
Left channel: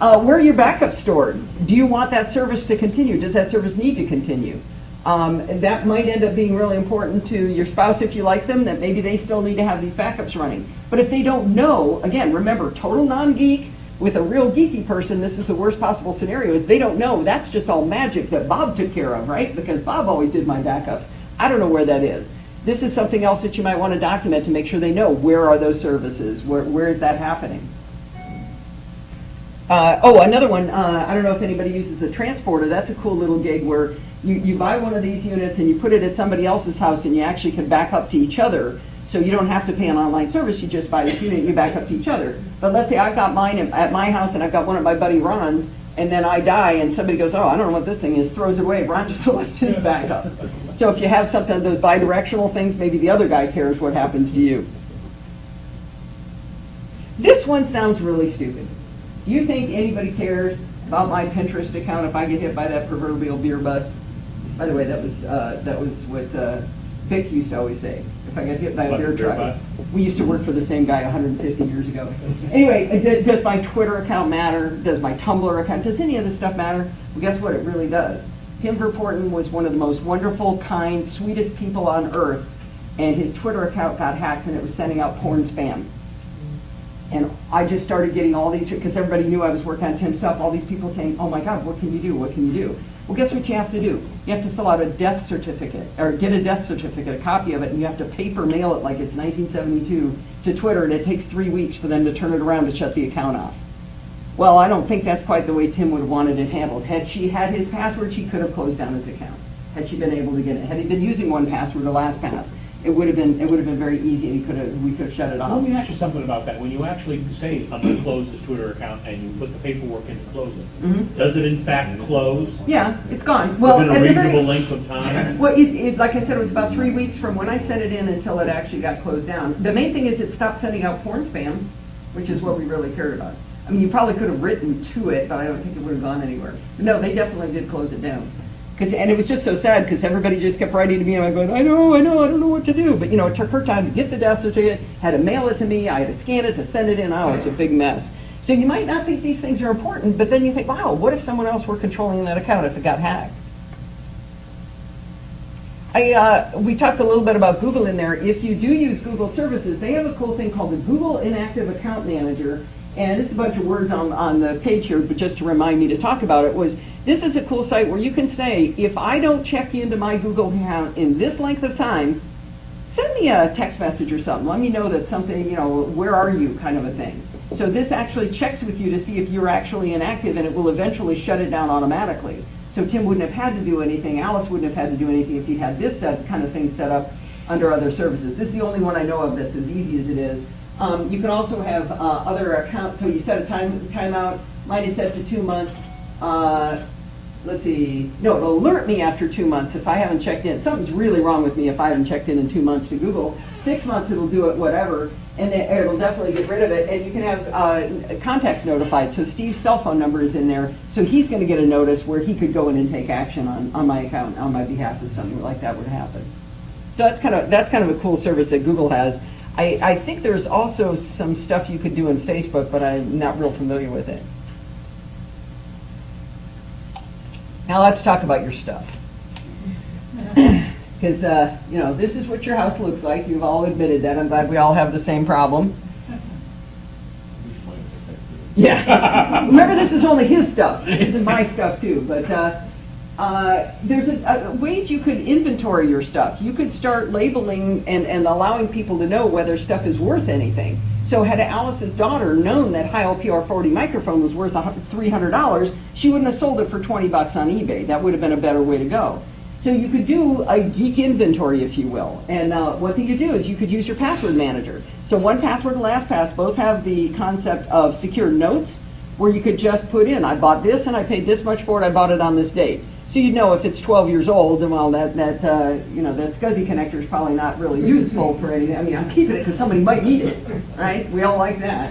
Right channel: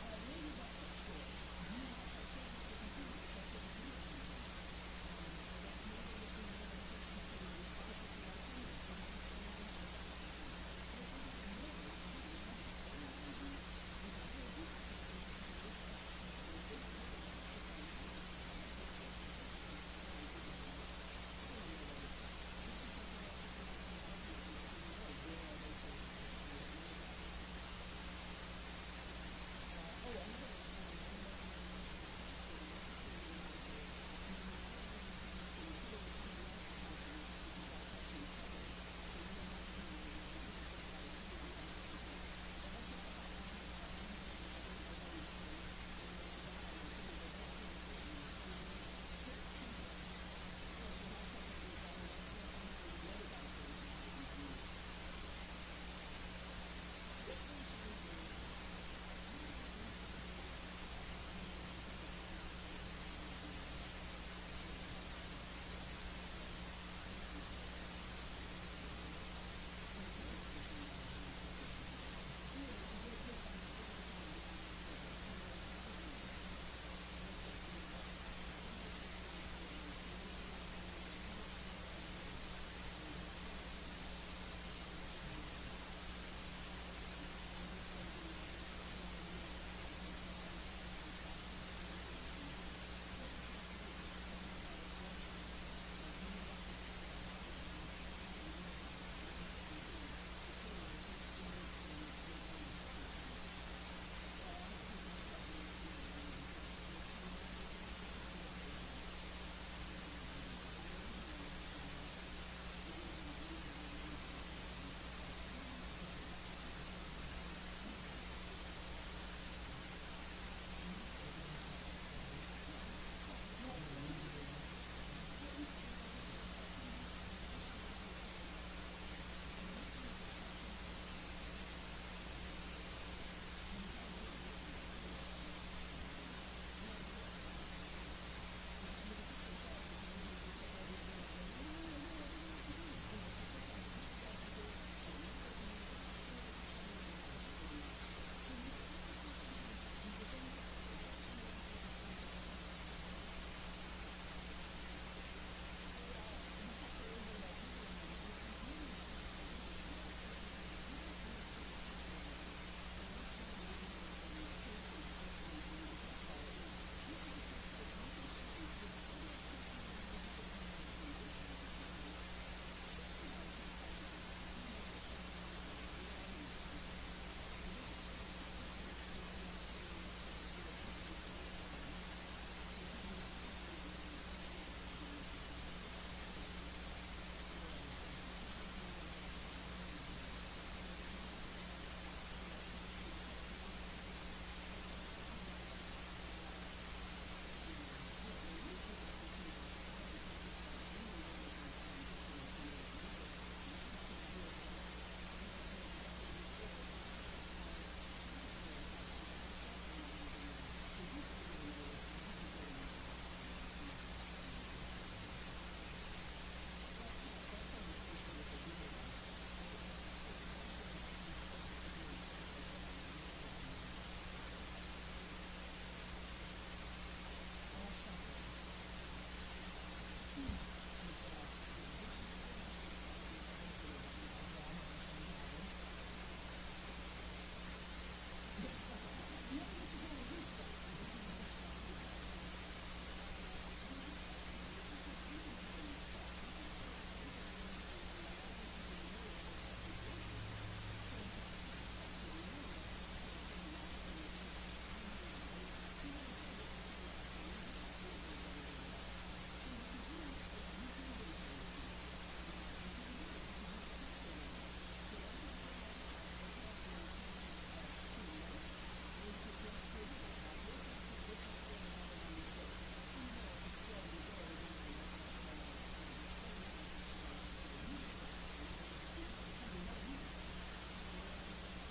where are your backups stored? Do you want that service to continue? Does that service need to continue? That might end up being really important to your spouse if you like them, that maybe they still need to have these backups running. But if they don't know, again, remember, total non-geek with a real geeky person, this is the worst possible scenario, is they don't know. That's just all magic that Bob took care of, right? Because Bob always did my backups. I don't know where that is. This is something else that you might want to document to make sure they know where are those services, where is that happening. Another one, I don't know if anybody uses the transporter. That's a cool little gig where you buy one of these units and you put it at somebody else's house and you actually can back up to each other. So you don't have to pay an online service, you just buy this unit and you back up to each other. But let's say I've got mine at my house and I've got one at my buddy Ron's, and then I die and somebody goes, oh, I don't know what this thing is, throws it away. Ron just left his backup. So if you have something of those bi-directional things, maybe the other guy cares what happens to you. This one sounds really stupid. Do you think anybody cares about my Pinterest account if I get hit by that proverbial beer bus? By the way, that was what Vic used to always say. If I got hit by a beer truck. We used to work for the same guy 150 years ago. Anyway, does my Twitter account matter? Does my Tumblr account, does any of this stuff matter? Well, guess what? It really does. Tim Verporten was one of the most wonderful, kind, sweetest people on earth, and his Twitter account got hacked and it was sending out porn spam. And I just started getting all these, because everybody knew I was working on Tim's stuff, all these people saying, oh my God, what can you do? What can you do? Well, guess what you have to do? You have to fill out a death certificate, or get a death certificate, a copy of it, and you have to paper mail it like it's 1972 to Twitter, and it takes 3 weeks for them to turn it around to shut the account off. Well, I don't think that's quite the way Tim would have wanted it handled. Had she had his password, she could have closed down his account. Had she been able to get it. Had he been using one password, the last pass, it would have been very easy, and we could have shut it off. Let me ask you something about that. When you actually say, I'm going to close the Twitter account, and you put the paperwork in to close it, does it in fact close Yeah, it's gone. Well, within a at the reasonable very, length of time? well, like I said, it was about 3 weeks from when I sent it in until it actually got closed down. The main thing is it stopped sending out porn spam, which is what we really cared about. I mean, you probably could have written to it, but I don't think it would have gone anywhere. No, they definitely did close it down. And it was just so sad because everybody just kept writing to me and I'm going, I know, I don't know what to do. But it took her time to get the death certificate, had to mail it to me, I had to scan it to send it in. Oh, it's a big mess. So you might not think these things are important, but then you think, wow, what if someone else were controlling that account if it got hacked? We talked a little bit about Google in there. If you do use Google services, they have a cool thing called the Google Inactive Account Manager. And it's a bunch of words on the page here, but just to remind me to talk about it was, this is a cool site where you can say, if I don't check into my Google account in this length of time, send me a text message or something. Let me know that something, where are you kind of a thing. So this actually checks with you to see if you're actually inactive, and it will eventually shut it down automatically. So Tim wouldn't have had to do anything, Alice wouldn't have had to do anything if he had this kind of thing set up under other services. This is the only one I know of that's as easy as it is. You can also have other accounts, so you set a timeout. Mine is set to 2 months. Let's see, no, it'll alert me after 2 months if I haven't checked in. Something's really wrong with me if I haven't checked in 2 months to Google. 6 months it'll do it, whatever, and it'll definitely get rid of it. And you can have contacts notified. So Steve's cell phone number is in there, so he's going to get a notice where he could go in and take action on my account on my behalf if something like that would happen. So that's kind of a cool service that Google has. I think there's also some stuff you could do in Facebook, but I'm not real familiar with it. Now let's talk about your stuff. Because, this is what your house looks like. You've all admitted that. I'm glad we all have the same problem. Yeah. Remember, this is only his stuff. This isn't my stuff, too. But there's ways you could inventory your stuff. You could start labeling and allowing people to know whether stuff is worth anything. So had Alice's daughter known that high LPR40 microphone was worth $300, she wouldn't have sold it for $20 on eBay. That would have been a better way to go. So you could do a geek inventory, if you will. And one thing you do is you could use your password manager. So 1Password and LastPass both have the concept of secure notes, where you could just put in, I bought this and I paid this much for it, I bought it on this date. So you'd know if it's 12 years old, then well, that SCSI connector is probably not really useful for anything. I mean, I'm keeping it because somebody might need it, right? We all like that.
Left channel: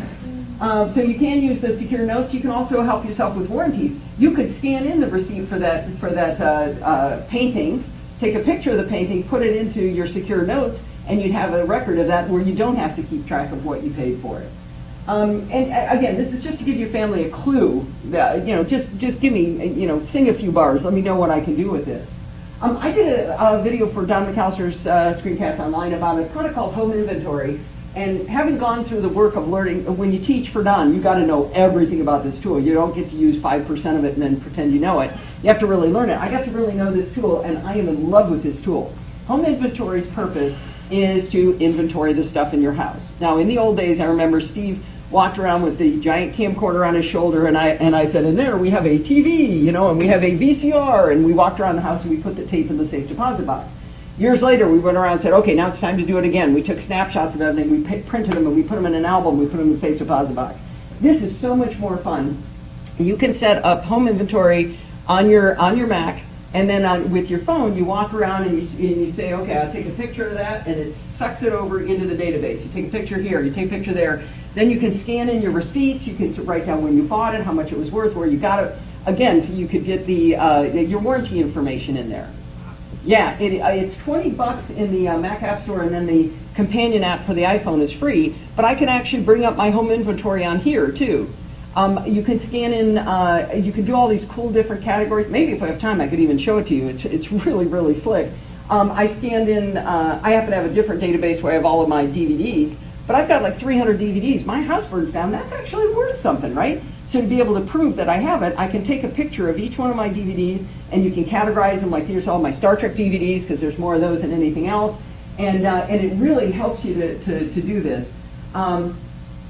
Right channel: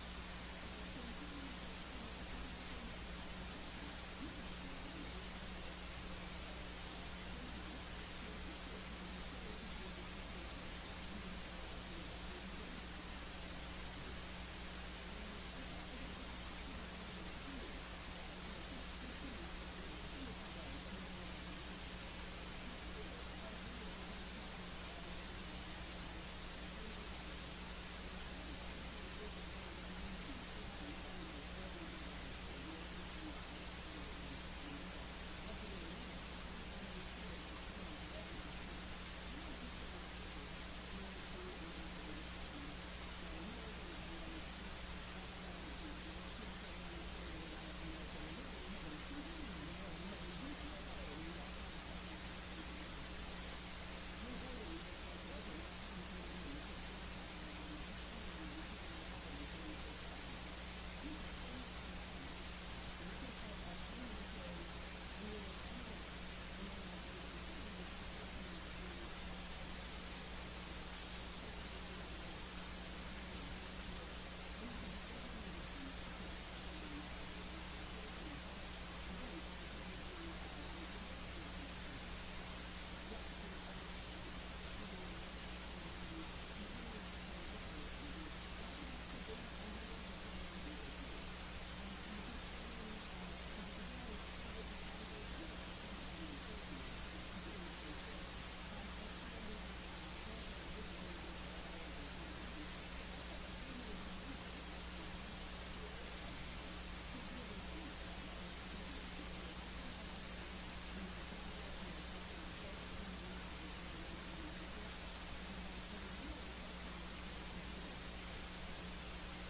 So you can use the secure notes. You can also help yourself with warranties. You could scan in the receipt for that painting, take a picture of the painting, put it into your secure notes, and you'd have a record of that where you don't have to keep track of what you paid for it. And again, this is just to give your family a clue that, just give me, sing a few bars. Let me know what I can do with this. I did a video for Don McAllister's Screencast Online about a product called Home Inventory. And having gone through the work of learning, when you teach for Don, you got to know everything about this tool. You don't get to use 5% of it and then pretend you know it. You have to really learn it. I got to really know this tool, and I am in love with this tool. Home Inventory's purpose is to inventory the stuff in your house. Now, in the old days, I remember Steve walked around with the giant camcorder on his shoulder, and I said, in there we have a TV, and we have a VCR, and we walked around the house and we put the tape in the safe deposit box. Years later, we went around and said, okay, now it's time to do it again. We took snapshots of everything, we printed them, and we put them in an album, we put them in the safe deposit box. This is so much more fun. You can set up Home Inventory on your Mac, and then with your phone, you walk around and you say, okay, I'll take a picture of that, and it sucks it over into the database. You take a picture here, you take a picture there. Then you can scan in your receipts, you can write down when you bought it, how much it was worth, where you got it. Again, you could get your warranty information in there. Yeah, it's $20 in the Mac App Store, and then the companion app for the iPhone is free, but I can actually bring up my home inventory on here too. You can scan in, you can do all these cool different categories. Maybe if I have time I could even show it to you. It's really, really slick. I scanned in, I happen to have a different database where I have all of my DVDs, but I've got like 300 DVDs. My house burns down, that's actually worth something, right? So to be able to prove that I have it, I can take a picture of each one of my DVDs, and you can categorize them, like here's all my Star Trek DVDs, because there's more of those than anything else, and it really helps you to do this.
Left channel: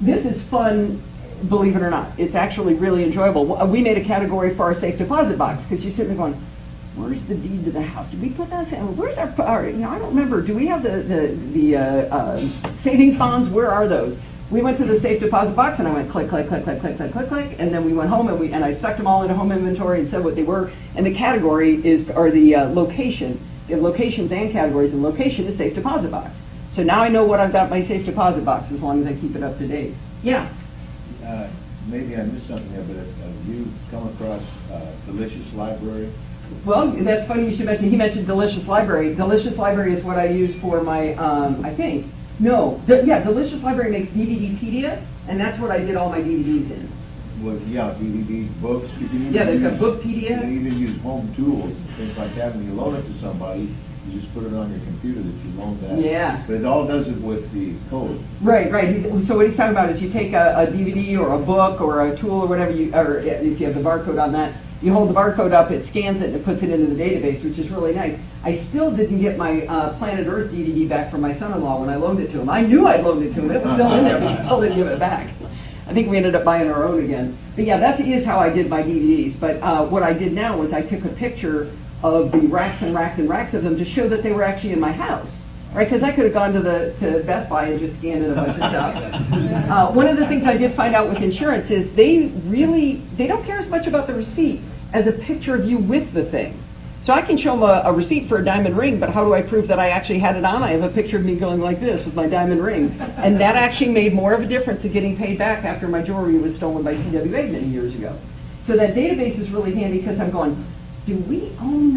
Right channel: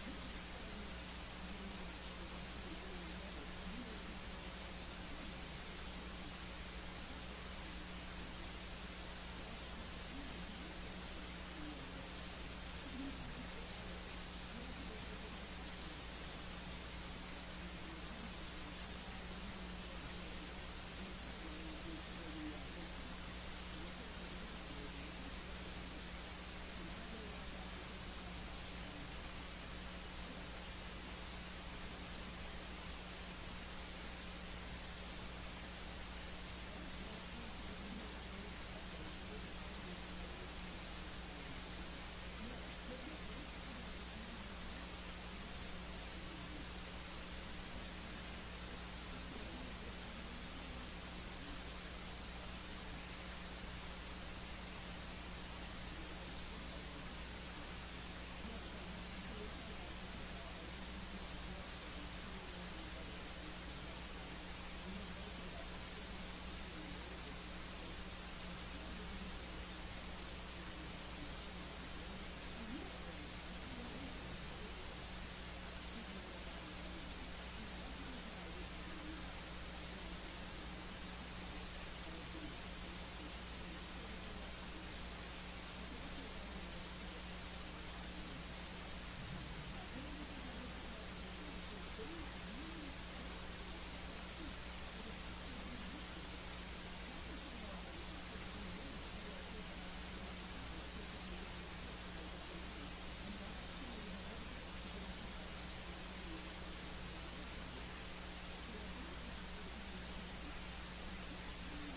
This is fun, believe it or not. It's actually really enjoyable. We made a category for our safe deposit box, because you're sitting there going, where's the deed to the house? Did we put that? Where's our I don't remember. Do we have the savings bonds? Where are those? We went to the safe deposit box, and I went click, click, click, click, click, click, click, click, and then we went home, and I sucked them all into Home Inventory and said what they were. And the category are the location. You have locations and categories, and location is safe deposit box. So now I know what I've got in my safe deposit box, as long as I keep it up to date. Yeah. Maybe I missed something there, but have you come across Delicious Library? Well, that's funny you should mention. He mentioned Delicious Library. Delicious Library is what I use for my, I think. No, Delicious Library makes DVDpedia, and that's what I did all my DVDs in. Well, yeah, DVD, books. You can Yeah, they've got use- Bookpedia. You can even use home tools, things like that. When you loan it to somebody, you just put it on your computer that you loaned that. Yeah. But it all does it with the code. Right. So what he's talking about is you take a DVD or a book or a tool or whatever, or if you have the barcode on that, you hold the barcode up, it scans it, and it puts it into the database, which is really nice. I still didn't get my Planet Earth DVD back from my son-in-law when I loaned it to him. I knew I'd loaned it to him. It was still in there, but he still didn't give it back. I think we ended up buying our own again. But yeah, that is how I did my DVDs. But what I did now was I took a picture of the racks and racks and racks of them to show that they were actually in my house. Right, because I could have gone to Best Buy and just scanned in a bunch of stuff. One of the things I did find out with insurance is they don't care as much about the receipt as a picture of you with the thing. So I can show them a receipt for a diamond ring, but how do I prove that I actually had it on? I have a picture of me going like this with my diamond ring. And that actually made more of a difference in getting paid back after my jewelry was stolen by TWA many years ago. So that database is really handy because I'm going, do we own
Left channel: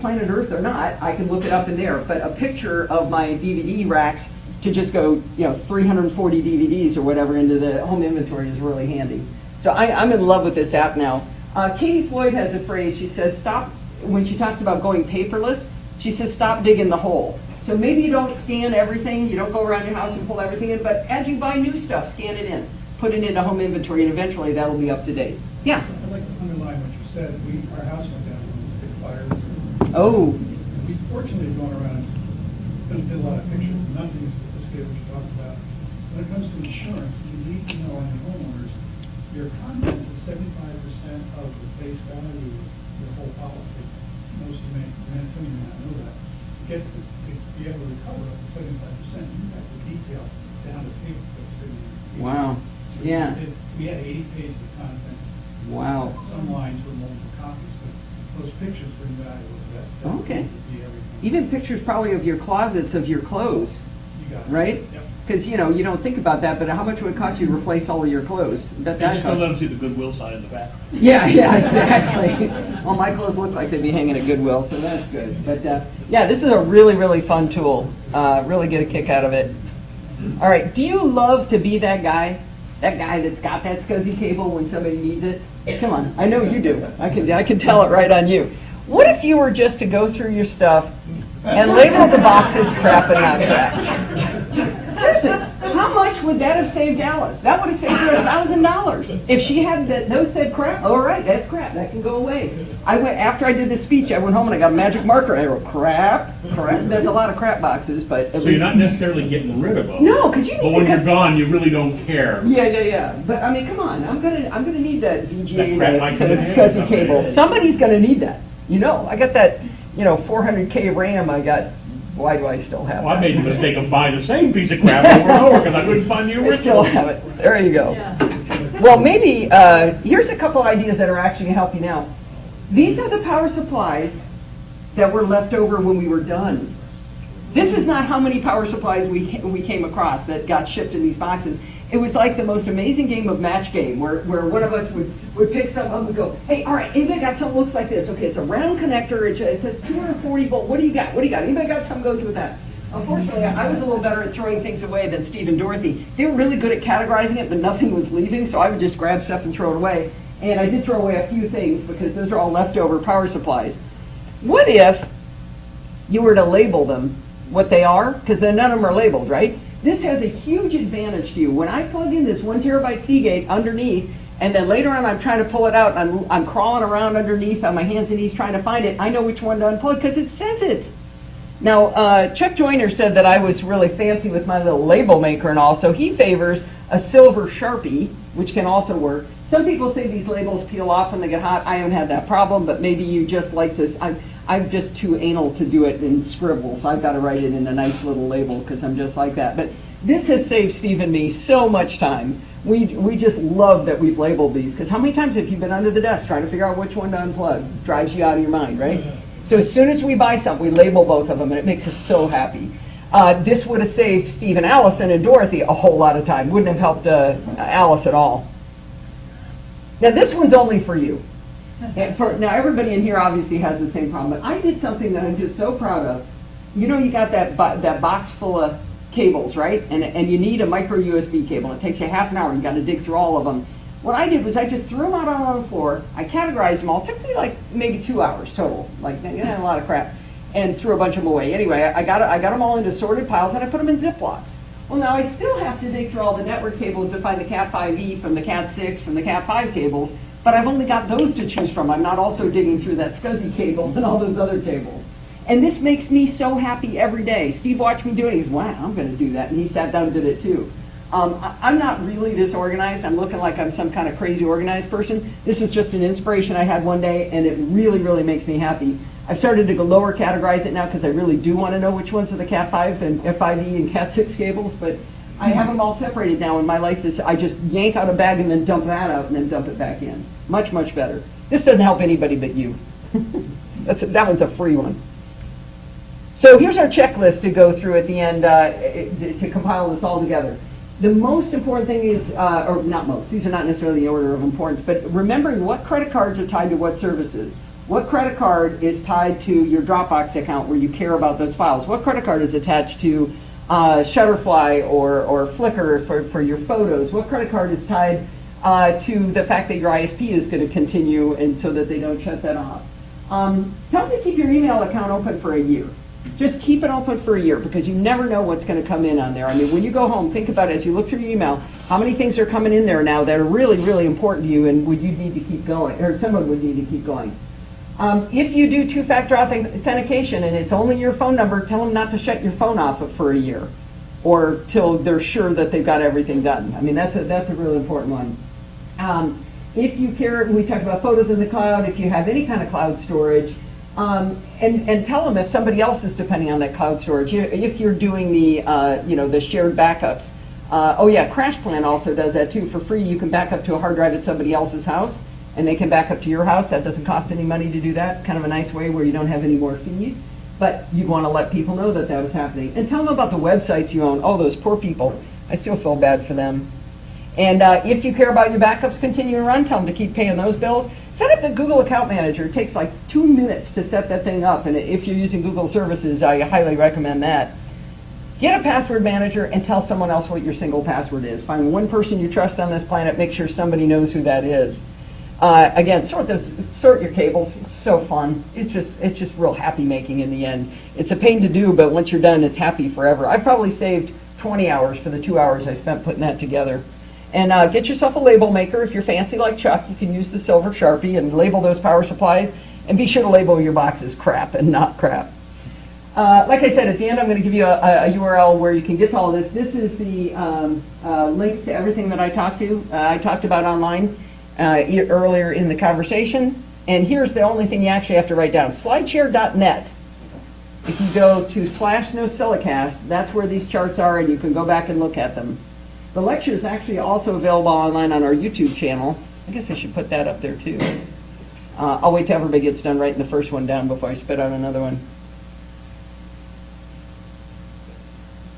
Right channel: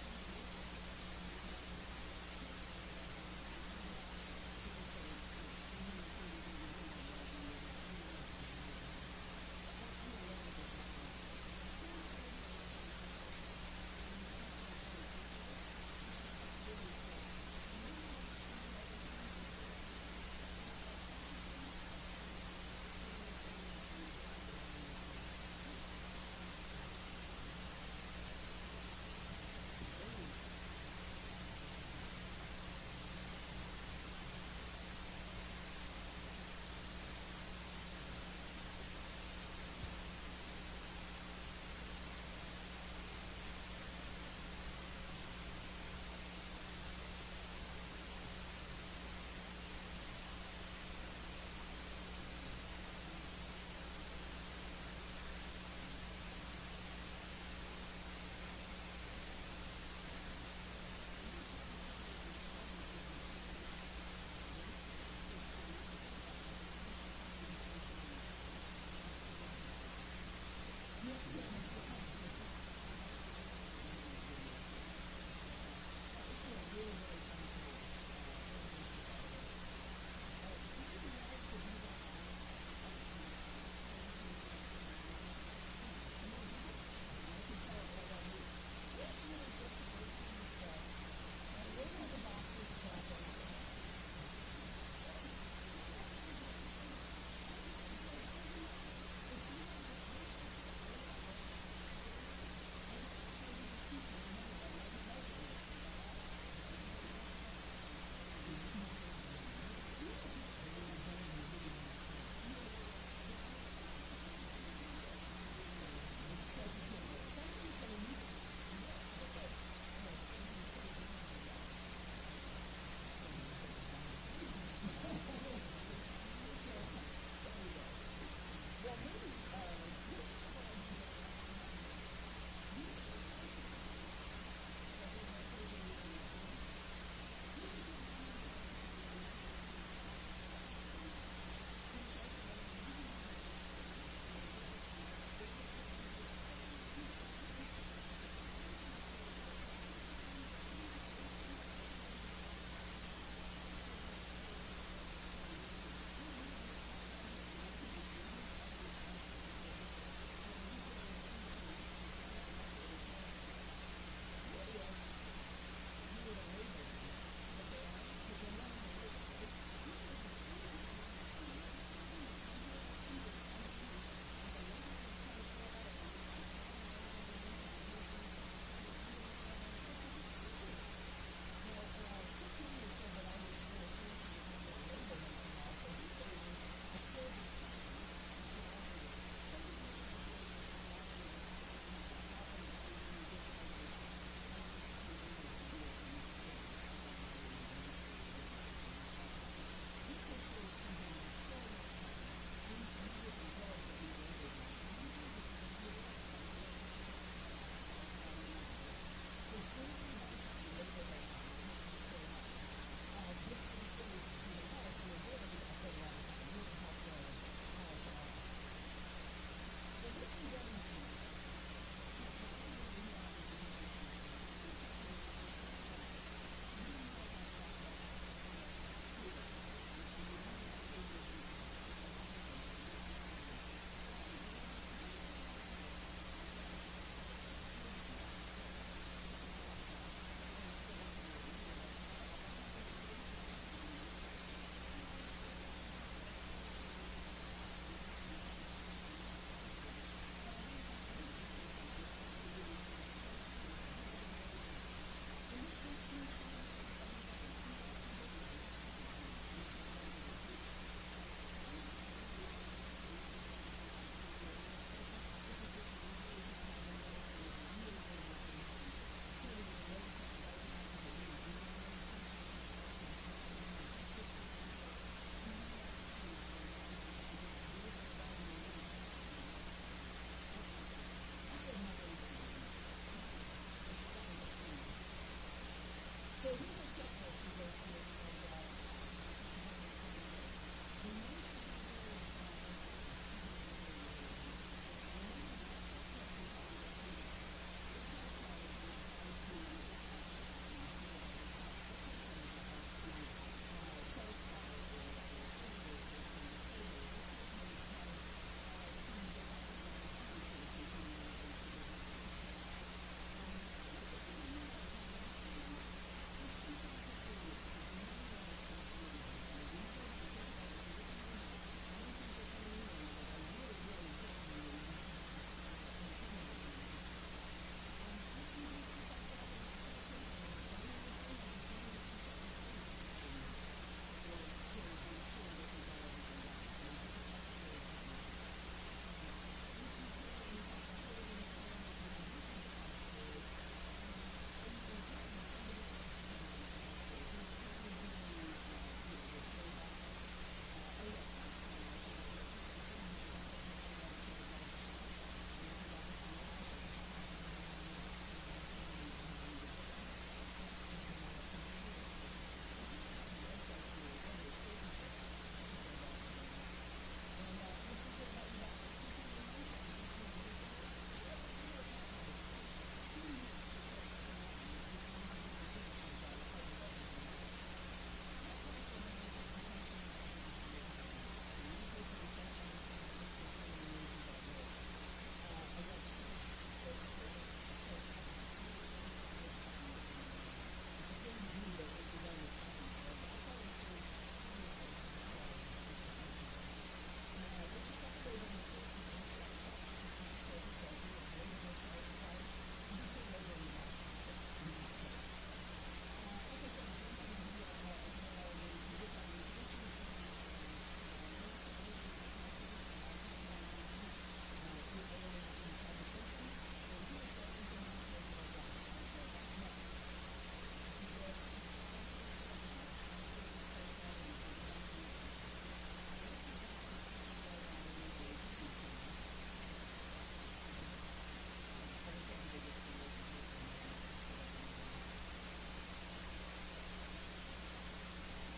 Planet Earth or not? I can look it up in there. But a picture of my DVD racks to just go 340 DVDs or whatever into the home inventory is really handy. So I'm in love with this app now. Katie Floyd has a phrase. She says, stop, when she talks about going paperless, she says, stop digging the hole. So maybe you don't scan everything, you don't go around your house and pull everything in, but as you buy new stuff, scan it in, put it into home inventory, and eventually that'll be up to date. Yeah? I'd like to underline what you said. Our house went down when the big fire. Oh, We fortunately going around, did a lot of pictures, nothing as sophisticated what you talked about. When it comes to insurance, you need to know on your homeowners, your contents is 75% of the face value of the whole policy. Most of you may not know that. To be able to recover up to 75%, you have to detail down to paper clips. wow. So Yeah. we had 80 pages of contents. Wow. Some lines were multiple copies, but those pictures bring value. That Okay. would be everything. Even pictures probably of your closets, of your clothes, You got it. right? Yep. Because, you know, you don't think about that, but how much would it cost you to replace all of your clothes? That And just don't costs- let them see the Goodwill sign in the back. Yeah, yeah, exactly. Well, my clothes look like they'd be hanging at Goodwill, so that's good. But, yeah, this is a really, really fun tool. Really get a kick out of it. All right, do you love to be that guy? That guy that's got that SCSI cable when somebody needs it? Come on, I know you do. I can tell it right on you. What if you were just to go through your stuff and label the boxes crap and not crap? Seriously, how much would that have saved Alice? That would have saved her $1,000. If she had those said crap, all right, that's crap, that can go away. After I did this speech, I went home and I got a magic marker. I wrote crap. There's a lot of crap boxes, but at So least. you're not necessarily getting rid of them. No, because you need. But when you're because- gone, you really don't care. Yeah. But I mean, come on, I'm gonna need that That VGA crap might to come in handy SCSI someday. cable. Somebody's gonna need that. You know, I got that, 400K RAM. I got. Why do I still have Well, I that? made the mistake of buying the same piece of crap over and over because I couldn't find the I still original. have it. There you go. Yeah. Well, maybe, here's a couple ideas that are actually going to help you now. These are the power supplies that were left over when we were done. This is not how many power supplies we came across that got shipped in these boxes. It was like the most amazing game of match game where one of us would pick something up and go, hey, all right, anybody got something that looks like this? Okay, it's a round connector, it says 240 volt, what do you got? Anybody got something that goes with that? Unfortunately, I was a little better at throwing things away than Steve and Dorothy. They were really good at categorizing it, but nothing was leaving, so I would just grab stuff and throw it away. And I did throw away a few things because those are all leftover power supplies. What if you were to label them what they are? Because then none of them are labeled, right? This has a huge advantage to you. When I plug in this 1 terabyte Seagate underneath, and then later on I'm trying to pull it out, and I'm crawling around underneath on my hands and knees trying to find it, I know which one to unplug because it says it. Now, Chuck Joyner said that I was really fancy with my little label maker and all, so he favors a silver Sharpie, which can also work. Some people say these labels peel off when they get hot. I haven't had that problem, but maybe you just like to, I'm just too anal to do it in scribble, so I've got to write it in a nice little label because I'm just like that. But this has saved Steve and me so much time. We just love that we've labeled these, because how many times have you been under the desk trying to figure out which one to unplug? Drives you out of your mind, right? So as soon as we buy something, we label both of them, and it makes us so happy. This would have saved Steve and Allison and Dorothy a whole lot of time. Wouldn't have helped Alice at all. Now this one's only for you. Now everybody in here obviously has the same problem, but I did something that I'm just so proud of. You know, you got that box full of cables, right? And you need a micro USB cable. It takes you half an hour. You got to dig through all of them. What I did was I just threw them out on the floor. I categorized them all. It took me like maybe 2 hours total, like a lot of crap, and threw a bunch of them away. Anyway, I got them all into sorted piles, and I put them in Ziplocs. Well, now I still have to dig through all the network cables to find the Cat 5e from the Cat 6 from the Cat 5 cables, but I've only got those to choose from. I'm not also digging through that SCSI cable and all those other cables. And this makes me so happy every day. Steve watched me do it. He goes, wow, I'm going to do that. And he sat down and did it too. I'm not really disorganized. I'm looking like I'm some kind of crazy organized person. This was just an inspiration I had one day, and it really, really makes me happy. I've started to go lower categorize it now because I really do want to know which ones are the Cat 5 and F5E and Cat 6 cables, but I have them all separated now, and my life is, I just yank out a bag and then dump that out and then dump it back in. Much, much better. This doesn't help anybody but you. That one's a free one. So here's our checklist to go through at the end to compile this all together. The most important thing is, or not most, these are not necessarily the order of importance, but remembering what credit cards are tied to what services. What credit card is tied to your Dropbox account where you care about those files? What credit card is attached to Shutterfly or Flickr for your photos? What credit card is tied to the fact that your ISP is going to continue and so that they don't shut that off? Tell them to keep your email account open for a year. Just keep it open for a year because you never know what's going to come in on there. I mean, when you go home, think about it as you look through your email, how many things are coming in there now that are really, really important to you and would you need to keep going, or someone would need to keep going. If you do two-factor authentication and it's only your phone number, tell them not to shut your phone off for a year or till they're sure that they've got everything done. I mean, that's a really important one. If you care, we talked about photos in the cloud, if you have any kind of cloud storage, and tell them if somebody else is depending on that cloud storage. If you're doing the the shared backups. Oh yeah, CrashPlan also does that too. For free, you can back up to a hard drive at somebody else's house, and they can back up to your house. That doesn't cost any money to do that. Kind of a nice way where you don't have any more fees. But you want to let people know that that was happening. And tell them about the websites you own. Oh, those poor people. I still feel bad for them. And if you care about your backups continuing to run, tell them to keep paying those bills. Set up the Google Account Manager. It takes like 2 minutes to set that thing up. And if you're using Google services, I highly recommend that. Get a password manager and tell someone else what your single password is. Find one person you trust on this planet. Make sure somebody knows who that is. Again, sort your cables. It's so fun. It's just real happy making in the end. It's a pain to do, but once you're done, it's happy forever. I probably saved 20 hours for the 2 hours I spent putting that together. And get yourself a label maker. If you're fancy like Chuck, you can use the silver Sharpie and label those power supplies. And be sure to label your boxes crap and not crap. Like I said, at the end I'm going to give you a URL where you can get to all this. This is the links to everything that I talked about online earlier in the conversation. And here's the only thing you actually have to write down. Slideshare.net. If you go to /NoSilicast, that's where these charts are, and you can go back and look at them. The lecture is actually also available online on our YouTube channel. I guess I should put that up there too. I'll wait till everybody gets done writing the first one down before I spit out another one.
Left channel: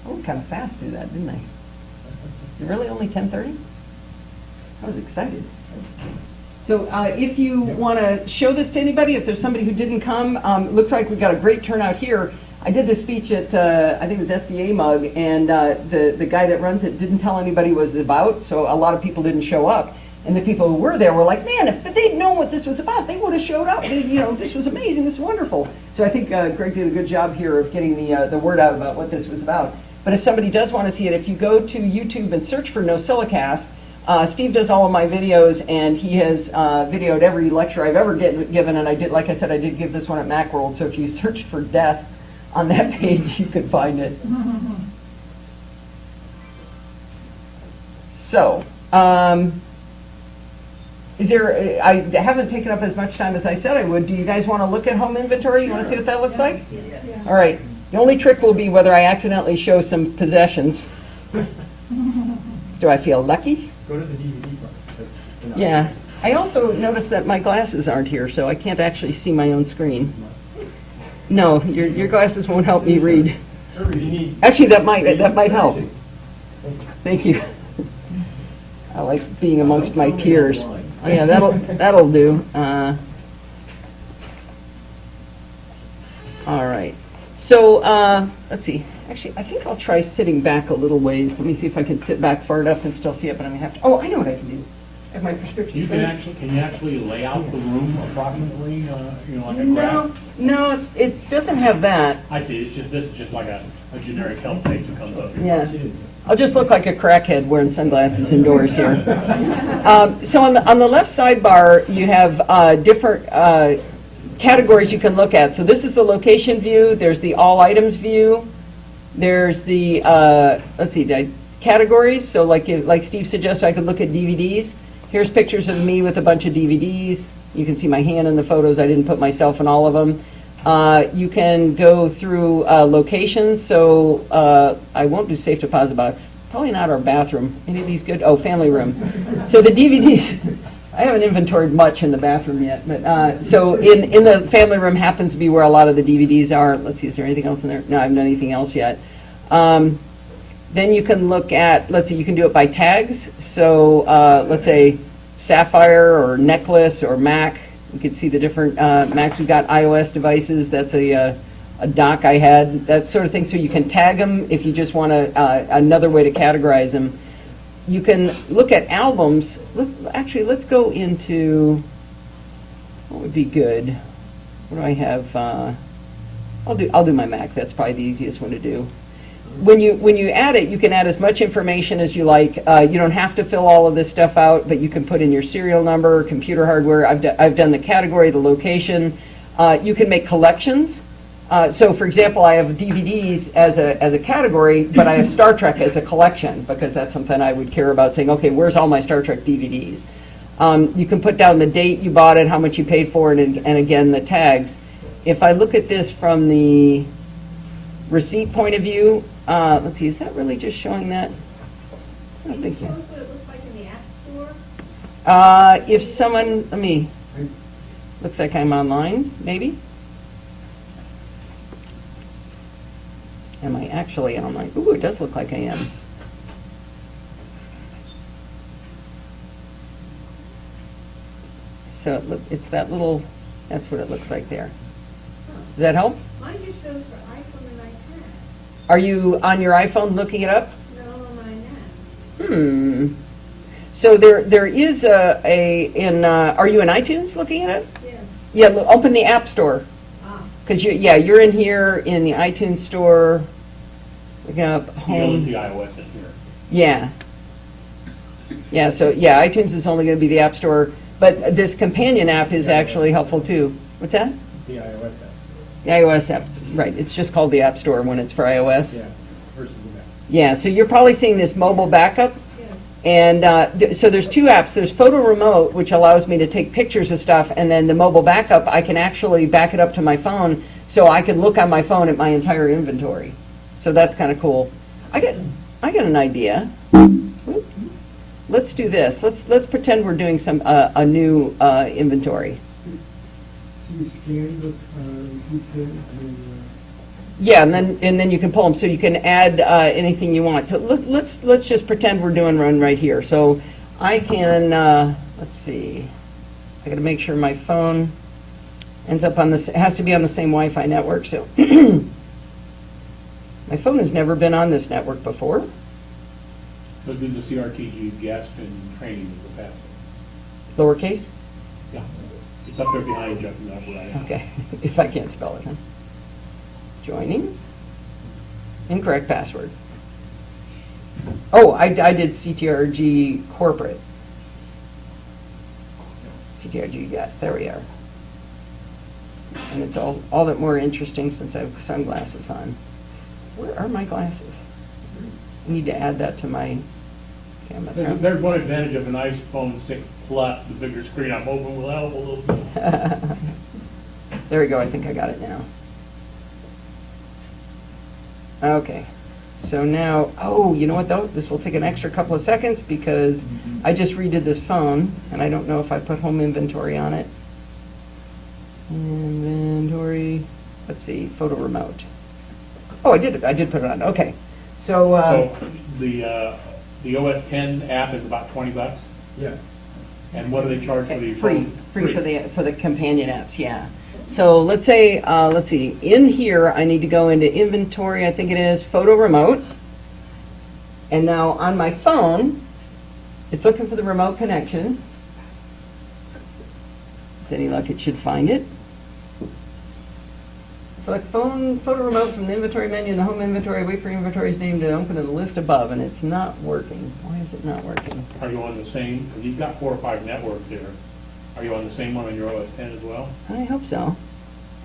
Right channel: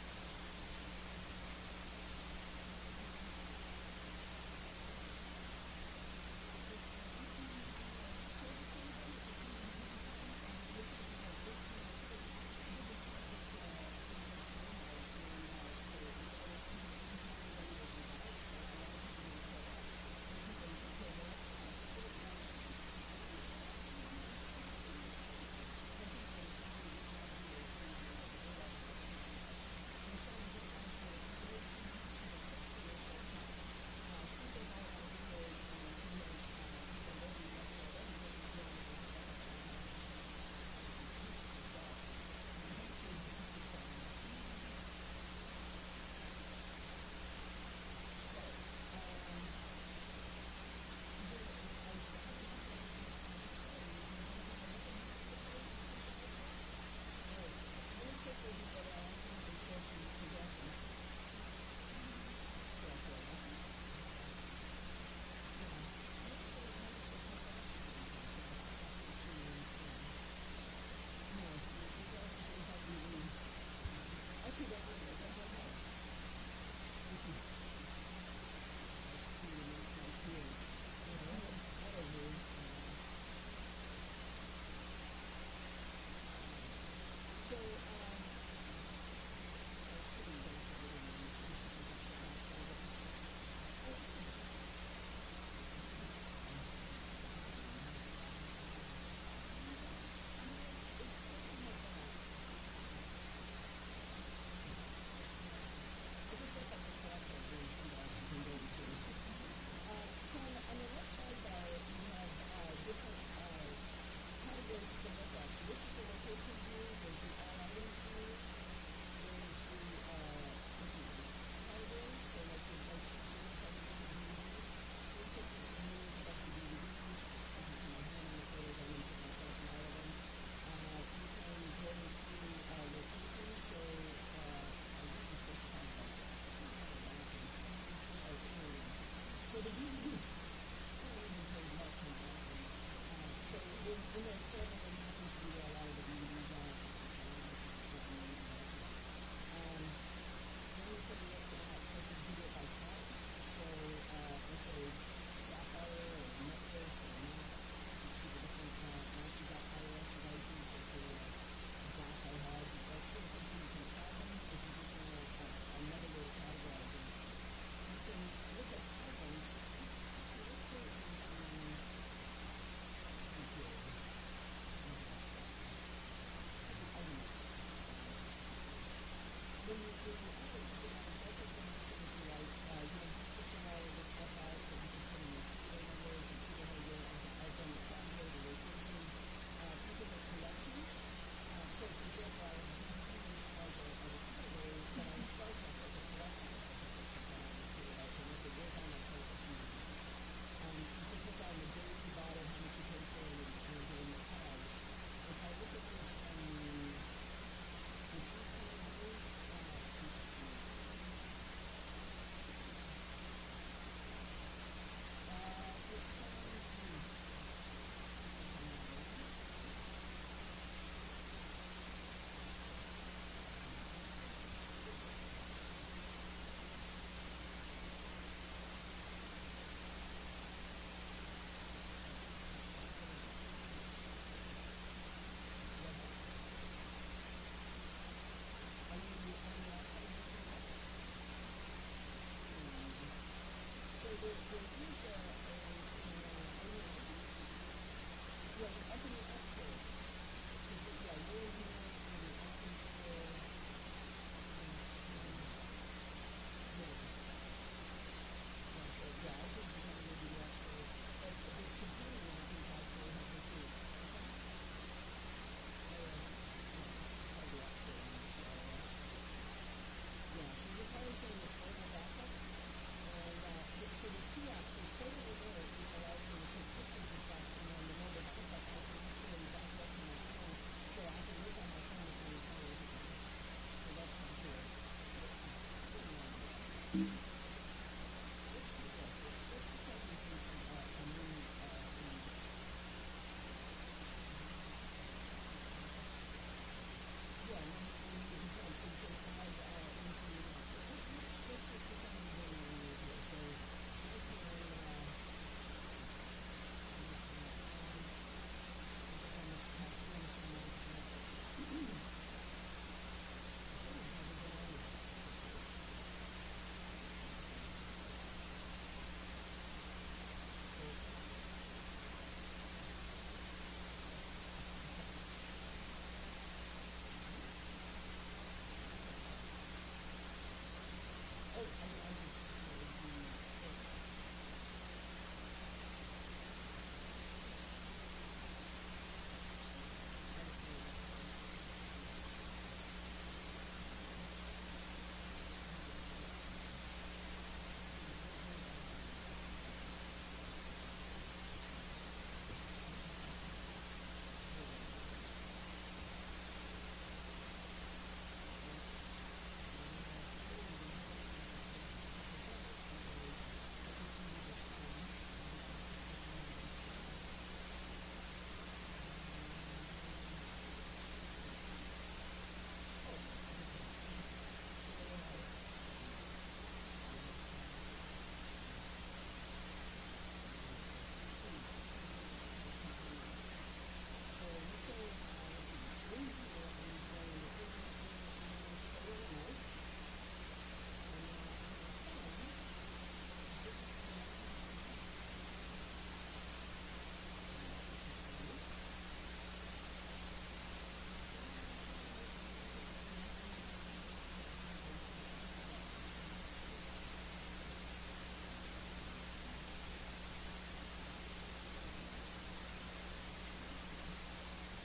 Oh, kind of fast through that, didn't I? Really only 10:30? I was excited. So if you want to show this to anybody, if there's somebody who didn't come, it looks like we've got a great turnout here. I did this speech at, I think it was SBA Mug, and the guy that runs it didn't tell anybody what it was about, so a lot of people didn't show up. And the people who were there were like, man, if they'd known what this was about, they would have showed up. This was amazing, this is wonderful. So I think Greg did a good job here of getting the word out about what this was about. But if somebody does want to see it, if you go to YouTube and search for NoSilicast, Steve does all of my videos, and he has videoed every lecture I've ever given, and I did, like I said, I did give this one at Macworld, so if you search for death on that page, you can find it. So, I haven't taken up as much time as I said I would. Do you guys want to look at home inventory? You want to see what that looks like? Yeah. All right. The only trick will be whether I accidentally show some possessions. Do I feel lucky? Go to the DVD part. Yeah. I also noticed that my glasses aren't here, so I can't actually see my own screen. No, your glasses won't help me read. Actually, that might help. Thank you. I like being amongst my peers. Oh, yeah, that'll do. All right. So let's see. Actually, I think I'll try sitting back a little ways. Let me see if I can sit back far enough and still see it, but I'm gonna have to. Oh, I know what I can do. I have my prescription. Can you actually lay out the room approximately, like a graph? No, it doesn't have that. I see. This is just like a generic help page that comes up. Yeah. I'll just look like a crackhead wearing sunglasses indoors here. So on the left sidebar, you have different categories you can look at. So this is the location view. There's the all items view. There's the categories. So like Steve suggested, I could look at DVDs. Here's pictures of me with a bunch of DVDs. You can see my hand in the photos. I didn't put myself in all of them. You can go through locations, so I won't do safe deposit box. Probably not our bathroom. Any of these good? Oh, family room. So the DVDs, I haven't inventoried much in the bathroom yet, but so in the family room happens to be where a lot of the DVDs are. Let's see, is there anything else in there? No, I haven't done anything else yet. Then you can look at, let's see, you can do it by tags. So let's say Sapphire or Necklace or Mac. You can see the different Macs. We've got iOS devices. That's a dock I had, that sort of thing. So you can tag them if you just want another way to categorize them. You can look at albums. Actually, let's go into what would be good. What do I have? I'll do my Mac. That's probably the easiest one to do. When you add it, you can add as much information as you like. You don't have to fill all of this stuff out, but you can put in your serial number, computer hardware. I've done the category, the location. You can make collections. So, for example, I have DVDs as a category, but I have Star Trek as a collection because that's something I would care about. Saying, okay, where's all my Star Trek DVDs? You can put down the date you bought it, how much you paid for it, and again the tags. If I look at this from the receipt point of view. Let's see, is that really just showing that? I don't think so. What it looks like in the App Store? If someone, looks like I'm online, maybe. Am I actually online? Ooh, it does look like I am. So it's that little, that's what it looks like there. Does that help? Mine just shows for iPhone and iPad. Are you on your iPhone looking it up? No, mine not. So there is are you in iTunes looking at it? Yeah. Yeah, open the App Store. Ah. Because you're in here in the iTunes Store. Look up You don't home. see iOS in here. Yeah. Yeah, so yeah, iTunes is only going to be the App Store, but this companion app is actually helpful too. What's that? The iOS app. The iOS app, right. It's just called the App Store when it's for iOS. Yeah, versus the Mac. Yeah, so you're probably seeing this mobile backup. And so there's two apps. There's Photo Remote, which allows me to take pictures of stuff, and then the mobile backup, I can actually back it up to my phone, so I can look on my phone at my entire inventory. So that's kind of cool. I got an idea. Let's do this. Let's pretend we're doing a new inventory. So you scan the receipts in, Yeah, and then you can pull them, so you can add anything you want. So let's just pretend we're doing one right here. So I can let's see. I got to make sure my phone ends up on this. It has to be on the same Wi-Fi network. So my phone has never been on this network before. So do the CRTG guest and training is the fastest. Lowercase. Yeah. It's up there behind you, and that's right. Okay, if I can't spell it, huh? Joining. Incorrect password. Oh, I did CTRG corporate. CTRG guest, there we are. And it's all that more interesting since I have sunglasses on. Where are my glasses? I need to add that to my camera. There's one advantage of an iPhone 6 Plus, the bigger screen on mobile will help a little bit. There we go, I think I got it now. Okay, so now, oh, you know what though? This will take an extra couple of seconds because I just redid this phone, and I don't know if I put home inventory on it. Inventory, let's see, photo remote. Oh, I did put it on, okay. So, So the OS 10 app is about $20. Yeah. And what do they charge for the free phone? for the companion apps, yeah. So let's say, let's see, in here I need to go into inventory, I think it is, photo remote. And now on my phone, it's looking for the remote connection. With any luck, it should find it. Select phone, photo remote from the inventory menu in the home inventory. Wait for inventory's name to open in the list above, and it's not working. Why is it not working? Are you on the same, because you've got 4 or 5 networks here. Are you on the same one on your OS 10 as well? I hope so.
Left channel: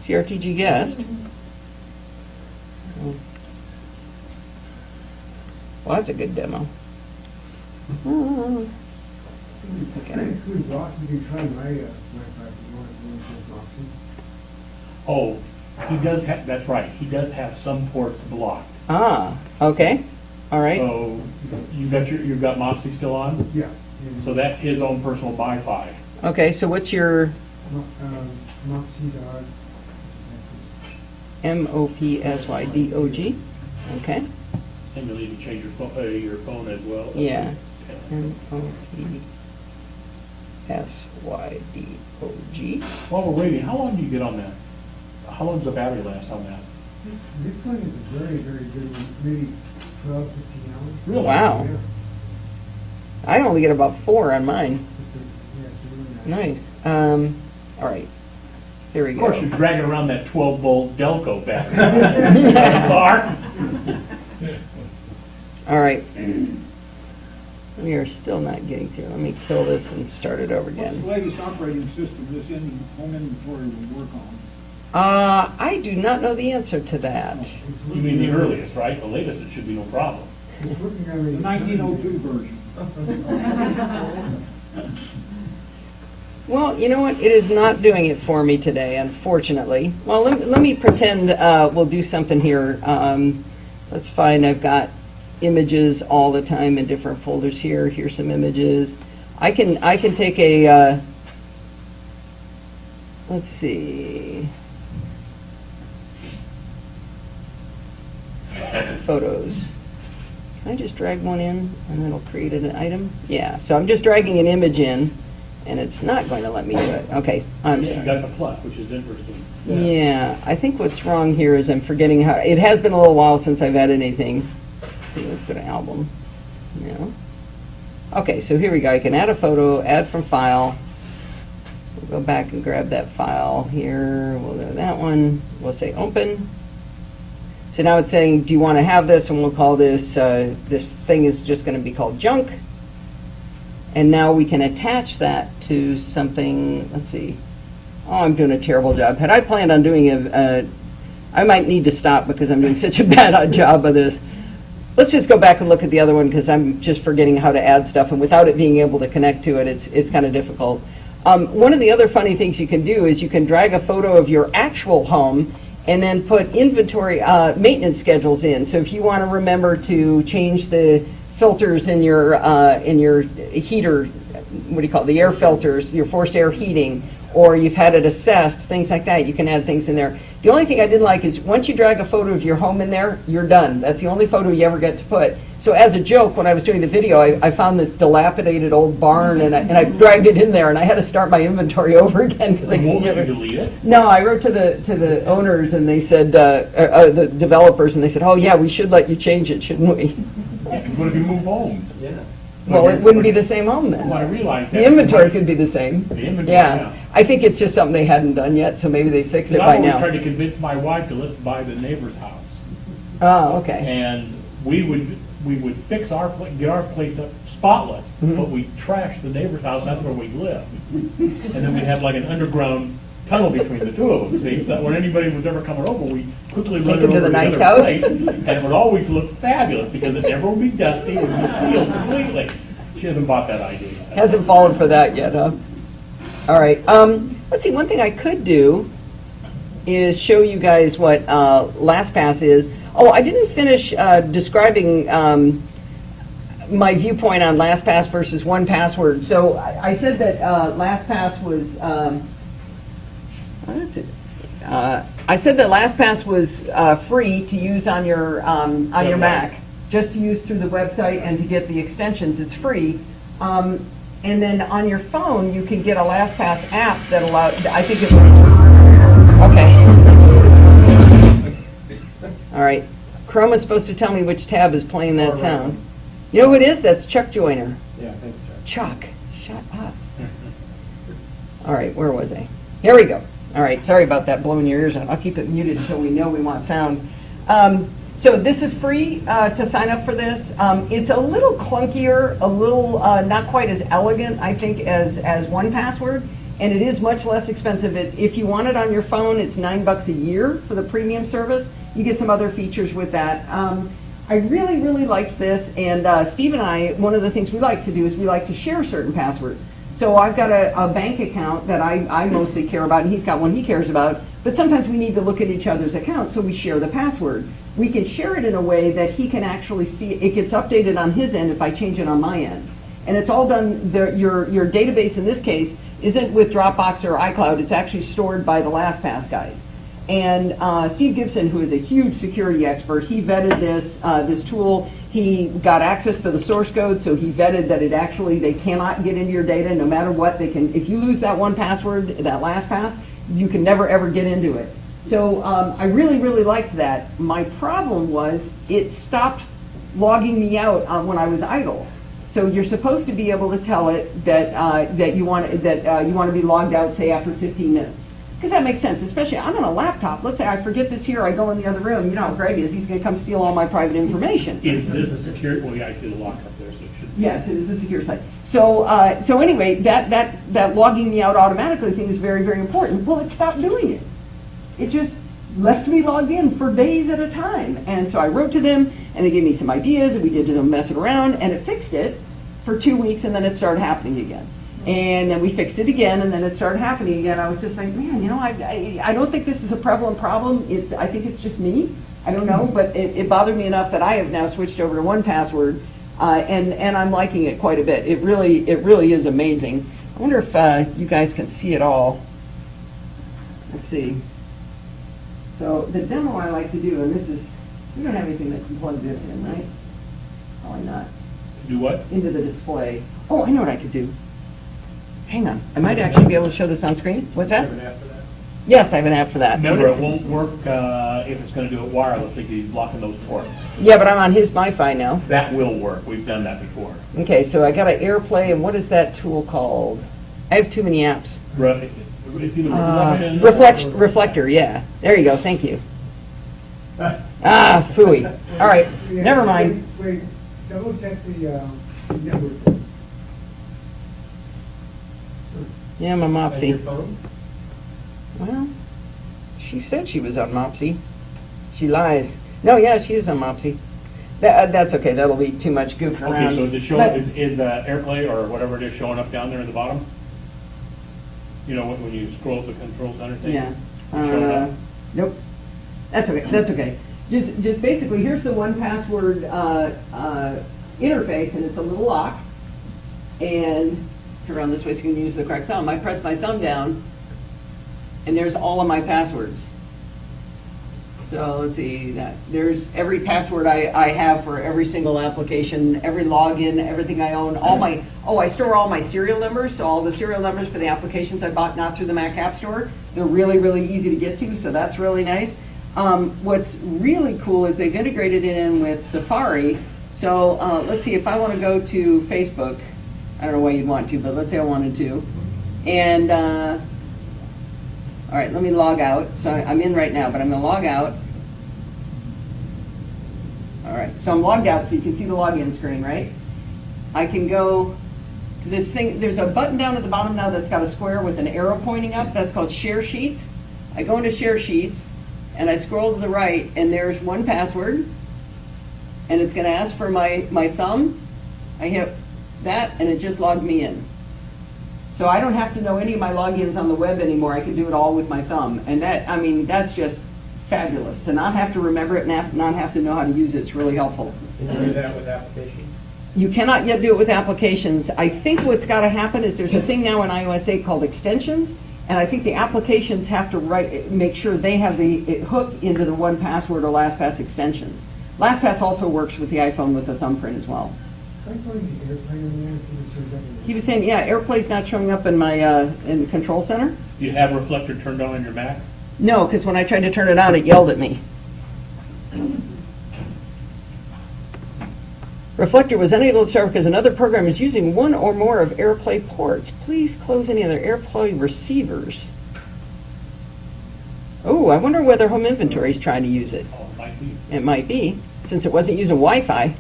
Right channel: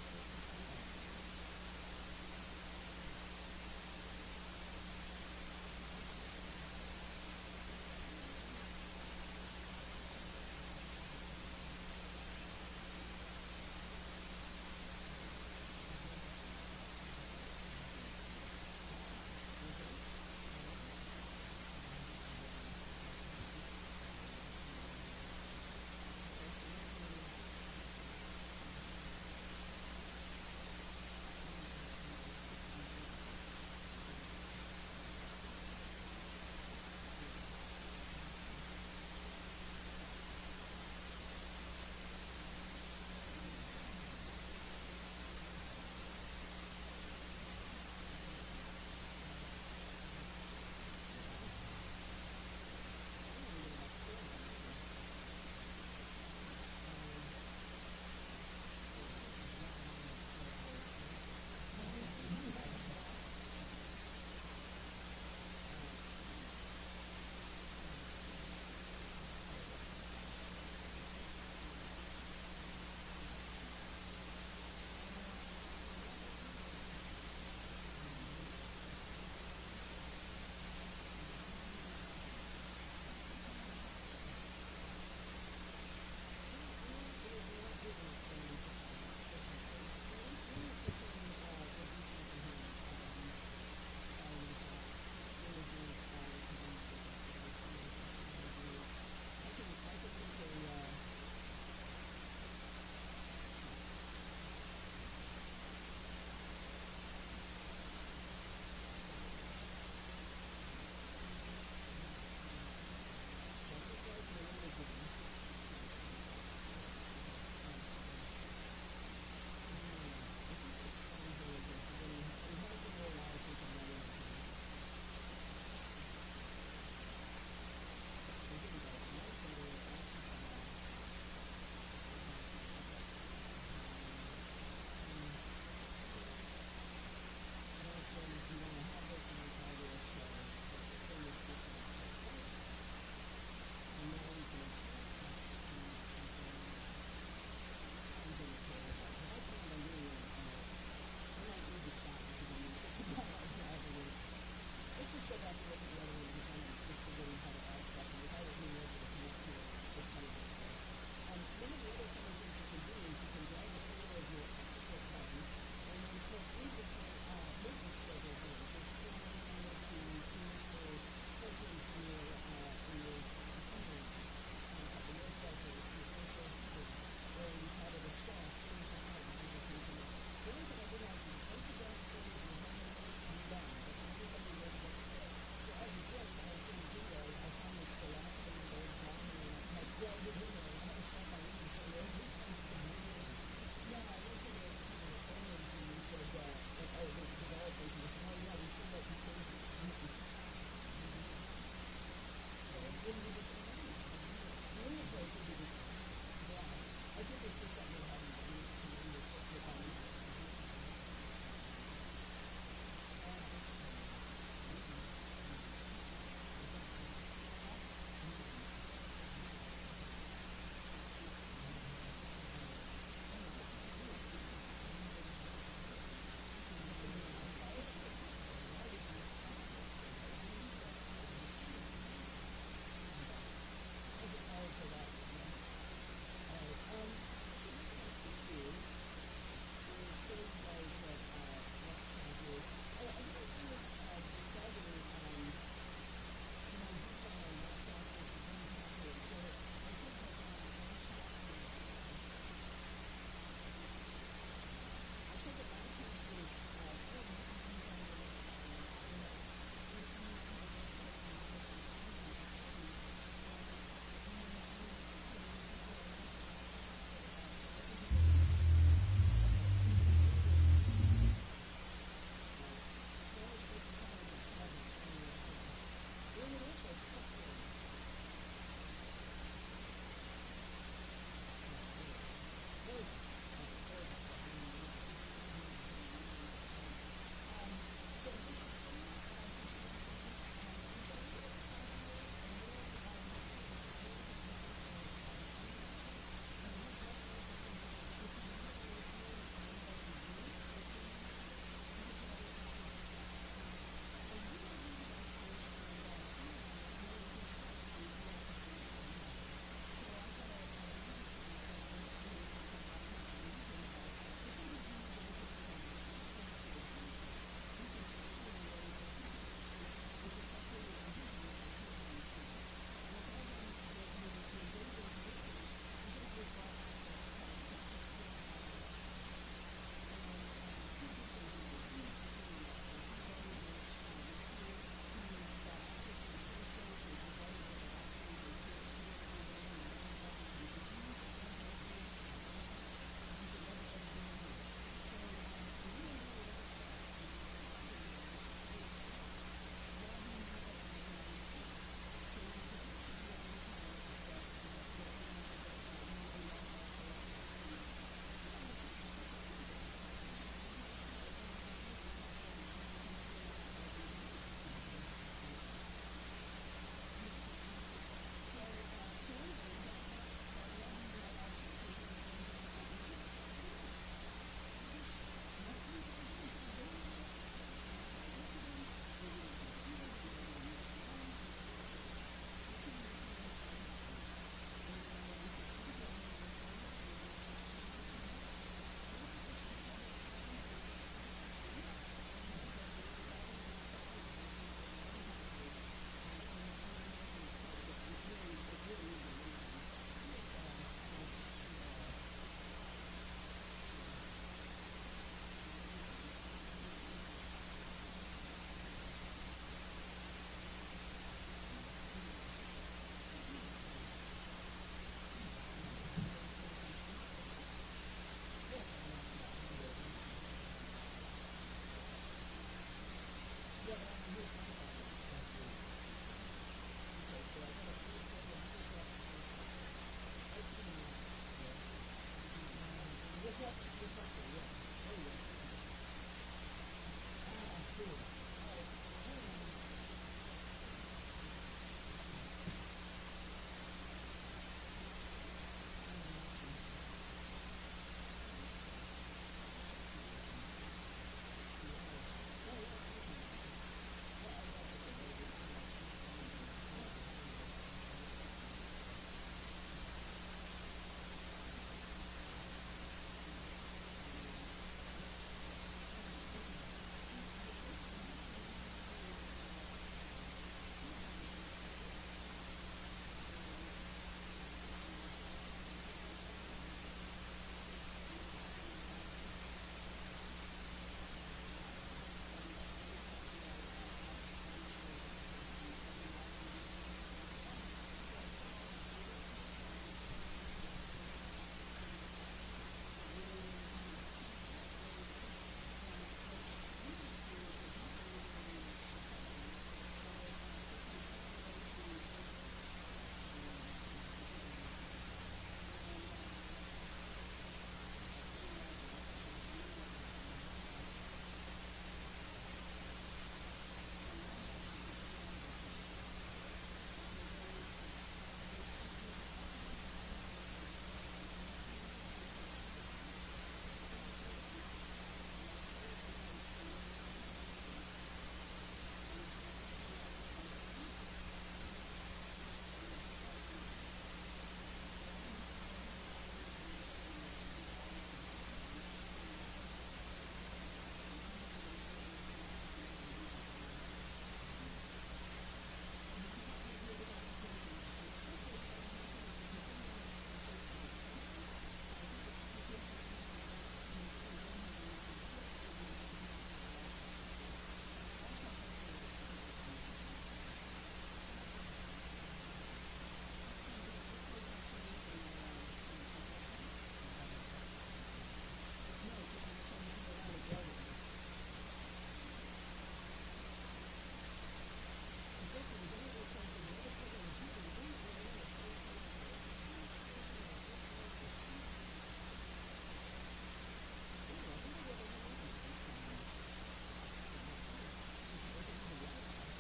CRTG guest. Well, that's a good demo. Okay. Actually, Rock, you can try my Wi-Fi if you want to. Oh, he does have, that's right, he does have some ports blocked. Ah, okay. All right. So you've got Mopsy still on? Yeah. So that's his own personal Wi-Fi. Okay, so what's your Moxie.org. MOPSYDOG? Okay. And you'll need to change your phone as well. Yeah. MOPSYDOG. While we're waiting, how long do you get on that? How long does the battery last on that? This one is a very, very good one, maybe 12, 15 hours. Really? Wow. Yeah. I only get about 4 on mine. Yeah, Nice. All right. Here we Of go. course, you're dragging around that 12-volt Delco battery. In the car. All right. We are still not getting through. Let me kill this and start it over What's again. the latest operating system this home inventory will work on? I do not know the answer to that. You mean the earliest, right? The latest, it should be no problem. It's working on The the 1902 version. Well, you know what? It is not doing it for me today, unfortunately. Well, let me pretend we'll do something here. Let's find, I've got images all the time in different folders here. Here's some images. I can take a, let's see. photos. Can I just drag one in and it'll create an item? Yeah, so I'm just dragging an image in and it's not going to let me do it. Okay, I'm Yeah, you sorry. got the plus, which is interesting. Yeah, I think what's wrong here is I'm forgetting how, it has been a little while since I've added anything. Let's see, let's go to album. No. Okay, so here we go. I can add a photo, add from file. We'll go back and grab that file here. We'll go to that one. We'll say open. So now it's saying, do you want to have this? And we'll call this, this thing is just going to be called junk. And now we can attach that to something, let's see. Oh, I'm doing a terrible job. Had I planned on doing I might need to stop because I'm doing such a bad job of this. Let's just go back and look at the other one because I'm just forgetting how to add stuff, and without it being able to connect to it, it's kind of difficult. One of the other funny things you can do is you can drag a photo of your actual home and then put inventory maintenance schedules in. So if you want to remember to change the filters in your heater, what do you call it, the air filters, your forced air heating, or you've had it assessed, things like that, you can add things in there. The only thing I didn't like is once you drag a photo of your home in there, you're done. That's the only photo you ever get to put. So as a joke, when I was doing the video, I found this dilapidated old barn and I dragged it in there and I had to start my inventory over again because I couldn't Won't get you it. delete it? No, I wrote to the owners and they said, the developers, and they said, oh yeah, we should let you change it, shouldn't we? What if you move home? Yeah. Well, it wouldn't be the same home Well, I then. realized that. The inventory could be the same. The inventory, Yeah. yeah. I think it's just something they hadn't done yet, so maybe they fixed it I've by always now. tried to convince my wife to let's buy the neighbor's house. Oh, okay. And we would fix our, get our place up spotless, Mhm. but we trashed the neighbor's house, that's where we lived. And then we'd have like an underground tunnel between the two of them, see, so that when anybody was ever coming over, we quickly run Take it them to over the to nice the house. other place, and it would always look fabulous, because it never would be dusty, it would be sealed completely. She hasn't bought that idea yet. Hasn't fallen for that yet, huh? All right. Let's see, one thing I could do is show you guys what LastPass is. Oh, I didn't finish describing my viewpoint on LastPass versus 1Password. So I said that LastPass was, I said that LastPass was free to use on your Mac, just to use through the website and to get the extensions. It's free. And then on your phone, you can get a LastPass app that allows, I think it was, okay. All right. Chrome is supposed to tell me which tab is playing that sound. You know who it is? That's Chuck Joyner. Yeah, thanks, Chuck, shut up. All right, where was I? Here we go. All right, sorry about that, blowing your ears out. I'll keep it muted until we know we want sound. So this is free to sign up for this. It's a little clunkier, a little not quite as elegant, I think, as 1Password, and it is much less expensive. If you want it on your phone, it's $9 a year for the premium service. You get some other features with that. I really, really liked this, and Steve and I, one of the things we like to do is we like to share certain passwords. So I've got a bank account that I mostly care about, and he's got one he cares about, but sometimes we need to look at each other's accounts, so we share the password. We can share it in a way that he can actually see, it gets updated on his end if I change it on my end. And it's all done, your database in this case isn't with Dropbox or iCloud, it's actually stored by the LastPass guys. And Steve Gibson, who is a huge security expert, he vetted this tool. He got access to the source code, so he vetted that it actually, they cannot get into your data no matter what. They can, if you lose that 1Password, that LastPass, you can never ever get into it. So I really, really liked that. My problem was it stopped logging me out when I was idle. So you're supposed to be able to tell it that you want to be logged out, say, after 15 minutes. Because that makes sense, especially I'm on a laptop. Let's say I forget this here, I go in the other room. You know how Greg is. He's going to come steal all my private information. Is this a secure, well, yeah, I see the lock up there, so it should. Yes, it is a secure site. So anyway, that logging me out automatically thing is very, very important. Well, it stopped doing it. It just left me logged in for days at a time. And so I wrote to them, and they gave me some ideas, and we did mess it around, and it fixed it for 2 weeks, and then it started happening again. And then we fixed it again, and then it started happening again. I was just like, man, you know, I don't think this is a prevalent problem. I think it's just me. I don't know, but it bothered me enough that I have now switched over to 1Password, and I'm liking it quite a bit. It really is amazing. I wonder if you guys can see it all. Let's see. So the demo I like to do, and this is You don't have anything that can plug this in, right? Probably not. Do what? Into the display. Oh, I know what I could do. Hang on, I might actually be able to show this on screen. What's that? Yes, I have an app for that. Remember, it won't work if it's gonna do it wireless, if he's blocking those ports. Yeah, but I'm on his MiFi now. That will work, we've done that before. Okay, so I got an AirPlay, and what is that tool called? I have too many apps. It's either reflection. Reflector, yeah. There you go, thank you. Ah, phooey. All right, never mind. Wait, double check the network. Yeah, I'm a On your Mopsy. phone? Well, she said she was on Mopsy. She lies. No, yeah, she is on Mopsy. That's okay, that'll be too much goofing around. Okay, so is it showing, But- is AirPlay or whatever it is showing up down there in the bottom? You know, when you scroll the control center thing? Yeah. Showing up? Nope. That's okay, that's okay. Just basically, here's the 1Password interface, and it's a little lock. And turn around this way so you can use the correct thumb. I press my thumb down, and there's all of my passwords. So let's see, there's every password I have for every single application, every login, everything I own, I store all my serial numbers, so all the serial numbers for the applications I bought not through the Mac App Store. They're really, really easy to get to, so that's really nice. What's really cool is they've integrated it in with Safari. So let's see, if I want to go to Facebook, I don't know why you'd want to, but let's say I wanted to. And all right, let me log out. So I'm in right now, but I'm going to log out. All right, so I'm logged out, so you can see the login screen, right? I can go to this thing. There's a button down at the bottom now that's got a square with an arrow pointing up. That's called Share Sheets. I go into Share Sheets, and I scroll to the right, and there's 1Password. And it's going to ask for my thumb. I hit that, and it just logged me in. So I don't have to know any of my logins on the web anymore. I can do it all with my thumb. And that's just fabulous. To not have to remember it, not have to know how to use it, it's really helpful. Can you do that with applications? You cannot yet do it with applications. I think what's got to happen is there's a thing now in iOS 8 called extensions, and I think the applications have to make sure they have the hook into the 1Password or LastPass extensions. LastPass also works with the iPhone with the thumbprint as well. He was saying, yeah, AirPlay's not showing up in my in the control center. Do you have Reflector turned on your Mac? No, because when I tried to turn it on, it yelled at me. Reflector was unable to start because another program is using one or more of AirPlay ports. Please close any other AirPlay receivers. Oh, I wonder whether Home Inventory is trying to use it. Oh, it might be. It might be, since it wasn't using Wi-Fi.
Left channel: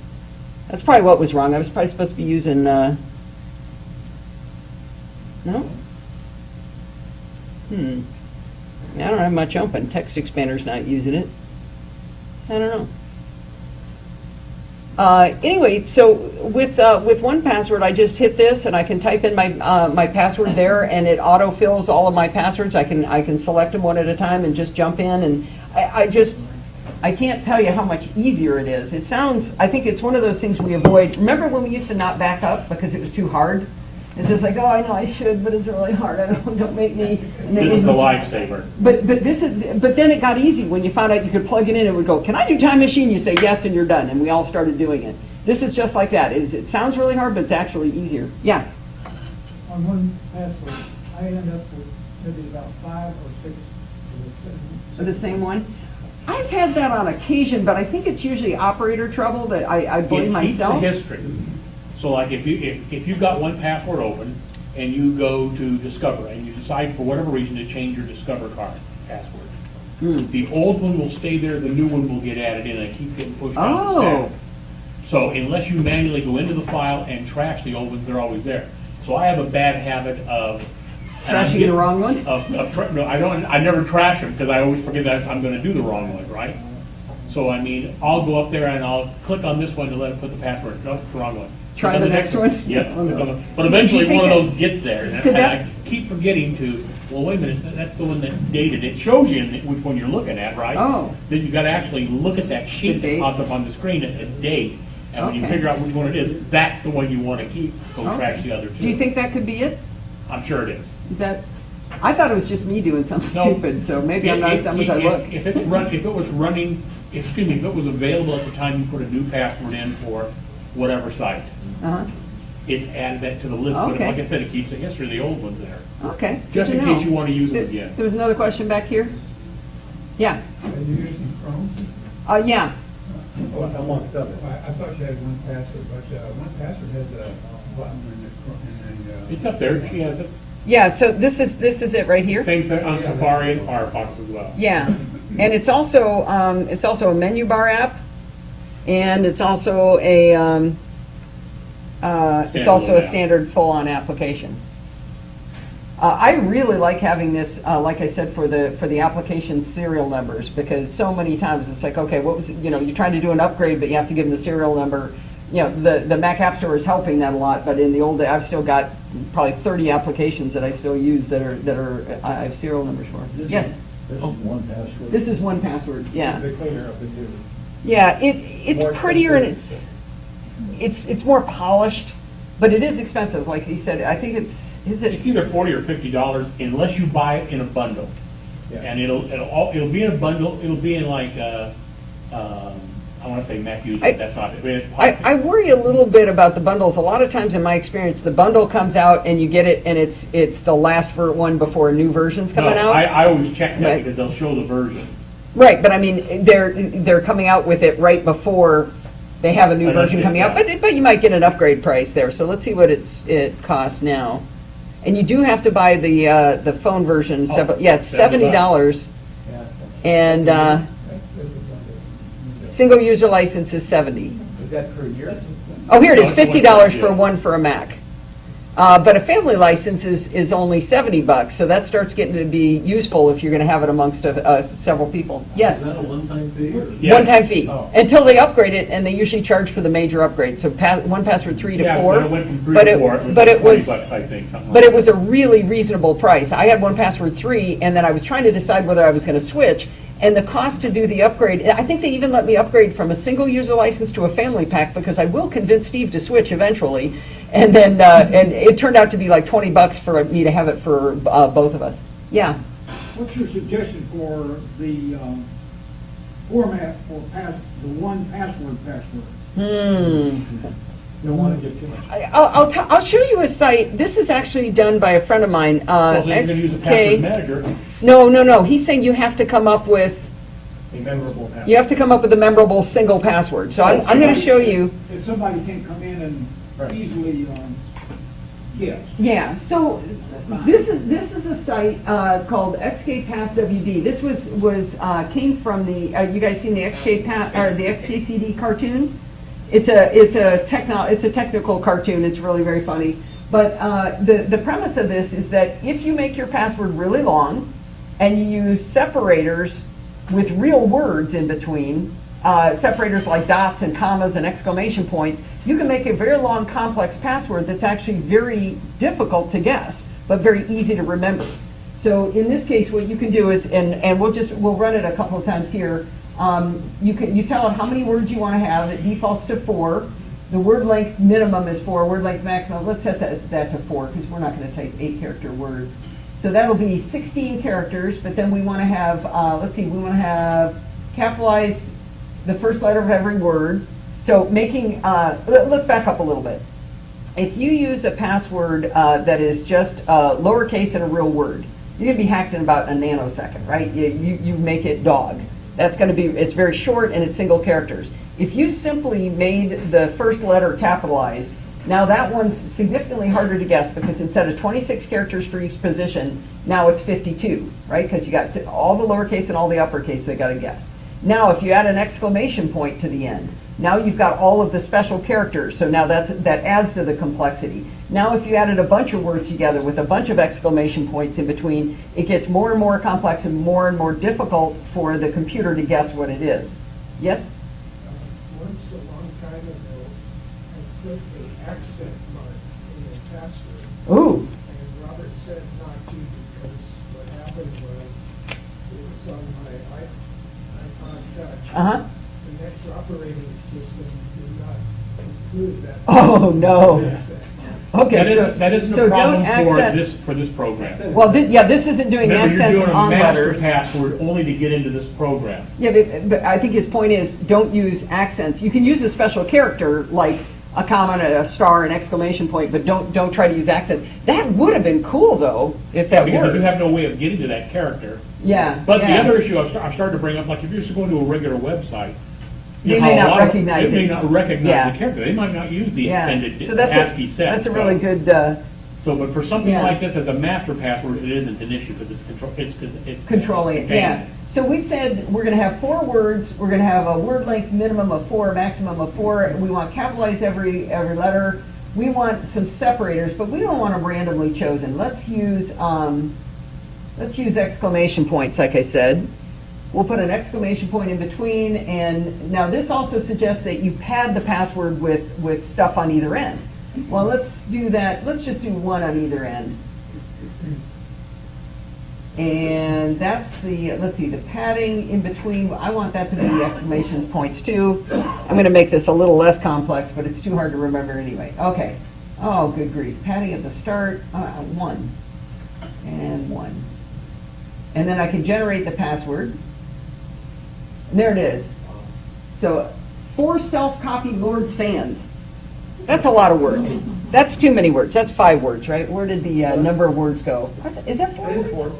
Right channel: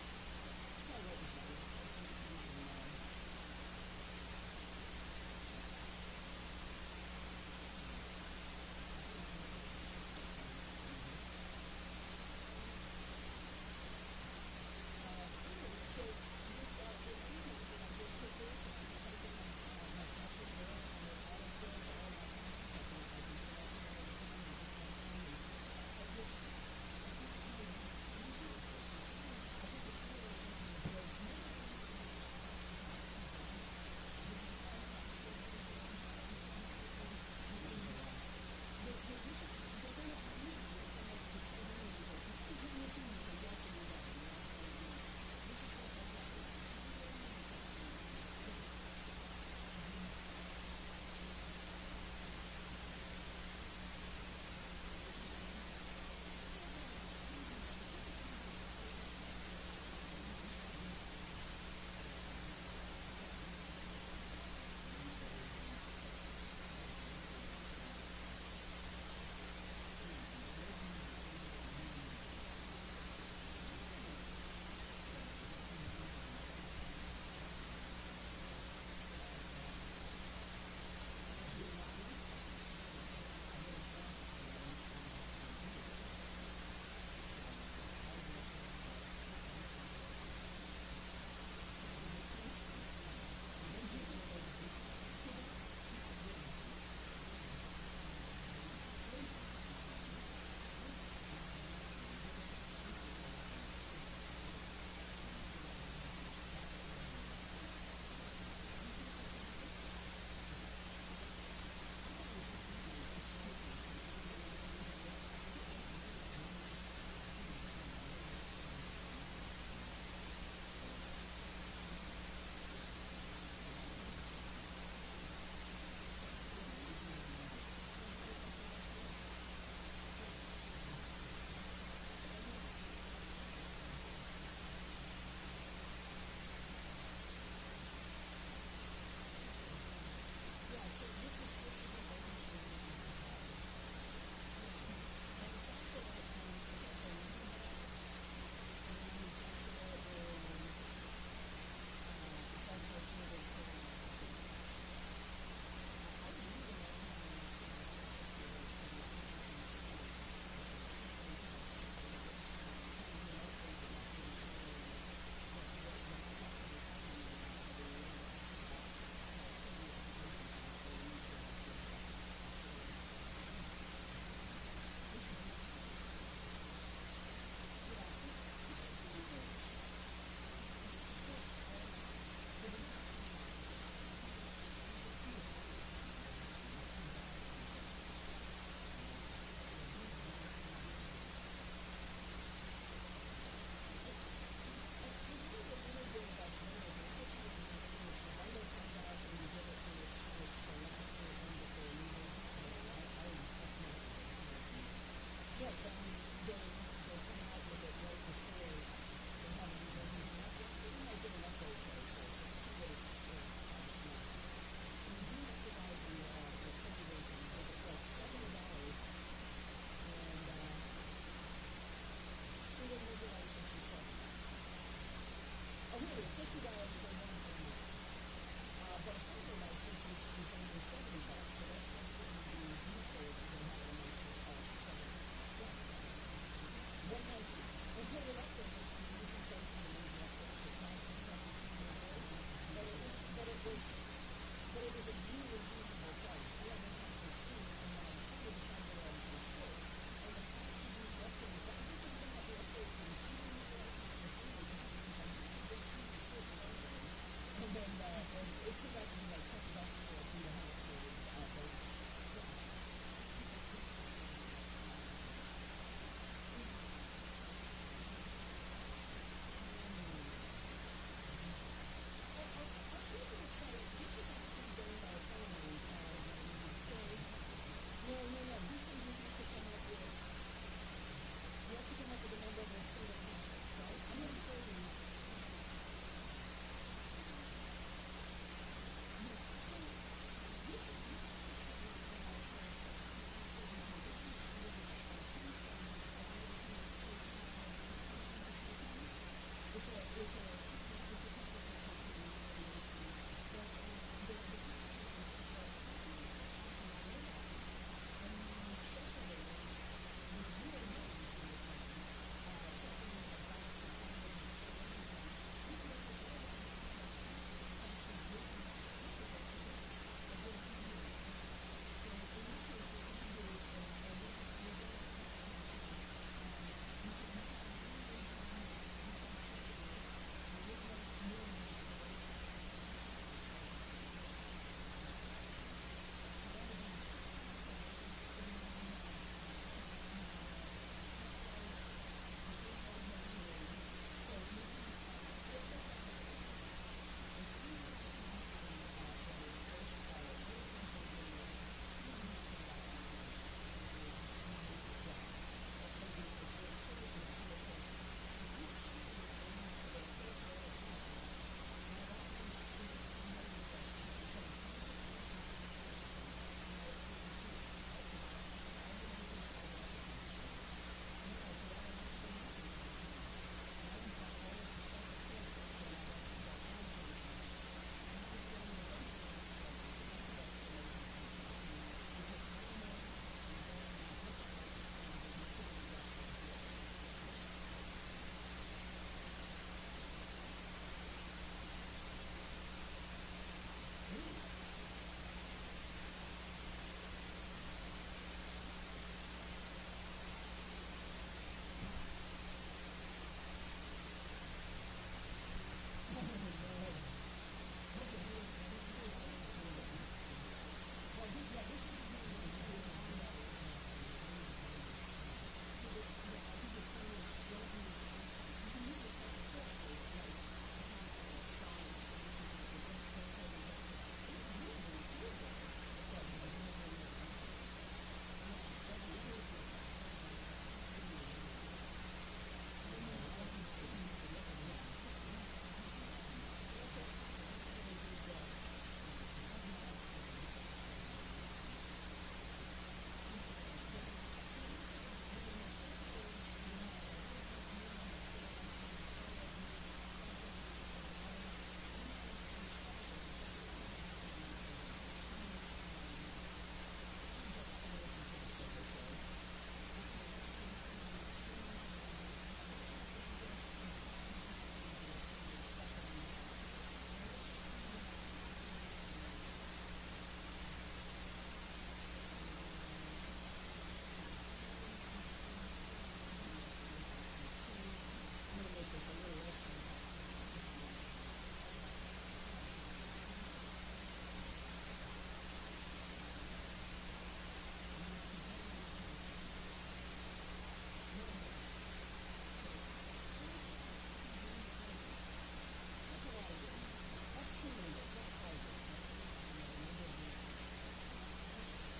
That's probably what was wrong. I was probably supposed to be using, no? I don't have much open. Text Expander's not using it. I don't know. Anyway, so with 1Password, I just hit this and I can type in my password there, and it autofills all of my passwords. I can select them one at a time and just jump in, and I can't tell you how much easier it is. I think it's one of those things we avoid. Remember when we used to not back up because it was too hard? It's just like, oh, I know I should, but it's really hard. Don't make me. This is a lifesaver. But then it got easy when you found out you could plug it in and it would go, can I do Time Machine? You say yes and you're done, and we all started doing it. This is just like that. It sounds really hard, but it's actually easier. Yeah. On 1Password, I end up with maybe about 5 or 6. The same one? I've had that on occasion, but I think it's usually operator trouble that I blame myself. It keeps the history. So like if you've got 1Password open and you go to Discover and you decide for whatever reason to change your Discover card password, the old one will stay there, the new one will get added in and keep getting pushed down the stack. So unless you manually go into the file and trash the old ones, they're always there. So I have a bad habit of Trashing the wrong one? No, I never trash them because I always forget that I'm going to do the wrong one, right? So I mean, I'll go up there and I'll click on this one to let it put the password. No, it's the wrong one. Try the next one? Yeah. But eventually one of those gets there. And I keep forgetting to, well, wait a minute, that's the one that's dated. It shows you which one you're looking at, right? Oh. Then you got to actually look at that sheet that pops up on the screen at the date. And when you figure out which one it is, that's the one you want to keep. Go trash the other two. Do you think that could be it? I'm sure it is. Is that? I thought it was just me doing something stupid, so maybe I'm not as dumb as I look. If it was running excuse me, if it was available at the time you put a new password in for whatever site, Uh-huh. it's added that to the list, but Okay. like I said, it keeps the history of the old ones there. Okay. good Just to in know. case you want to use it again. There was another question back here? Yeah, Are you using Chrome? yeah. Amongst others. I thought you had one password, but one password has a button in the. It's up there, she has it. Yeah, so this is it right here? Same thing on Safari and Firefox as well. Yeah, and it's also a menu bar app, and it's also a Standalone app. standard full-on application. I really like having this, like I said, for the application serial numbers, because so many times it's like, okay, what was, you're trying to do an upgrade, but you have to give them the serial number. The Mac App Store is helping that a lot, but in the old day, I've still got probably 30 applications that I still use that I have serial numbers for. Yeah, This is one password. this is one password, yeah. They clean it up and do. Yeah, it's More prettier and expensive. it's more polished, but it is expensive, like he said. I think is it? It's either $40 or $50 unless you buy it in a bundle. Yeah. And it'll be in a bundle, it'll be in like, I want to say Mac user, I- that's not it. I worry a little bit about the bundles. A lot of times in my experience, the bundle comes out and you get it, and it's the last one before a new version's No, coming out. I always check that Right. because they'll show the version. Right, but I mean, they're coming out with it right before they have a new I version understand coming out, that. but you might get an upgrade price there. So let's see what it costs now. And you do have to buy the phone version. Oh, Yeah, it's $70, and single user license is $70. Is that per year? Oh, here it is, No, it's $50 one, for yeah. one for a Mac. But a family license is only $70, so that starts getting to be useful if you're going to have it amongst several people. Yes, Is that a one-time fee or? Yeah. one-time fee, Oh. until they upgrade it, and they usually charge for the major upgrade. So one password 3 to Yeah, 4. when it went from 3 but to it- 4, but it was- $20, I think, something But like it was that. a really reasonable price. I had one password 3, and then I was trying to decide whether I was going to switch. And the cost to do the upgrade, I think they even let me upgrade from a single user license to a family pack, because I will convince Steve to switch eventually. And then, and it turned out to be like $20 for me to have it for both of us. Yeah. What's your suggestion for the format for the one password? Don't want to get too much. I'll show you a site. This is actually done by a friend of mine. Well, then you're going to use a password manager, No. He's saying you have to come up with A memorable password. You have to come up with a memorable single password. So I'm going to show you. If somebody can't come in and Right. easily guess. Yeah. So this is a site called XKPassWD. This came from the. You guys seen the the XKCD cartoon? It's a technical cartoon. It's really very funny. But the premise of this is that if you make your password really long, and you use separators with real words in between, separators like dots and commas and exclamation points, you can make a very long, complex password that's actually very difficult to guess, but very easy to remember. So in this case, what you can do is, and we'll run it a couple of times here. You tell it how many words you want to have. It defaults to 4. The word length minimum is 4. Word length maximum, let's set that to 4, because we're not going to type 8-character words. So that'll be 16 characters, but then we want to have, we want to have capitalize the first letter of every word. So making, let's back up a little bit. If you use a password that is just lowercase and a real word, you're going to be hacked in about a nanosecond, right? You make it dog. That's going to be, it's very short and it's single characters. If you simply made the first letter capitalized, now that one's significantly harder to guess, because instead of 26 characters for each position, now it's 52, right? Because you got all the lowercase and all the uppercase they got to guess. Now if you add an exclamation point to the end, now you've got all of the special characters, so now that adds to the complexity. Now if you added a bunch of words together with a bunch of exclamation points in between, it gets more and more complex and more difficult for the computer to guess what it is. Yes? Once a long time ago, I put the accent mark in the password, Ooh. and Robert said not to, because what happened was, it was on my iPod Touch. Uh-huh. The next operating system did not include that. Oh, no. accent. Okay, so. That isn't so a don't problem accent- for this program. Well, yeah, this isn't doing Remember, you're accents doing a on master letters. password only to get into this program. Yeah, but I think his point is, don't use accents. You can use a special character, like a comma, a star, an exclamation point, but don't try to use accents. That would have been cool, though, if that Because you worked. have no way of getting to that character. Yeah. But the yeah. other issue I've started to bring up, like if you're just going to a regular website, you They know, may a not lot of- recognize They may it. not recognize Yeah. the character. They might not use the Yeah. extended So that's ASCII set. That's a so- really good, So, but for something Yeah. like this as a master password, it isn't an issue because it's controlling it, yeah. So we've said we're gonna have 4 words, we're gonna have a word length minimum of 4, maximum of 4. We want capitalize every letter. We want some separators, but we don't want them randomly chosen. Let's use exclamation points, like I said. We'll put an exclamation point in between, and now this also suggests that you pad the password with stuff on either end. Well, let's do that, let's just do 1 on either end. And that's the, let's see, the padding in between, I want that to be the exclamation points too. I'm gonna make this a little less complex, but it's too hard to remember anyway. Okay. Oh, good grief. Padding at the start, 1 and 1. And then I can generate the password. And there it is. So, for self-copy Lord Sands. That's a lot of words. That's too many words. That's 5 words, right? Where did the number of words go? Is that 4 words?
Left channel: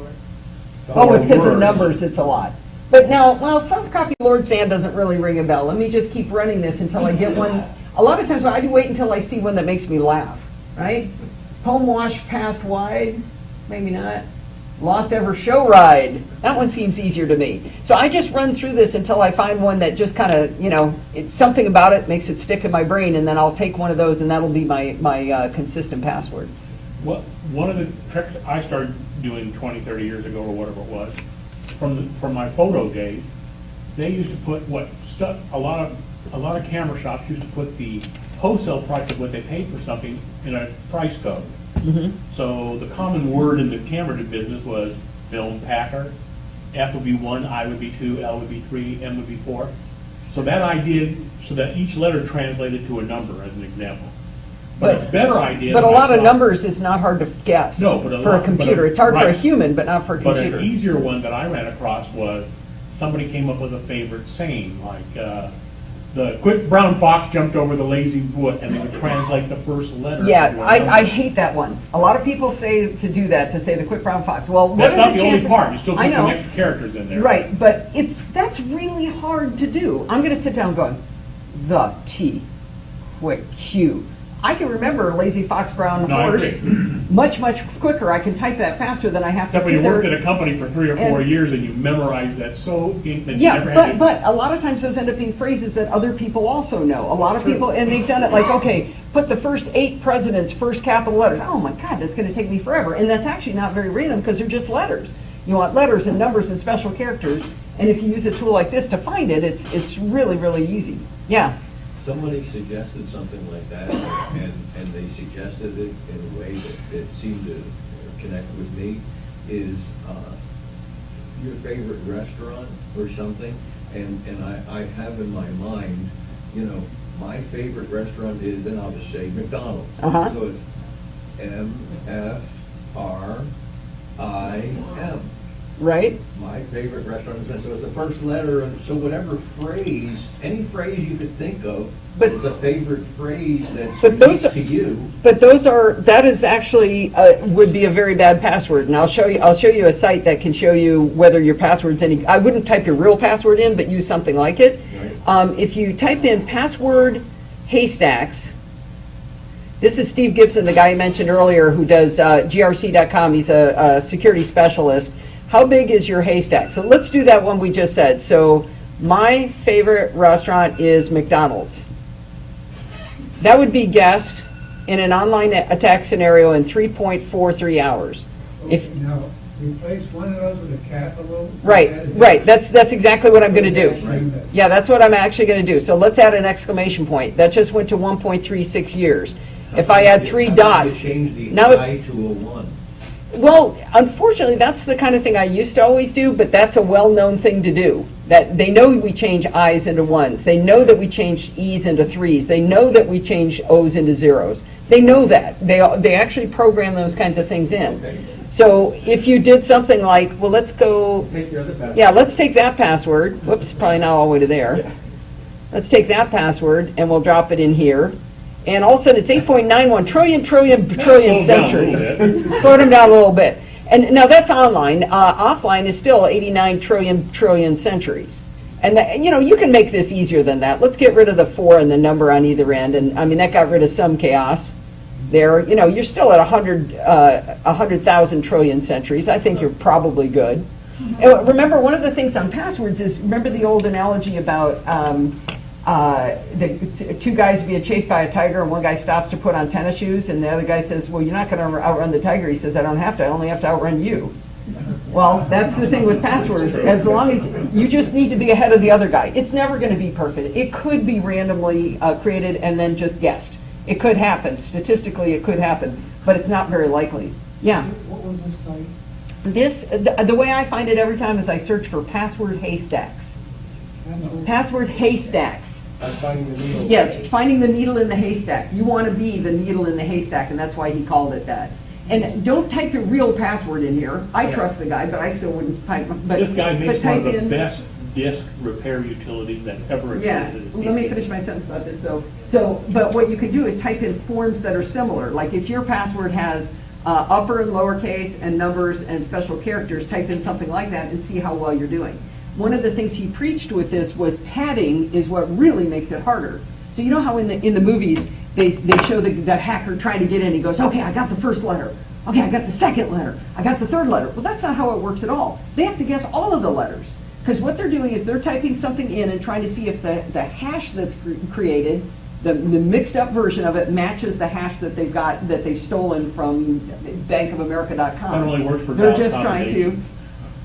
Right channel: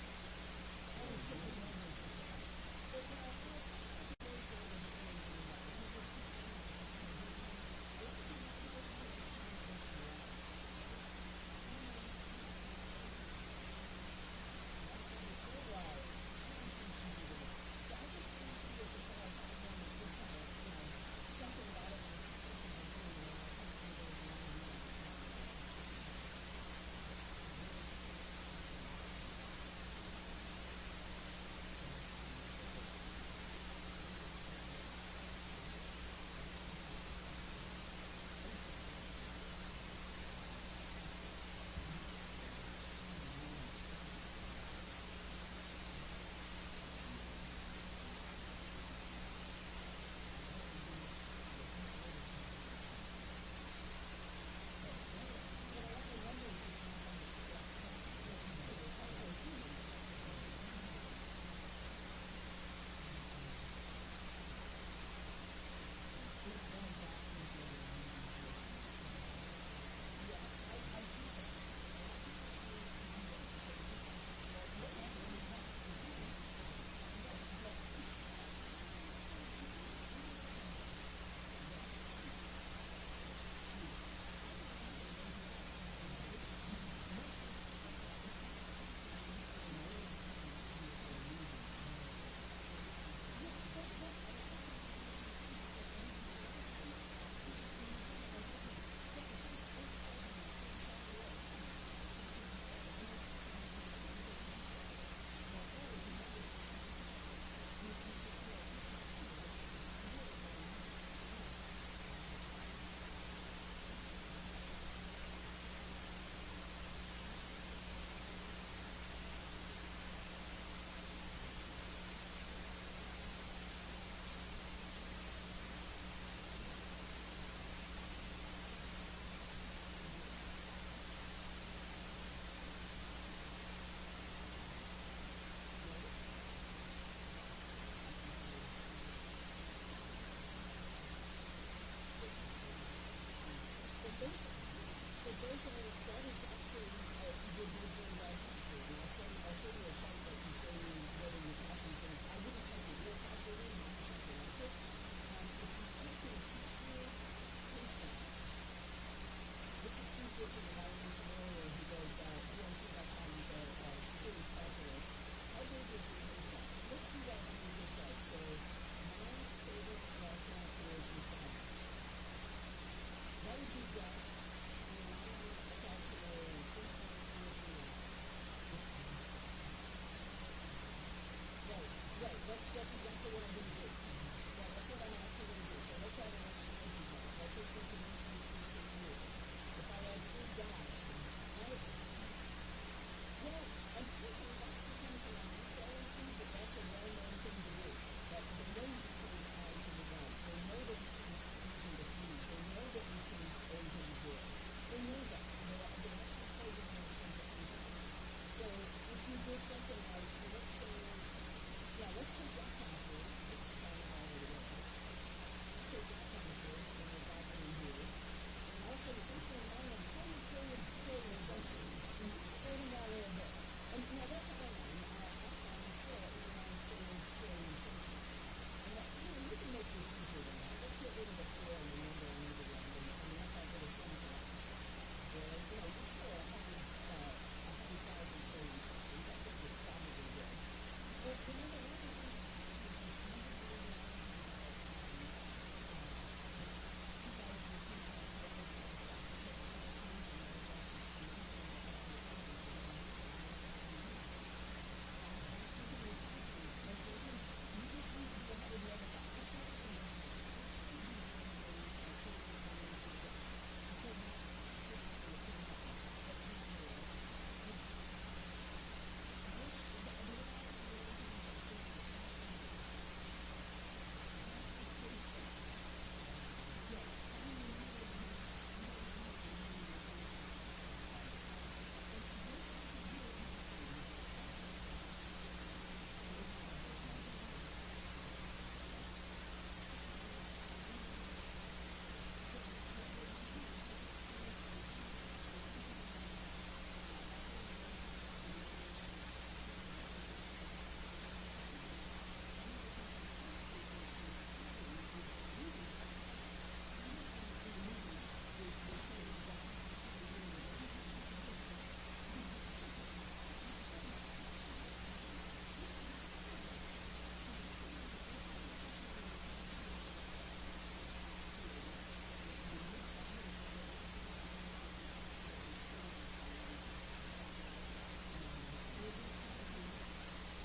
Oh, it's because of numbers, it's a lot. But now, well, self-copy Lord Sand doesn't really ring a bell. Let me just keep running this until I get one. A lot of times I wait until I see one that makes me laugh, right? Home wash passed wide, maybe not. Lost ever show ride. That one seems easier to me. So I just run through this until I find one that just kind of, it's something about it makes it stick in my brain, and then I'll take one of those, and that'll be my consistent password. Well, one of the tricks I started doing 20, 30 years ago, or whatever it was, from my photo days, they used to put a lot of camera shops used to put the wholesale price of what they paid for something in a price code. Mm-hmm. So the common word in the camera business was film packer. F would be 1, I would be 2, L would be 3, M would be 4. So that idea, so that each letter translated to a number, as an example. But a better idea. But a that I lot of saw- numbers is not hard to guess. No, but for a computer. It's hard for a right. human, but not for a But computer. an easier one that I ran across was somebody came up with a favorite saying, like the quick brown fox jumped over the lazy foot, and they would translate the first letter. Yeah, to a I number. hate that one. A lot of people say to do that, to say the quick brown fox. Well, what That's are not the only chances- part. You still I put some know. extra characters in there. Right, but that's really hard to do. I'm going to sit down going, the T, quick Q. I can remember lazy fox brown No, I horse agree. much quicker. I can type that faster than I have Except to when sit you worked there. at a company for 3 or 4 And- years and you memorized that so deep that you Yeah, never had to. but a lot of times those end up being phrases that other people also know. A lot of people, and they've done it like, okay, put the first 8 presidents' first capital letters. Oh my God, that's going to take me forever. And that's actually not very random because they're just letters. You want letters and numbers and special characters. And if you use a tool like this to find it, it's really, really easy. Yeah. Somebody suggested something like that, and they suggested it in a way that seemed to connect with me, is your favorite restaurant or something, and I have in my mind, my favorite restaurant is, and I'll just say McDonald's. Uh-huh. So it's MFRIM. Right? My favorite restaurant is, so it's the first letter, and so whatever phrase, any phrase you could think of, But- is a favorite phrase But that's those unique to you. But that is actually, would be a very bad password. And I'll show you a site that can show you whether your password's any, I wouldn't type your real password in, but use something like it. Right. If you type in password haystacks, this is Steve Gibson, the guy I mentioned earlier, who does grc.com. He's a security specialist. How big is your haystack? So let's do that one we just said. So my favorite restaurant is McDonald's. That would be guessed in an online attack scenario in 3.43 hours. If Now, replace one of those with a capital. Right. That's exactly what I'm going to do. Yeah, that's what I'm actually going to do. So let's add an exclamation point. That just went to 1.36 years. If I add 3 How about you dots, change the now I it's, to a 1? well, unfortunately, that's the kind of thing I used to always do, but that's a well-known thing to do. That they know we change I's into 1s. They know that we change E's into 3s. They know that we change O's into 0s. They know that. They actually program those kinds of things in. So if you did something like, well, let's go, Take the other password. yeah, let's take that password. Whoops, probably not all the way to there. Let's take that password and we'll drop it in here. And all of a sudden, it's 8.91 trillion Slow down a little centuries. bit. Slow them down a little bit. And now that's online. Offline is still 89 trillion centuries. And that, you can make this easier than that. Let's get rid of the 4 and the number on either end. And I mean, that got rid of some chaos there. You're still at 100,000 trillion centuries. I think you're probably good. And remember, one of the things on passwords is, remember the old analogy about two guys being chased by a tiger, and one guy stops to put on tennis shoes, and the other guy says, well, you're not going to outrun the tiger. He says, I don't have to. I only have to outrun you. Well, that's the thing with passwords. As long as you just need to be ahead of the other guy. It's never going to be perfect. It could be randomly created and then just guessed. It could happen. Statistically, it could happen, but it's not very likely. Yeah. What was this site? The way I find it every time is I search for password haystacks. I don't know. Password haystacks. I'm finding the needle. Yes, finding the needle in the haystack. You want to be the needle in the haystack, and that's why he called it that. And don't type your real password in here. I trust the guy, but I still wouldn't type. But This guy but makes one of type the in- best disk repair utilities that ever Yeah, existed. let me finish my sentence about this though. So, but what you can do is type in forms that are similar. Like if your password has upper and lowercase and numbers and special characters, type in something like that and see how well you're doing. One of the things he preached with this was padding is what really makes it harder. So you know how in the movies they show the hacker trying to get in. He goes, okay, I got the first letter. Okay, I got the second letter. I got the third letter. Well, that's not how it works at all. They have to guess all of the letters. Because what they're doing is they're typing something in and trying to see if the hash that's created, the mixed up version of it, matches the hash that they've stolen from bankofamerica.com. That only works for They're dial just trying to.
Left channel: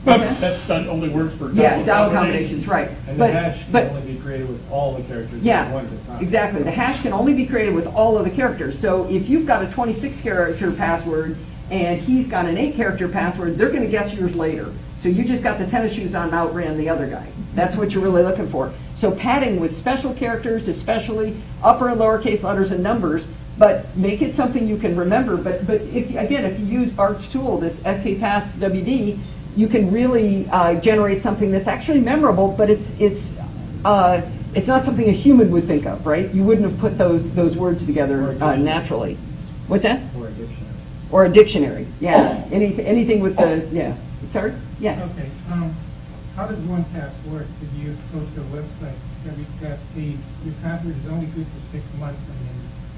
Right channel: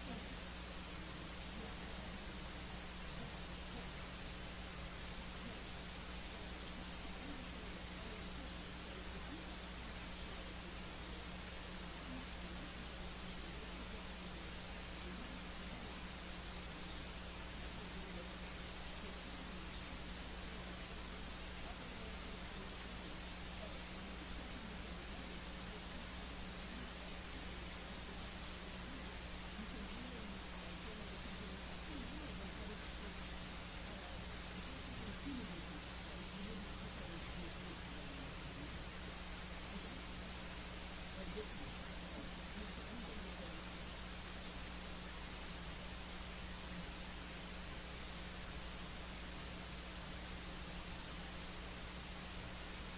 combinations. That's done, only works for Yeah, dial dial combinations. combinations, right. And the But hash can but only be created with all the characters yeah, at one time. exactly. The hash can only be created with all of the characters. So if you've got a 26-character password and he's got an 8-character password, they're going to guess yours later. So you just got the tennis shoes on and outran the other guy. That's what you're really looking for. So padding with special characters, especially upper and lowercase letters and numbers, but make it something you can remember. But if you use Bart's tool, this FKPass WD, you can really generate something that's actually memorable, but it's not something a human would think of, right? You wouldn't have put those words together naturally. What's that? Or a dictionary. Or a dictionary, yeah. Anything with the, yeah. Sorry? Yeah. Okay, how does 1Pass work? Did you go to a website that you've got your password is only good for 6 months, and then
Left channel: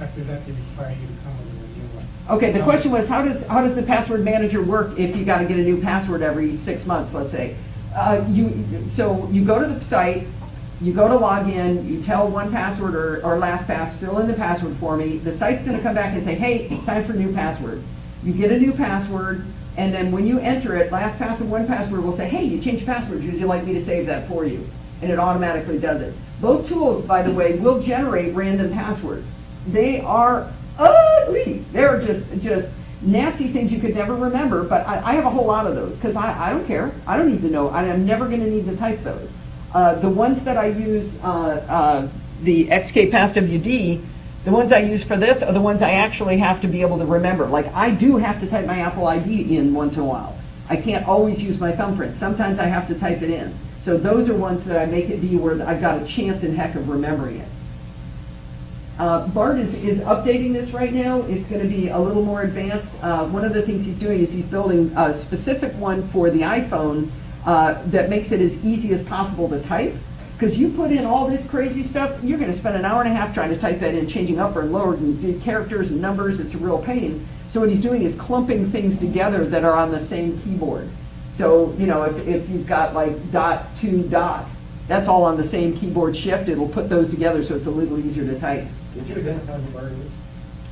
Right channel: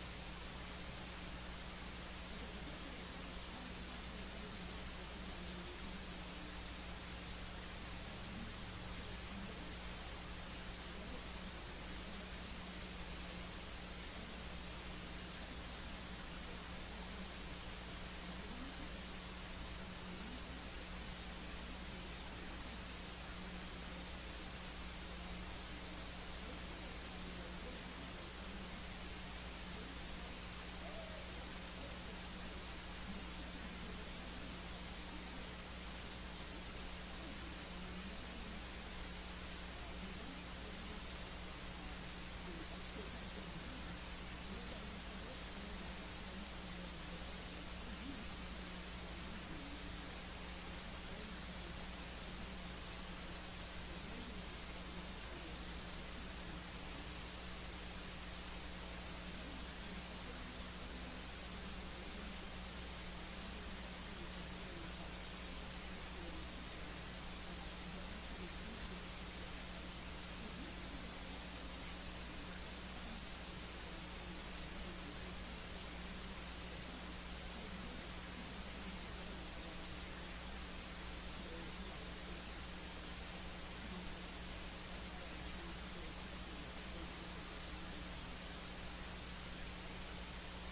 after that they require you to come up with a new one? Okay, the question was, how does the password manager work if you got to get a new password every 6 months, let's say? So you go to the site, you go to log in, you tell 1Password or LastPass, fill in the password for me. The site's going to come back and say, hey, it's time for a new password. You get a new password, and then when you enter it, LastPass and 1Password will say, hey, you changed passwords. Would you like me to save that for you? And it automatically does it. Both tools, by the way, will generate random passwords. They are ugly. They're just nasty things you could never remember, but I have a whole lot of those because I don't care. I don't need to know. I'm never going to need to type those. The ones that I use, the XKPassWD, the ones I use for this are the ones I actually have to be able to remember. Like I do have to type my Apple ID in once in a while. I can't always use my thumbprint. Sometimes I have to type it in. So those are ones that I make it be where I've got a chance in heck of remembering it. Bart is updating this right now. It's going to be a little more advanced. One of the things he's doing is he's building a specific one for the iPhone that makes it as easy as possible to type. Because you put in all this crazy stuff, you're going to spend an hour and a half trying to type that in, changing upper and lower and characters and numbers. It's a real pain. So what he's doing is clumping things together that are on the same keyboard. So, you know, if you've got like dot to dot, that's all on the same keyboard shift. It'll put those together so it's a little easier to type. Did you identify who Bart is?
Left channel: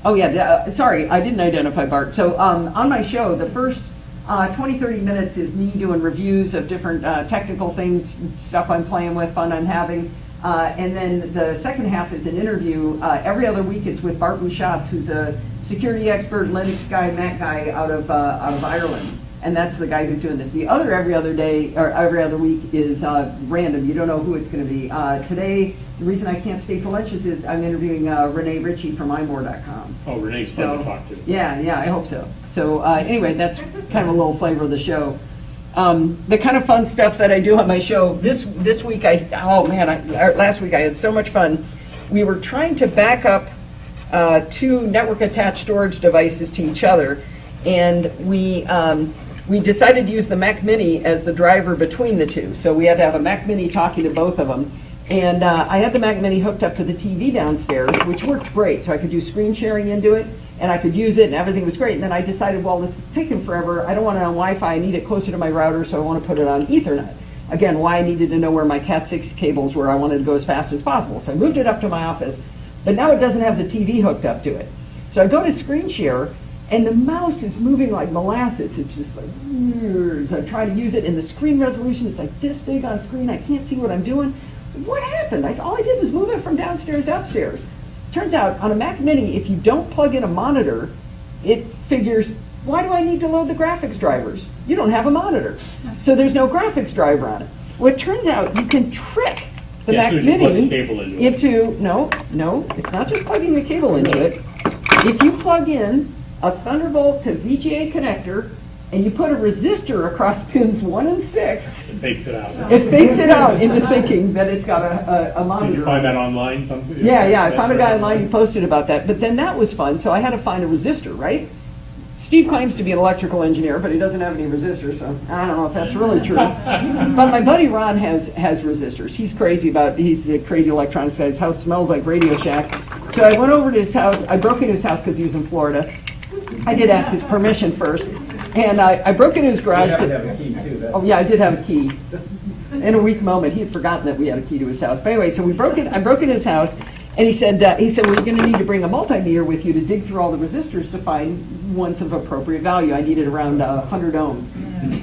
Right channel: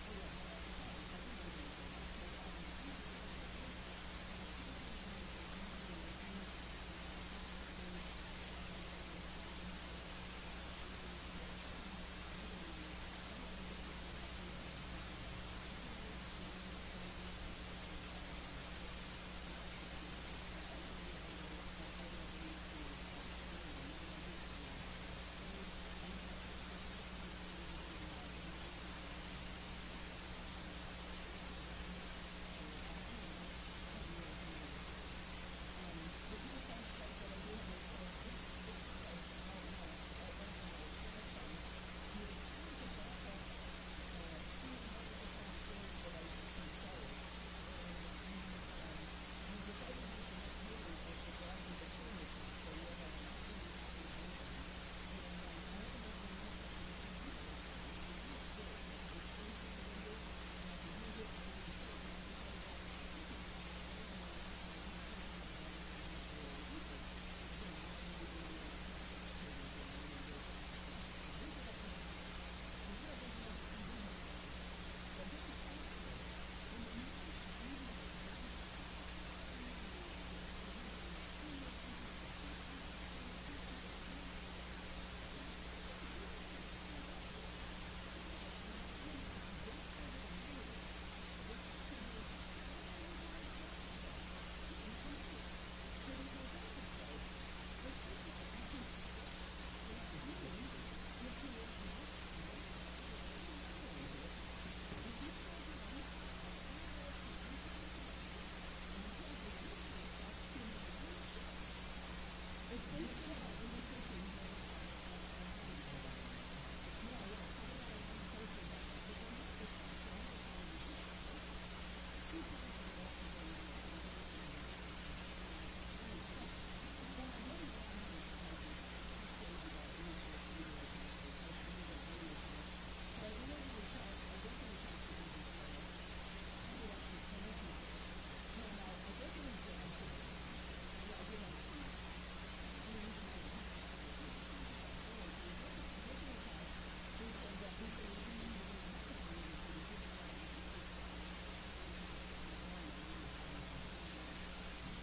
Oh, yeah, sorry, I didn't identify Bart. So on my show, the first 20, 30 minutes is me doing reviews of different technical things, stuff I'm playing with, fun I'm having. And then the second half is an interview. Every other week it's with Bart Bouchatz, who's a security expert, Linux guy, Mac guy out of Ireland. and that's the guy who's doing this. The other every other day, or every other week is random. You don't know who it's going to be. Today, the reason I can't stay for lunch is I'm interviewing Renee Ritchie from imore.com. Oh, Renee's fun to talk to. Yeah, I hope so. So anyway, that's kind of a little flavor of the show. The kind of fun stuff that I do on my show, this week, last week I had so much fun. We were trying to back up two network-attached storage devices to each other, and we decided to use the Mac Mini as the driver between the two. So we had to have a Mac Mini talking to both of them. And I had the Mac Mini hooked up to the TV downstairs, which worked great. So I could do screen sharing into it, and I could use it, and everything was great. And then I decided, well, this is taking forever. I don't want it on Wi-Fi. I need it closer to my router, so I want to put it on Ethernet. Again, why I needed to know where my Cat 6 cables were. I wanted to go as fast as possible. So I moved it up to my office, but now it doesn't have the TV hooked up to it. So I go to screen share, and the mouse is moving like molasses. It's just like, so I'm trying to use it, and the screen resolution is like this big on screen. I can't see what I'm doing. What happened? All I did was move it from downstairs to upstairs. Turns out, on a Mac Mini, if you don't plug in a monitor, it figures, why do I need to load the graphics drivers? You don't have a monitor. So there's no graphics driver on it. Well, it turns out you can trick the Mac as soon as you plug the Mini cable into it. no, it's not just plugging the cable into it. If you plug in a Thunderbolt to VGA connector, and you put a resistor across pins 1 and 6, It fakes it out. it fakes it out into thinking that it's got a monitor. Did you find that online? Yeah, I found a guy online who posted about that. But then that was fun, so I had to find a resistor, right? Steve claims to be an electrical engineer, but he doesn't have any resistors, so I don't know if that's really true. But my buddy Ron has resistors. He's a crazy electronics guy. His house smells like Radio Shack. So I went over to his house. I broke into his house because he was in Florida. I did ask his permission first. And I broke into his garage. Oh yeah, I did have a key. In a weak moment, he had forgotten that we had a key to his house. But anyway, so I broke in his house, and he said, well, you're going to need to bring a multimeter with you to dig through all the resistors to find ones of appropriate value. I needed around 100 ohms.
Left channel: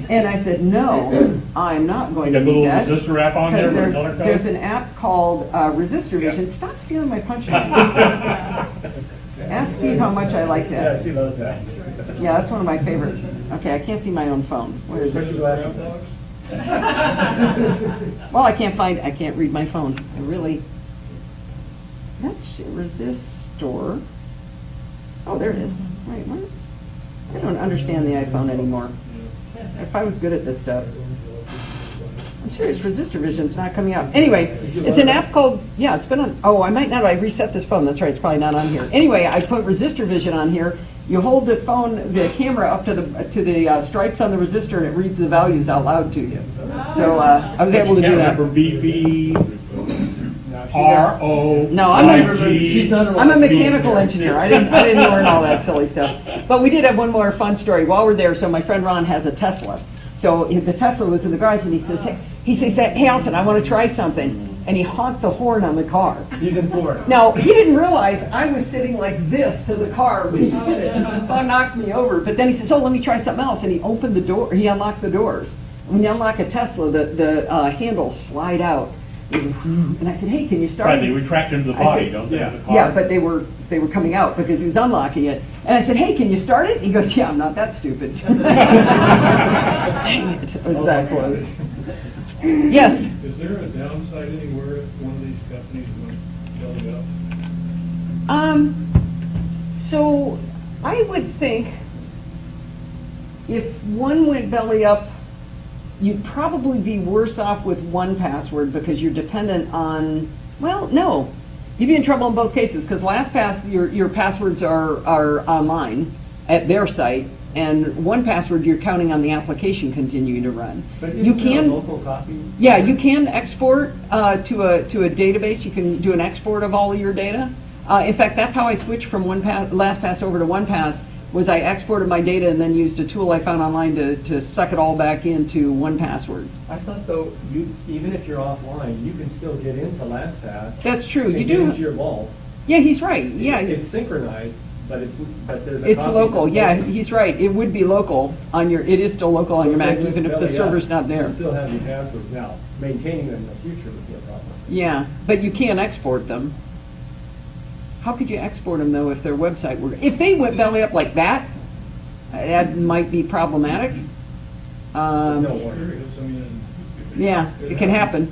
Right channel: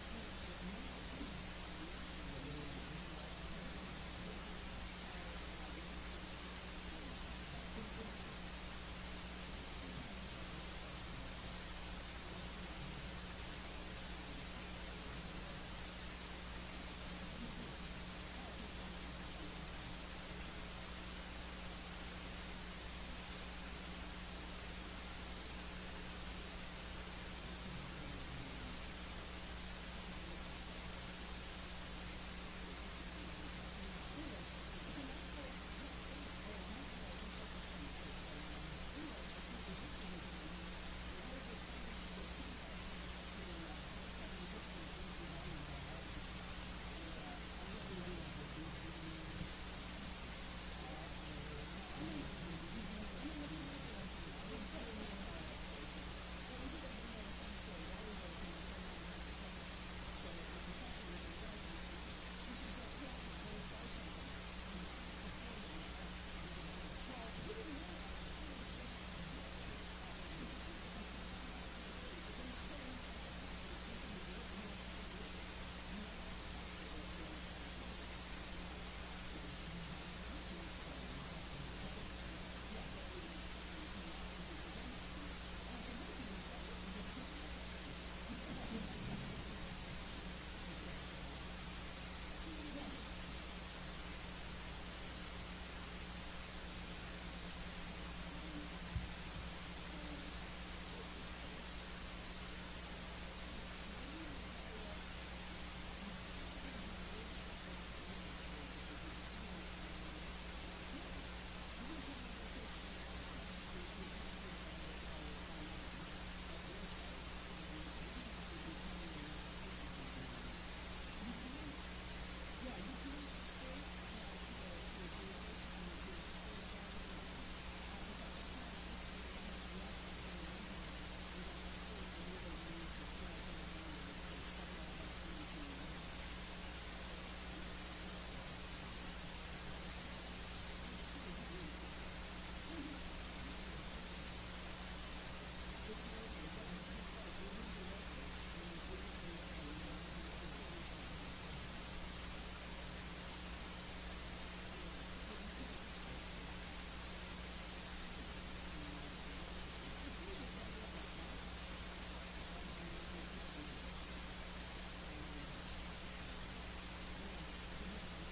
And I said, no, I'm not going to need that. You got a little resistor app on there with a color code? There's an app called Resistor Vision. Stop stealing my punch line. Ask Steve how much I like that. Yeah, she loves that. Yeah, that's one of my favorite. Okay, I can't see my own phone. Where is it? Well, I can't read my phone. That's resistor. Oh, there it is. Wait, what? I don't understand the iPhone anymore. If I was good at this stuff. I'm serious, Resistor Vision's not coming out. Anyway, it's an app called, it's been on, I might not, I reset this phone, that's right, it's probably not on here. Anyway, I put Resistor Vision on here. You hold the camera up to the stripes on the resistor, and it reads the values out loud to you. So I was able to do that. Remember BP, RO, No, I'm a mechanical engineer. I didn't learn all that silly stuff. But we did have one more fun story while we're there. So my friend Ron has a Tesla. So the Tesla was in the garage, and he says, hey, Allison, I want to try something. And he honked the horn on the car. He's in Florida. Now, he didn't realize I was sitting like this to the car when he did it. That knocked me over. But then he says, let me try something else. And he opened the door. He unlocked the doors. When you unlock a Tesla, the handles slide out. And I said, hey, can you start? Right, they retract into the body, don't they? The car? Yeah, but they were coming out because he was unlocking it. And I said, hey, can you start it? He goes, yeah, I'm not that stupid. Dang it, it was that close. Yes? Is there a downside anywhere if one of these companies went belly up? So I would think if one went belly up, you'd probably be worse off with 1Password because you're dependent on, well, no. You'd be in trouble in both cases because LastPass, your passwords are online at their site, and 1Password, you're counting on the application continuing to run. But You isn't there a can, local copy? yeah, you can export to a database. You can do an export of all of your data. In fact, that's how I switched from LastPass over to 1Pass. Was I exported my data and then used a tool I found online to suck it all back into 1Password. I thought though, even if you're offline, you can still get into LastPass. That's true. and You get do. into your vault. Yeah, he's right. Yeah, It's synchronized, but there's a it's copy local. that's Yeah, local. he's right. It would be local on your. It is still local on your Mac, But even if the belly up, server's not there. You still have your passwords now. Maintaining them in the future would be a problem. Yeah, but you can't export them. How could you export them though if their website were? If they went belly up like that, that might be problematic. Um, No wonder. Serious, I mean, Yeah, it can happen.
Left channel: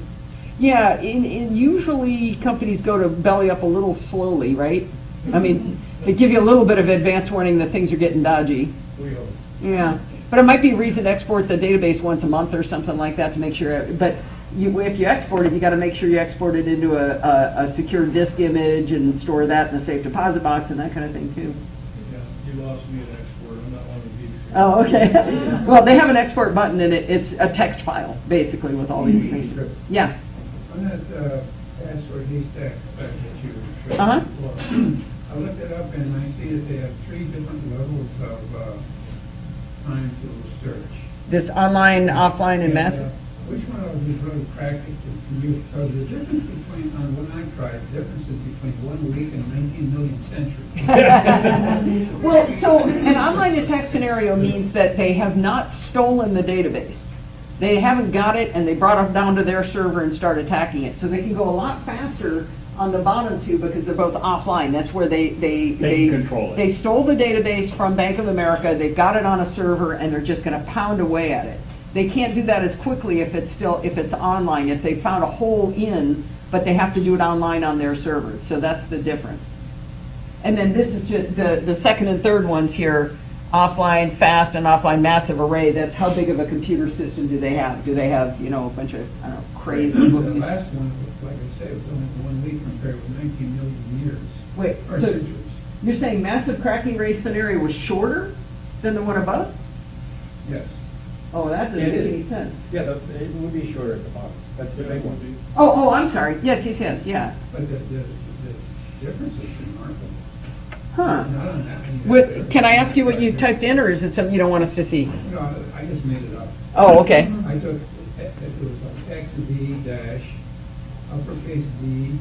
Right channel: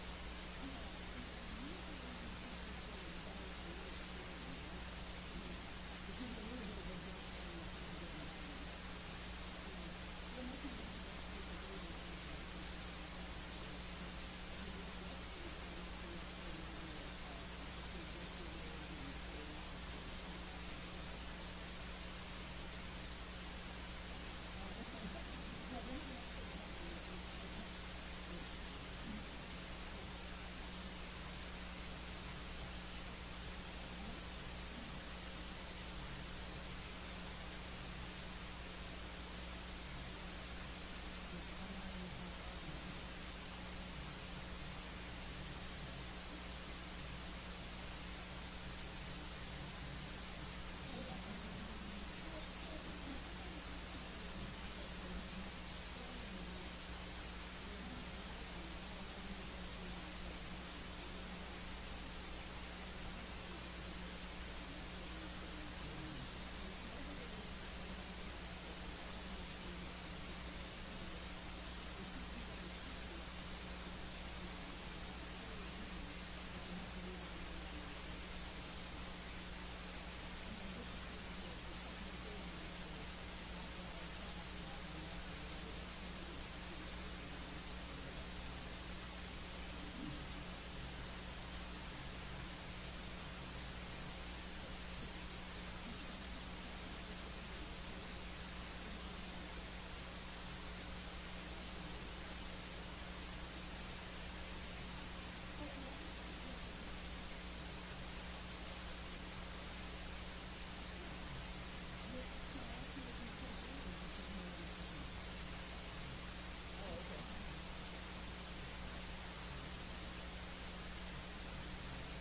Yeah, usually companies go to belly up a little slowly, right? I mean, they give you a little bit of advance warning that things are getting dodgy. we hope. Yeah, but it might be a reason to export the database once a month or something like that to make sure, but if you export it, you gotta make sure you export it into a secure disk image and store that in a safe deposit box and that kind of thing too. Yeah, you lost me at export, I'm not one of these. Oh, okay. Well, they have an export button and it's a text file, basically, with all the information. Yeah. On that, password haystack site that you showed. Uh-huh. I looked it up and I see that they have 3 different levels of, time to search. This online, offline, and massive. Which one of them is really practical to you? Because the difference between, on when I tried, the difference is between 1 week and 19 million centuries. Well, so an online attack scenario means that they have not stolen the database. They haven't got it and they brought it down to their server and start attacking it. So they can go a lot faster on the bottom two because they're both offline. That's where they can control it. They stole the database from Bank of America, they've got it on a server, and they're just gonna pound away at it. They can't do that as quickly if it's online, if they found a hole in, but they have to do it online on their server. So that's the difference. And then this is just the second and third ones here, offline fast and offline massive array. That's how big of a computer system do they have? Do they have, a bunch of, I don't know, crazy The movies? last one, like I say, was only 1 week compared with 19 million years. Wait, Or so centuries. you're saying massive cracking rate scenario was shorter than the one above? Yes. Oh, that doesn't It make is. any sense. Yeah, it would be shorter at the bottom. That's the big one. Oh, I'm sorry. Yes, yeah. But the difference is remarkable. Huh. Not on that one. Can I ask you what you typed in, or is it something you don't want us to see? No, I just made it up. Oh, okay. I took, it was like X V dash, uppercase D,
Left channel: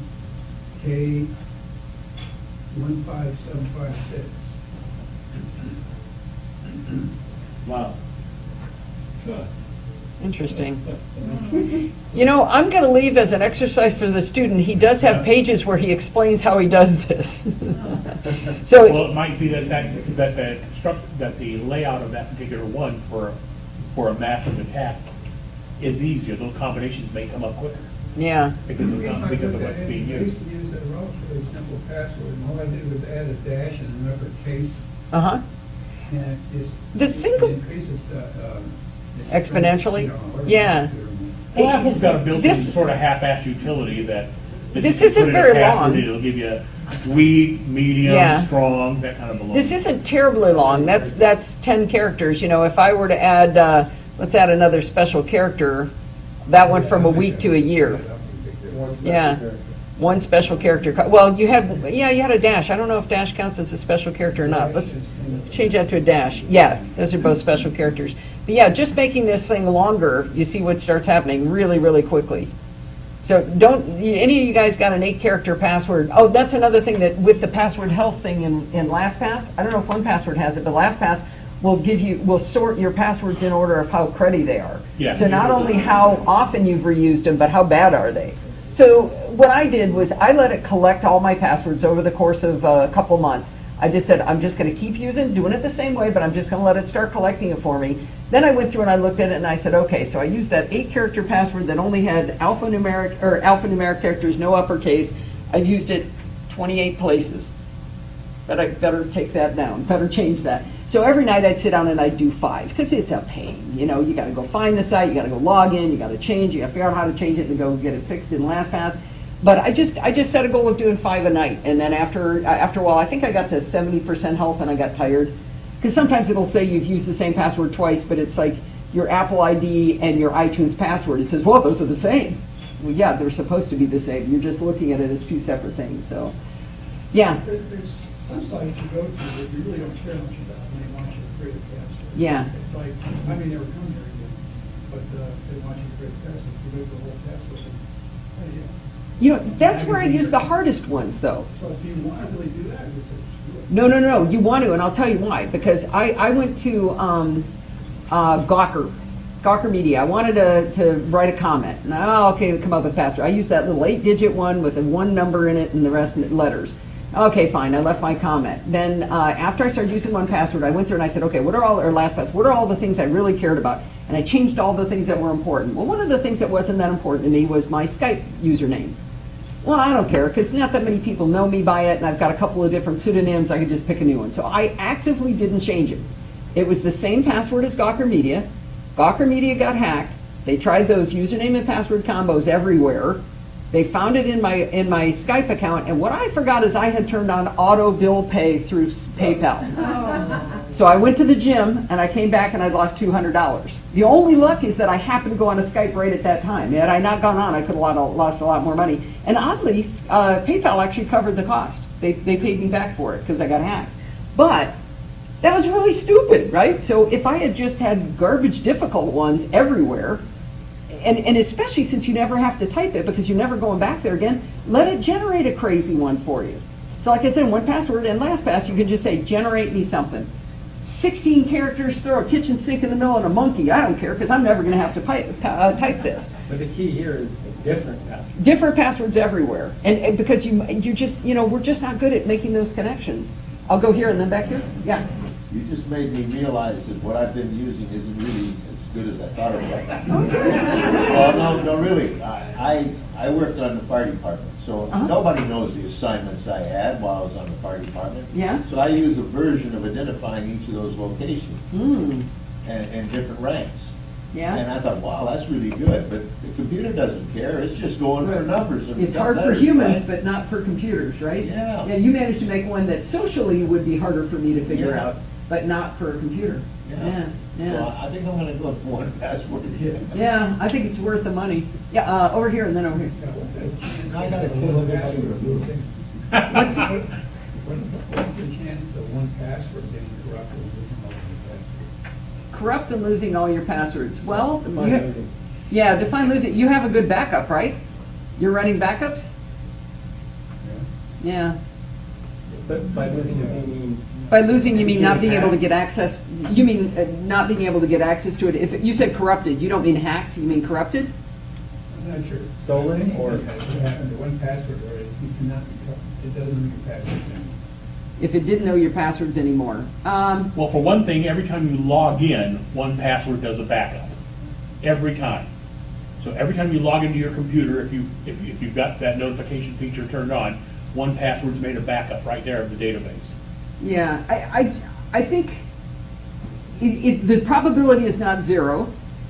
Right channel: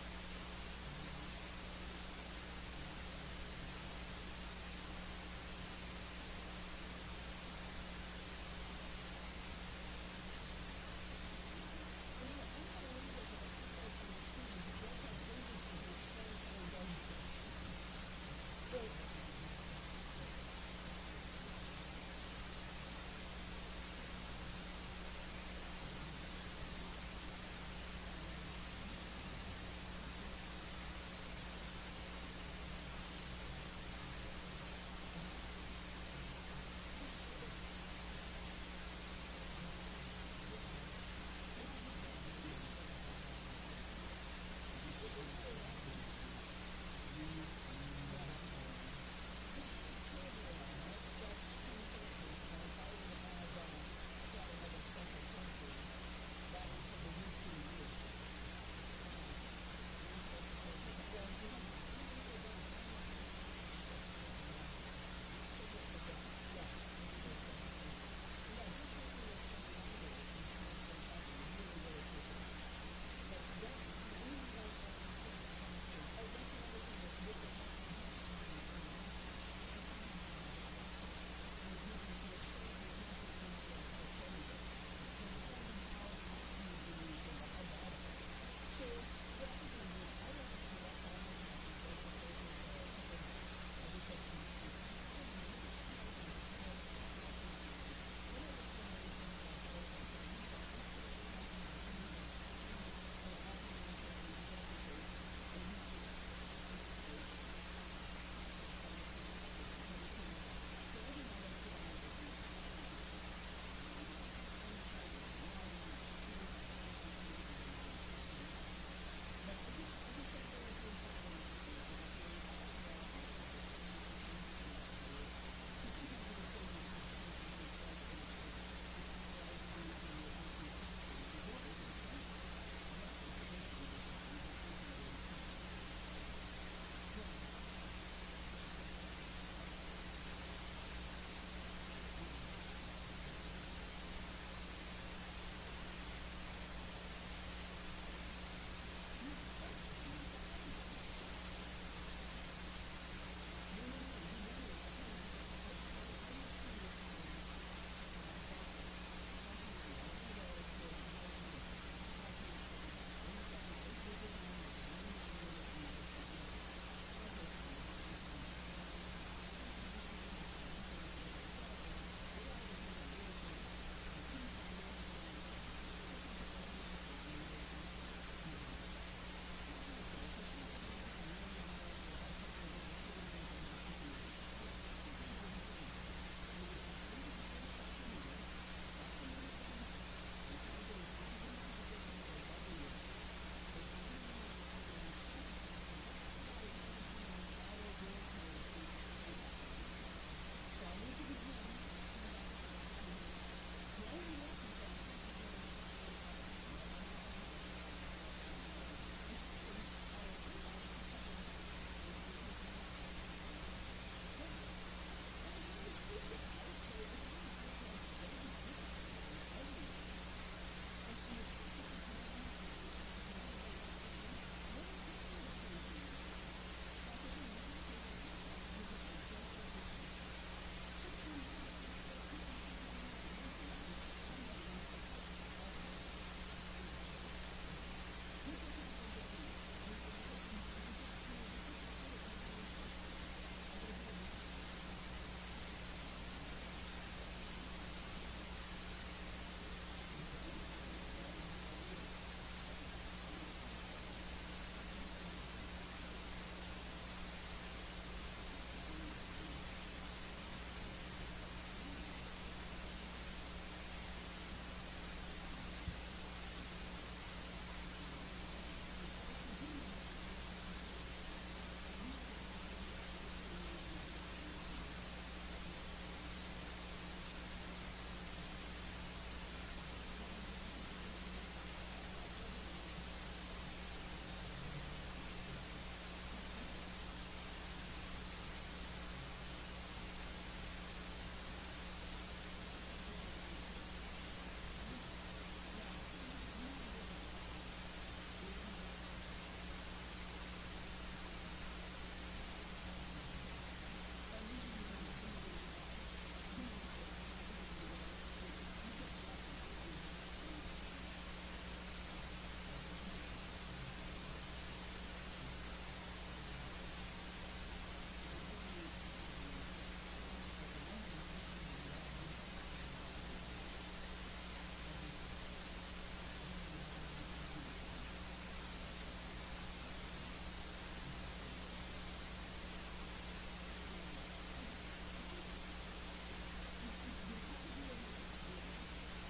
K, 15756. Wow. Interesting. I'm going to leave as an exercise for the student. He does have pages where he explains how he does this. Well, So, it might be that the layout of that particular one for a massive attack is easier. Those combinations may come up quicker yeah. because of what's being I used. used to use a relatively simple password, and all I did was add a dash and an uppercase, Uh-huh. and it The single- increases the Exponentially? Yeah. Well, Apple's got a built-in This- sort of half-assed utility that if This you isn't put in a very password, long. It'll give you weak, medium, Yeah. strong, that kind of a This isn't terribly long. That's 10 characters. If I were to add, let's add another special character, that went from a week to a year. Yeah. One special character. Well, you had a dash. I don't know if dash counts as a special character or not. Let's change that to a dash. Yeah, those are both special characters. But yeah, just making this thing longer, you see what starts happening really, really quickly. So any of you guys got an 8-character password? Oh, that's another thing that with the password health thing in LastPass, I don't know if OnePassword has it, but LastPass will sort your passwords in order of how cruddy they are. Yeah. So not only how often you've reused them, but how bad are they. So what I did was I let it collect all my passwords over the course of a couple months. I just said, I'm just going to keep doing it the same way, but I'm just going to let it start collecting it for me. Then I went through and I looked at it and I said, okay, so I used that 8-character password that only had alphanumeric characters, no uppercase. I've used it 28 places. But I better take that down, better change that. So every night I'd sit down and I'd do 5, because it's a pain. You got to go find the site, you got to go log in, you got to change, you got to figure out how to change it and go get it fixed in LastPass. But I just set a goal of doing 5 a night, and then after a while, I think I got to 70% health and I got tired. Because sometimes it'll say you've used the same password twice, but it's like your Apple ID and your iTunes password. It says, well, those are the same. Well, yeah, they're supposed to be the same. You're just looking at it as 2 separate things. So, yeah. There's some sites you go to that you really don't care much about when they want you to create a password. Yeah. It's like, I mean, they were coming very good, but they want you to create a password, you go to the whole password. Oh, yeah. That's where I use the hardest ones, though. So if you want to really do that, you say, do it. No, you want to, and I'll tell you why. Because I went to Gawker Media. I wanted to write a comment. And, okay, come up with password. I used that little 8-digit one with a 1 number in it and the rest letters. Okay, fine, I left my comment. Then, after I started using 1Password, I went through and I said, okay, what are all the things I really cared about? And I changed all the things that were important. Well, one of the things that wasn't that important to me was my Skype username. Well, I don't care, because not that many people know me by it, and I've got a couple of different pseudonyms, I could just pick a new one. So I actively didn't change it. It was the same password as Gawker Media. Gawker Media got hacked. They tried those username and password combos everywhere. They found it in my Skype account, and what I forgot is I had turned on auto bill pay through PayPal. So I went to the gym, and I came back and I'd lost $200. The only luck is that I happened to go on a Skype right at that time. Had I not gone on, I could have lost a lot more money. And oddly, PayPal actually covered the cost. They paid me back for it because I got hacked. But that was really stupid, right? So if I had just had garbage difficult ones everywhere, and especially since you never have to type it because you're never going back there again, let it generate a crazy one for you. So like I said, 1Password and LastPass, you can just say, generate me something. 16 characters, throw a kitchen sink in the middle and a monkey. I don't care because I'm never going to have to type this. But the key here is different passwords. Different passwords everywhere. And because you're just, we're just not good at making those connections. I'll go here and then back here. Yeah. You just made me realize that what I've been using isn't really as good as I thought it was. Well, no, really. I worked on the fire department, so nobody knows the assignments I had while I was on the fire department. Yeah. So I use a version of identifying each of those locations and different ranks. Yeah. And I thought, wow, that's really good, but the computer doesn't care, it's just going for numbers. And It's hard for letters, humans, right? but not for computers, right? Yeah. Yeah, you managed to make one that socially would be harder for me to figure Yeah. out, but not for a computer. Yeah. Yeah. So I think I'm gonna go for 1Password. Yeah, I think it's worth the money. Yeah, over here and then over here. I got a little bit of moving. What's- What's the chance of 1Password getting corrupted and losing all of the passwords? Corrupt and losing all your passwords. Well, Define you- losing. yeah, define losing. You have a good backup, right? You're running backups? Yeah. But by losing it, you mean. By losing, you mean not being able to get access, you mean not being able to get access to it. If you said corrupted, you don't mean hacked, you mean corrupted? I'm not sure. Stolen or- What happened to 1Password, or you cannot, it doesn't move your password down. If it didn't know your passwords anymore. Well, for one thing, every time you log in, 1Password does a backup. Every time. So every time you log into your computer, if you've got that notification feature turned on, 1Password's made a backup right there of the database. Yeah, I think the probability is not zero,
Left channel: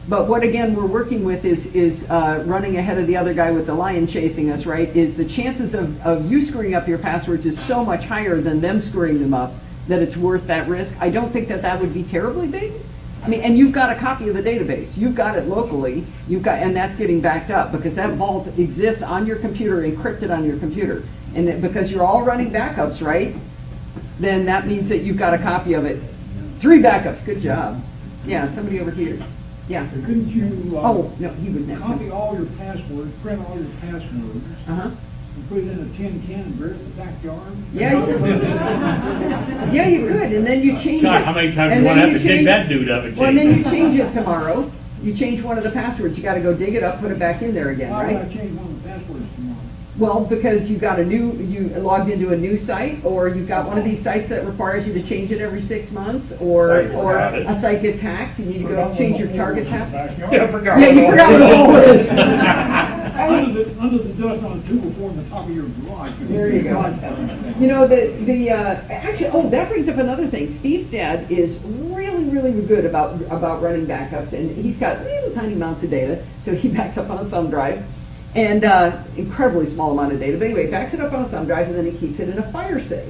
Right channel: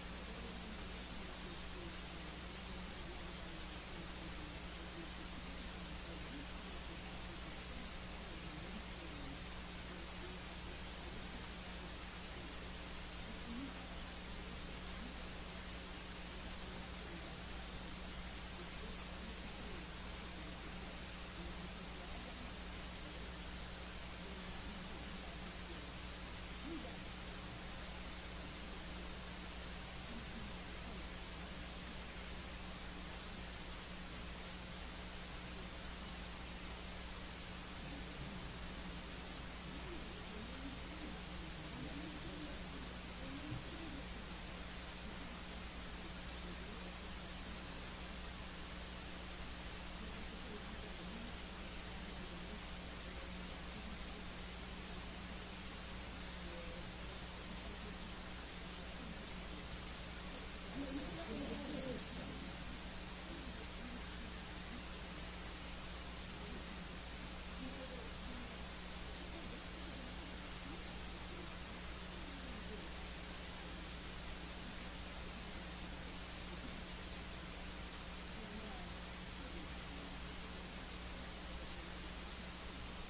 but what again we're working with is running ahead of the other guy with the lion chasing us, right? Is the chances of you screwing up your passwords is so much higher than them screwing them up that it's worth that risk. I don't think that would be terribly big. I mean, and you've got a copy of the database. You've got it locally. And that's getting backed up because that vault exists on your computer, encrypted on your computer. And because you're all running backups, right? Then that means that you've got a copy of it. 3 backups, good job. Yeah, somebody over here. Yeah. Couldn't you, Oh, no, he was next. copy all your passwords, print all your passwords, Uh-huh. and put it in a tin can and bury it in the backyard? Yeah, you could. Yeah, you could, and then you change it. God, how many times And do you want to then have to dig change- that dude up and Well, and then you change it? change it tomorrow. You change one of the passwords. You gotta go dig it up, put it back in there again, Why would I right? change one of the passwords tomorrow? Well, because you logged into a new site, or you've got one of these sites that requires you to change it every 6 months, or Forgot it. a site gets hacked, you need to go change your target password. Yeah, I forgot. Yeah, you forgot what the hole is. Under the dust on a tube before the top of your garage. There you go. You know, actually, that brings up another thing. Steve's dad is really, really good about running backups, and he's got little tiny amounts of data, so he backs up on a thumb drive, and incredibly small amount of data, but anyway, backs it up on a thumb drive, and then he keeps it in a fire safe.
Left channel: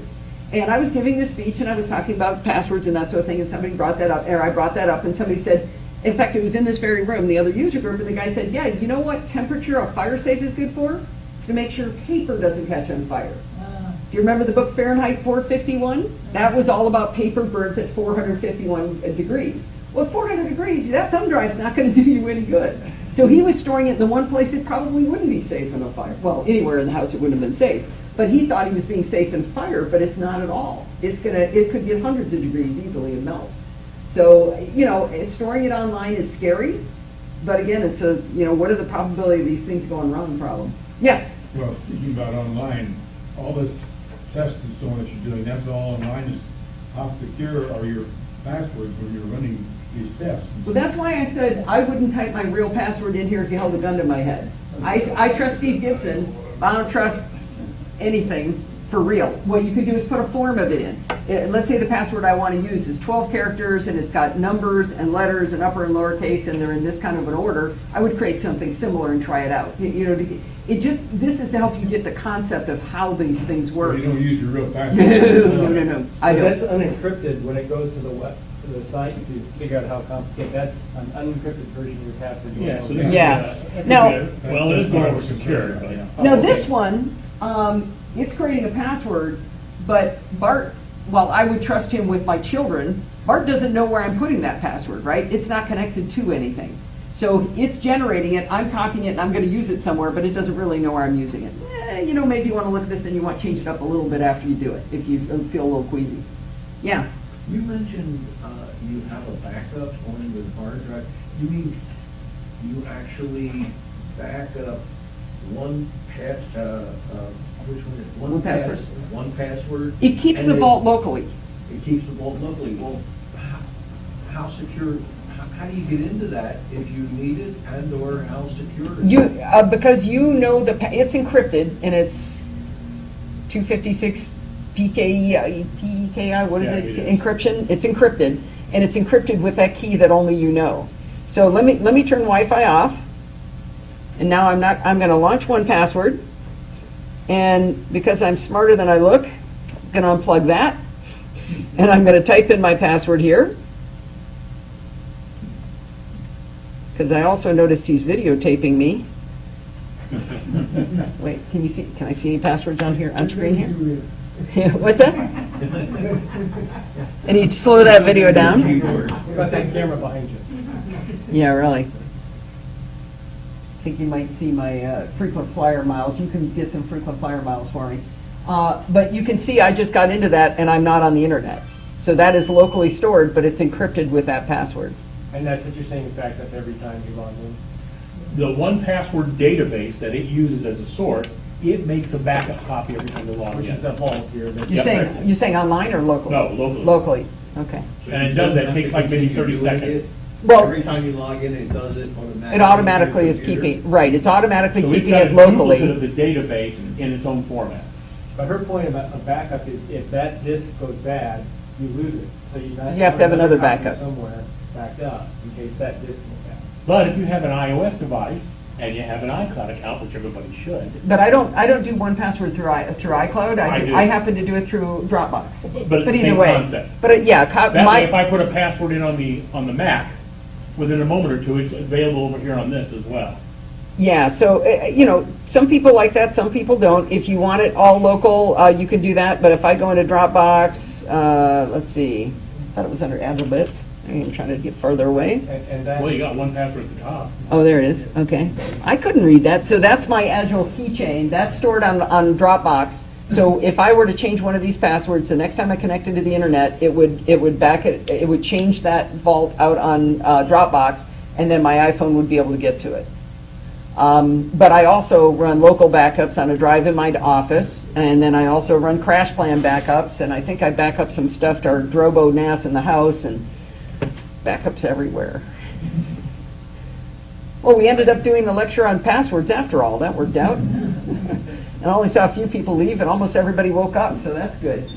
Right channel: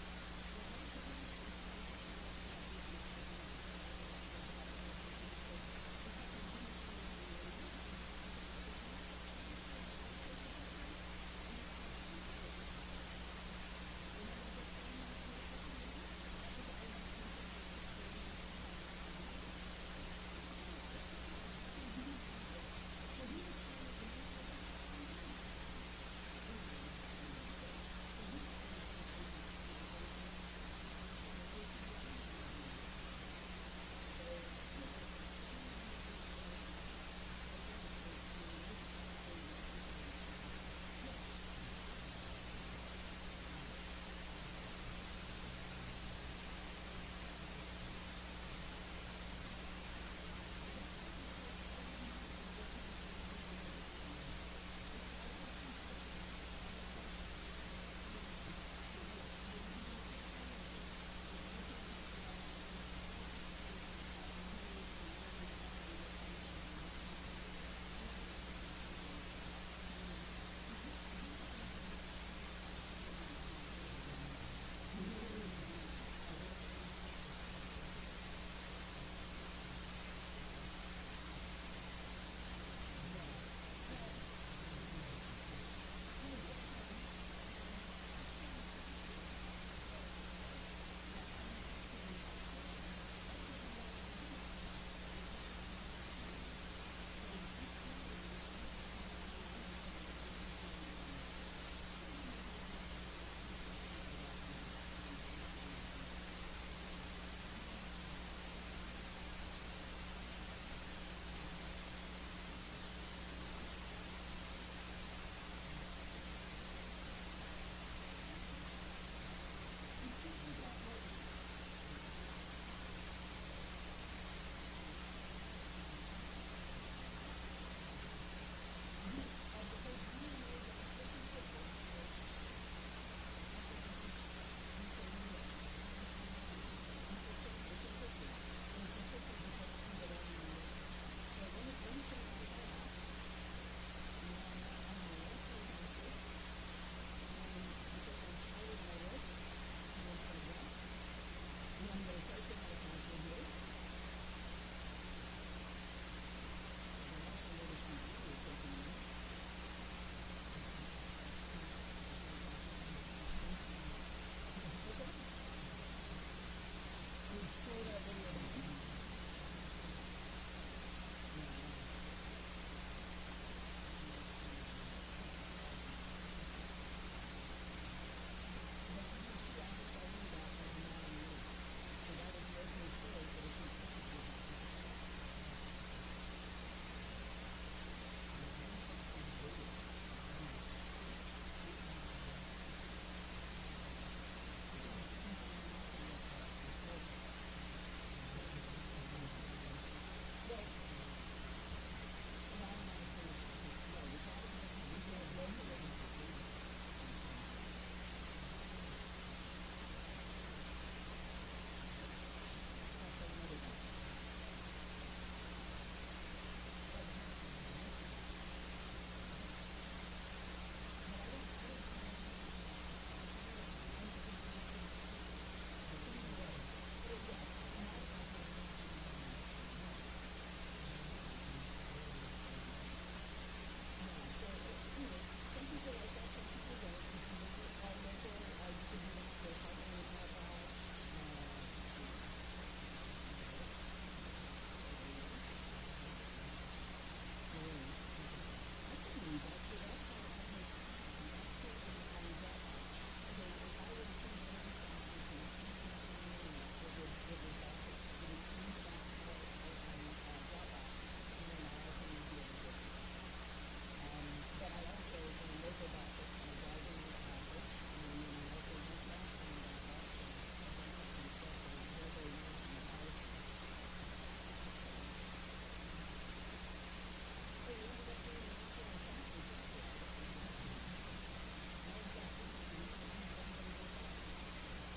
And I was giving this speech, and I was talking about passwords and that sort of thing, and somebody brought that up, or I brought that up, and somebody said, in fact, it was in this very room, the other user group, and the guy said, yeah, you know what temperature a fire safe is good for? It's to make sure paper doesn't catch on fire. Do you remember the book Fahrenheit 451? That was all about paper burns at 451 degrees. Well, at 400 degrees, that thumb drive's not going to do you any good. So he was storing it in the one place it probably wouldn't be safe in a fire. Well, anywhere in the house it wouldn't have been safe. But he thought he was being safe in fire, but it's not at all. It could get hundreds of degrees easily and melt. So, storing it online is scary, but again, it's what are the probability of these things going wrong problem? Yes? Well, speaking about online, all this tests and so on that you're doing, that's all online, is how secure are your passwords when you're running these tests? Well, that's why I said I wouldn't type my real password in here if you held a gun to my head. I trust Steve Gibson, but I don't trust anything for real. What you could do is put a form of it in. Let's say the password I want to use is 12 characters, and it's got numbers and letters and upper and lowercase, and they're in this kind of an order. I would create something similar and try it out. This is to help you get the concept of how these things So work. you don't use your real No, password? no, I That's don't. unencrypted when it goes to the site to figure out how complicated, that's an unencrypted version of your password. You Yeah, won't so know. this Yeah. is, Now- well, it is more over secure, but. Now, this one, it's creating a password, but Bart, well, I would trust him with my children. Bart doesn't know where I'm putting that password, right? It's not connected to anything. So it's generating it, I'm copying it, and I'm gonna use it somewhere, but it doesn't really know where I'm using it. Maybe you wanna look at this and you want to change it up a little bit after you do it, if you feel a little queasy. Yeah, You mentioned, you have a backup on your hard drive. You mean you actually back up one which one? One password. One password? it keeps and the then vault locally. It keeps the vault locally. Well, how secure, how do you get into that if you need it, and/or how secure is it? Because you know it's encrypted, and it's 256 PKI, what is Yeah, it? it is. Encryption, it's encrypted, and it's encrypted with that key that only you know. So let me turn Wi-Fi off, and now I'm gonna launch 1Password, and because I'm smarter than I look, I'm gonna unplug that, and I'm gonna type in my password here. Because I also noticed he's videotaping me. Wait, can I see any passwords on here, on screen here? What's that? And you slow that video down? What about that camera behind you? Yeah, really. I think you might see my frequent flyer miles. You can get some frequent flyer miles for me. But you can see I just got into that and I'm not on the internet. So that is locally stored, but it's encrypted with that password. And that's what you're saying, it's backed up every time you log in? The 1Password database that it uses as a source, it makes a backup copy every time they log Which in. is the vault here. but- You're saying online or locally? No, locally. Locally, okay. And it does that, it takes like maybe 30 seconds. Well- Every time you log in, it does it automatically. It automatically on your is computer? keeping, right, it's automatically So it's keeping got a it duplicate locally. of the database in its own format. But her point about a backup is if that disk goes bad, you lose it. So You have to have another copy backup. somewhere backed up in case that disk goes bad. But if you have an iOS device and you have an iCloud account, which everybody should, But I don't do 1Password through iCloud. I do. I happen to do it through Dropbox. but it's the either same way. concept. But yeah, That way, if I put a password in on the Mac, within a moment or two, it's available over here on this as well. yeah, so, some people like that, some people don't. If you want it all local, you can do that, but if I go into Dropbox, let's see, I thought it was under Agile Bits. I'm trying to get further away. And that. Well, you got 1Password at the top. Oh, there it is, okay. I couldn't read that, so that's my Agile keychain, that's stored on Dropbox. So if I were to change one of these passwords, the next time I connected to the internet, it would change that vault out on Dropbox, and then my iPhone would be able to get to it. But I also run local backups on a drive in my office, and then I also run crash plan backups, and I think I back up some stuff to our Drobo NAS in the house, and backups everywhere. Well, we ended up doing the lecture on passwords after all. That worked out. And I only saw a few people leave, and almost everybody woke up, so that's good.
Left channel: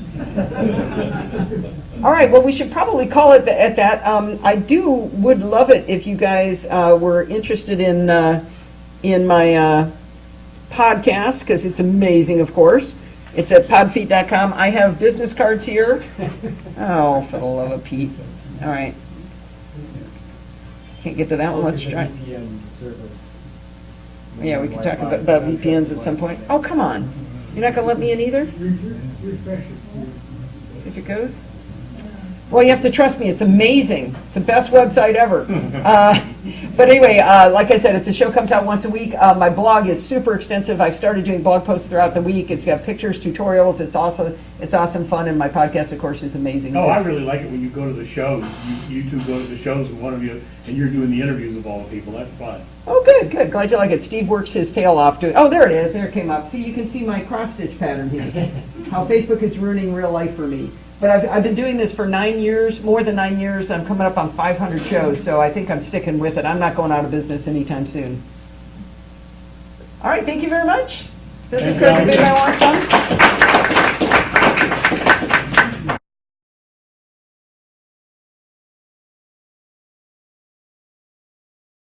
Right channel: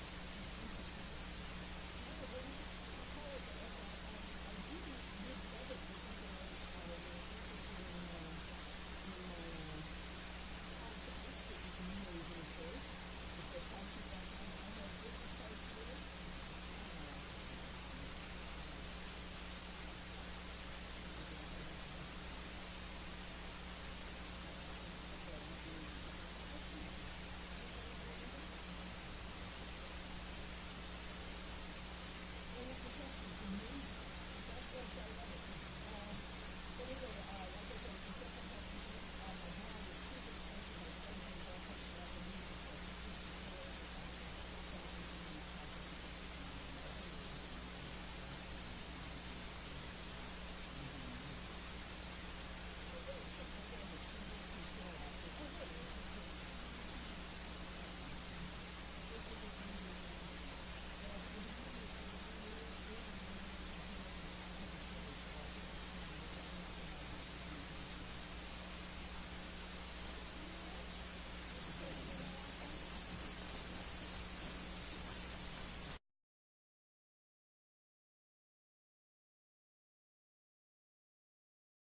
All right, well, we should probably call it at that. I would love it if you guys were interested in my podcast, because it's amazing, of course. It's at podfeet.com. I have business cards here. Oh, for the love of Pete. All right. Can't get to that one. Let's It's a try. VPN service. Yeah, we can talk about VPNs at some point. Oh, come on. You're not going to let me in either? Refresh it. See if it goes? Well, you have to trust me. It's amazing. It's the best website ever. But anyway, like I said, it's a show comes out once a week. My blog is super extensive. I've started doing blog posts throughout the week. It's got pictures, tutorials. It's awesome fun. And my podcast, of course, is amazing. Oh, I really like it when you go to the shows. You two go to the shows, and one of you, and you're doing the interviews of all the people. That's fun. Oh, good, good. Glad you like it. Steve works his tail off doing. Oh, there it is. There it came up. See, you can see my cross stitch pattern here. how Facebook is ruining real life for me. But I've been doing this for 9 years, more than 9 years. I'm coming up on 500 shows, so I think I'm sticking with it. I'm not going out of business anytime soon. All right, thank you very much. This is Thanks, Greg, Alan. I want some.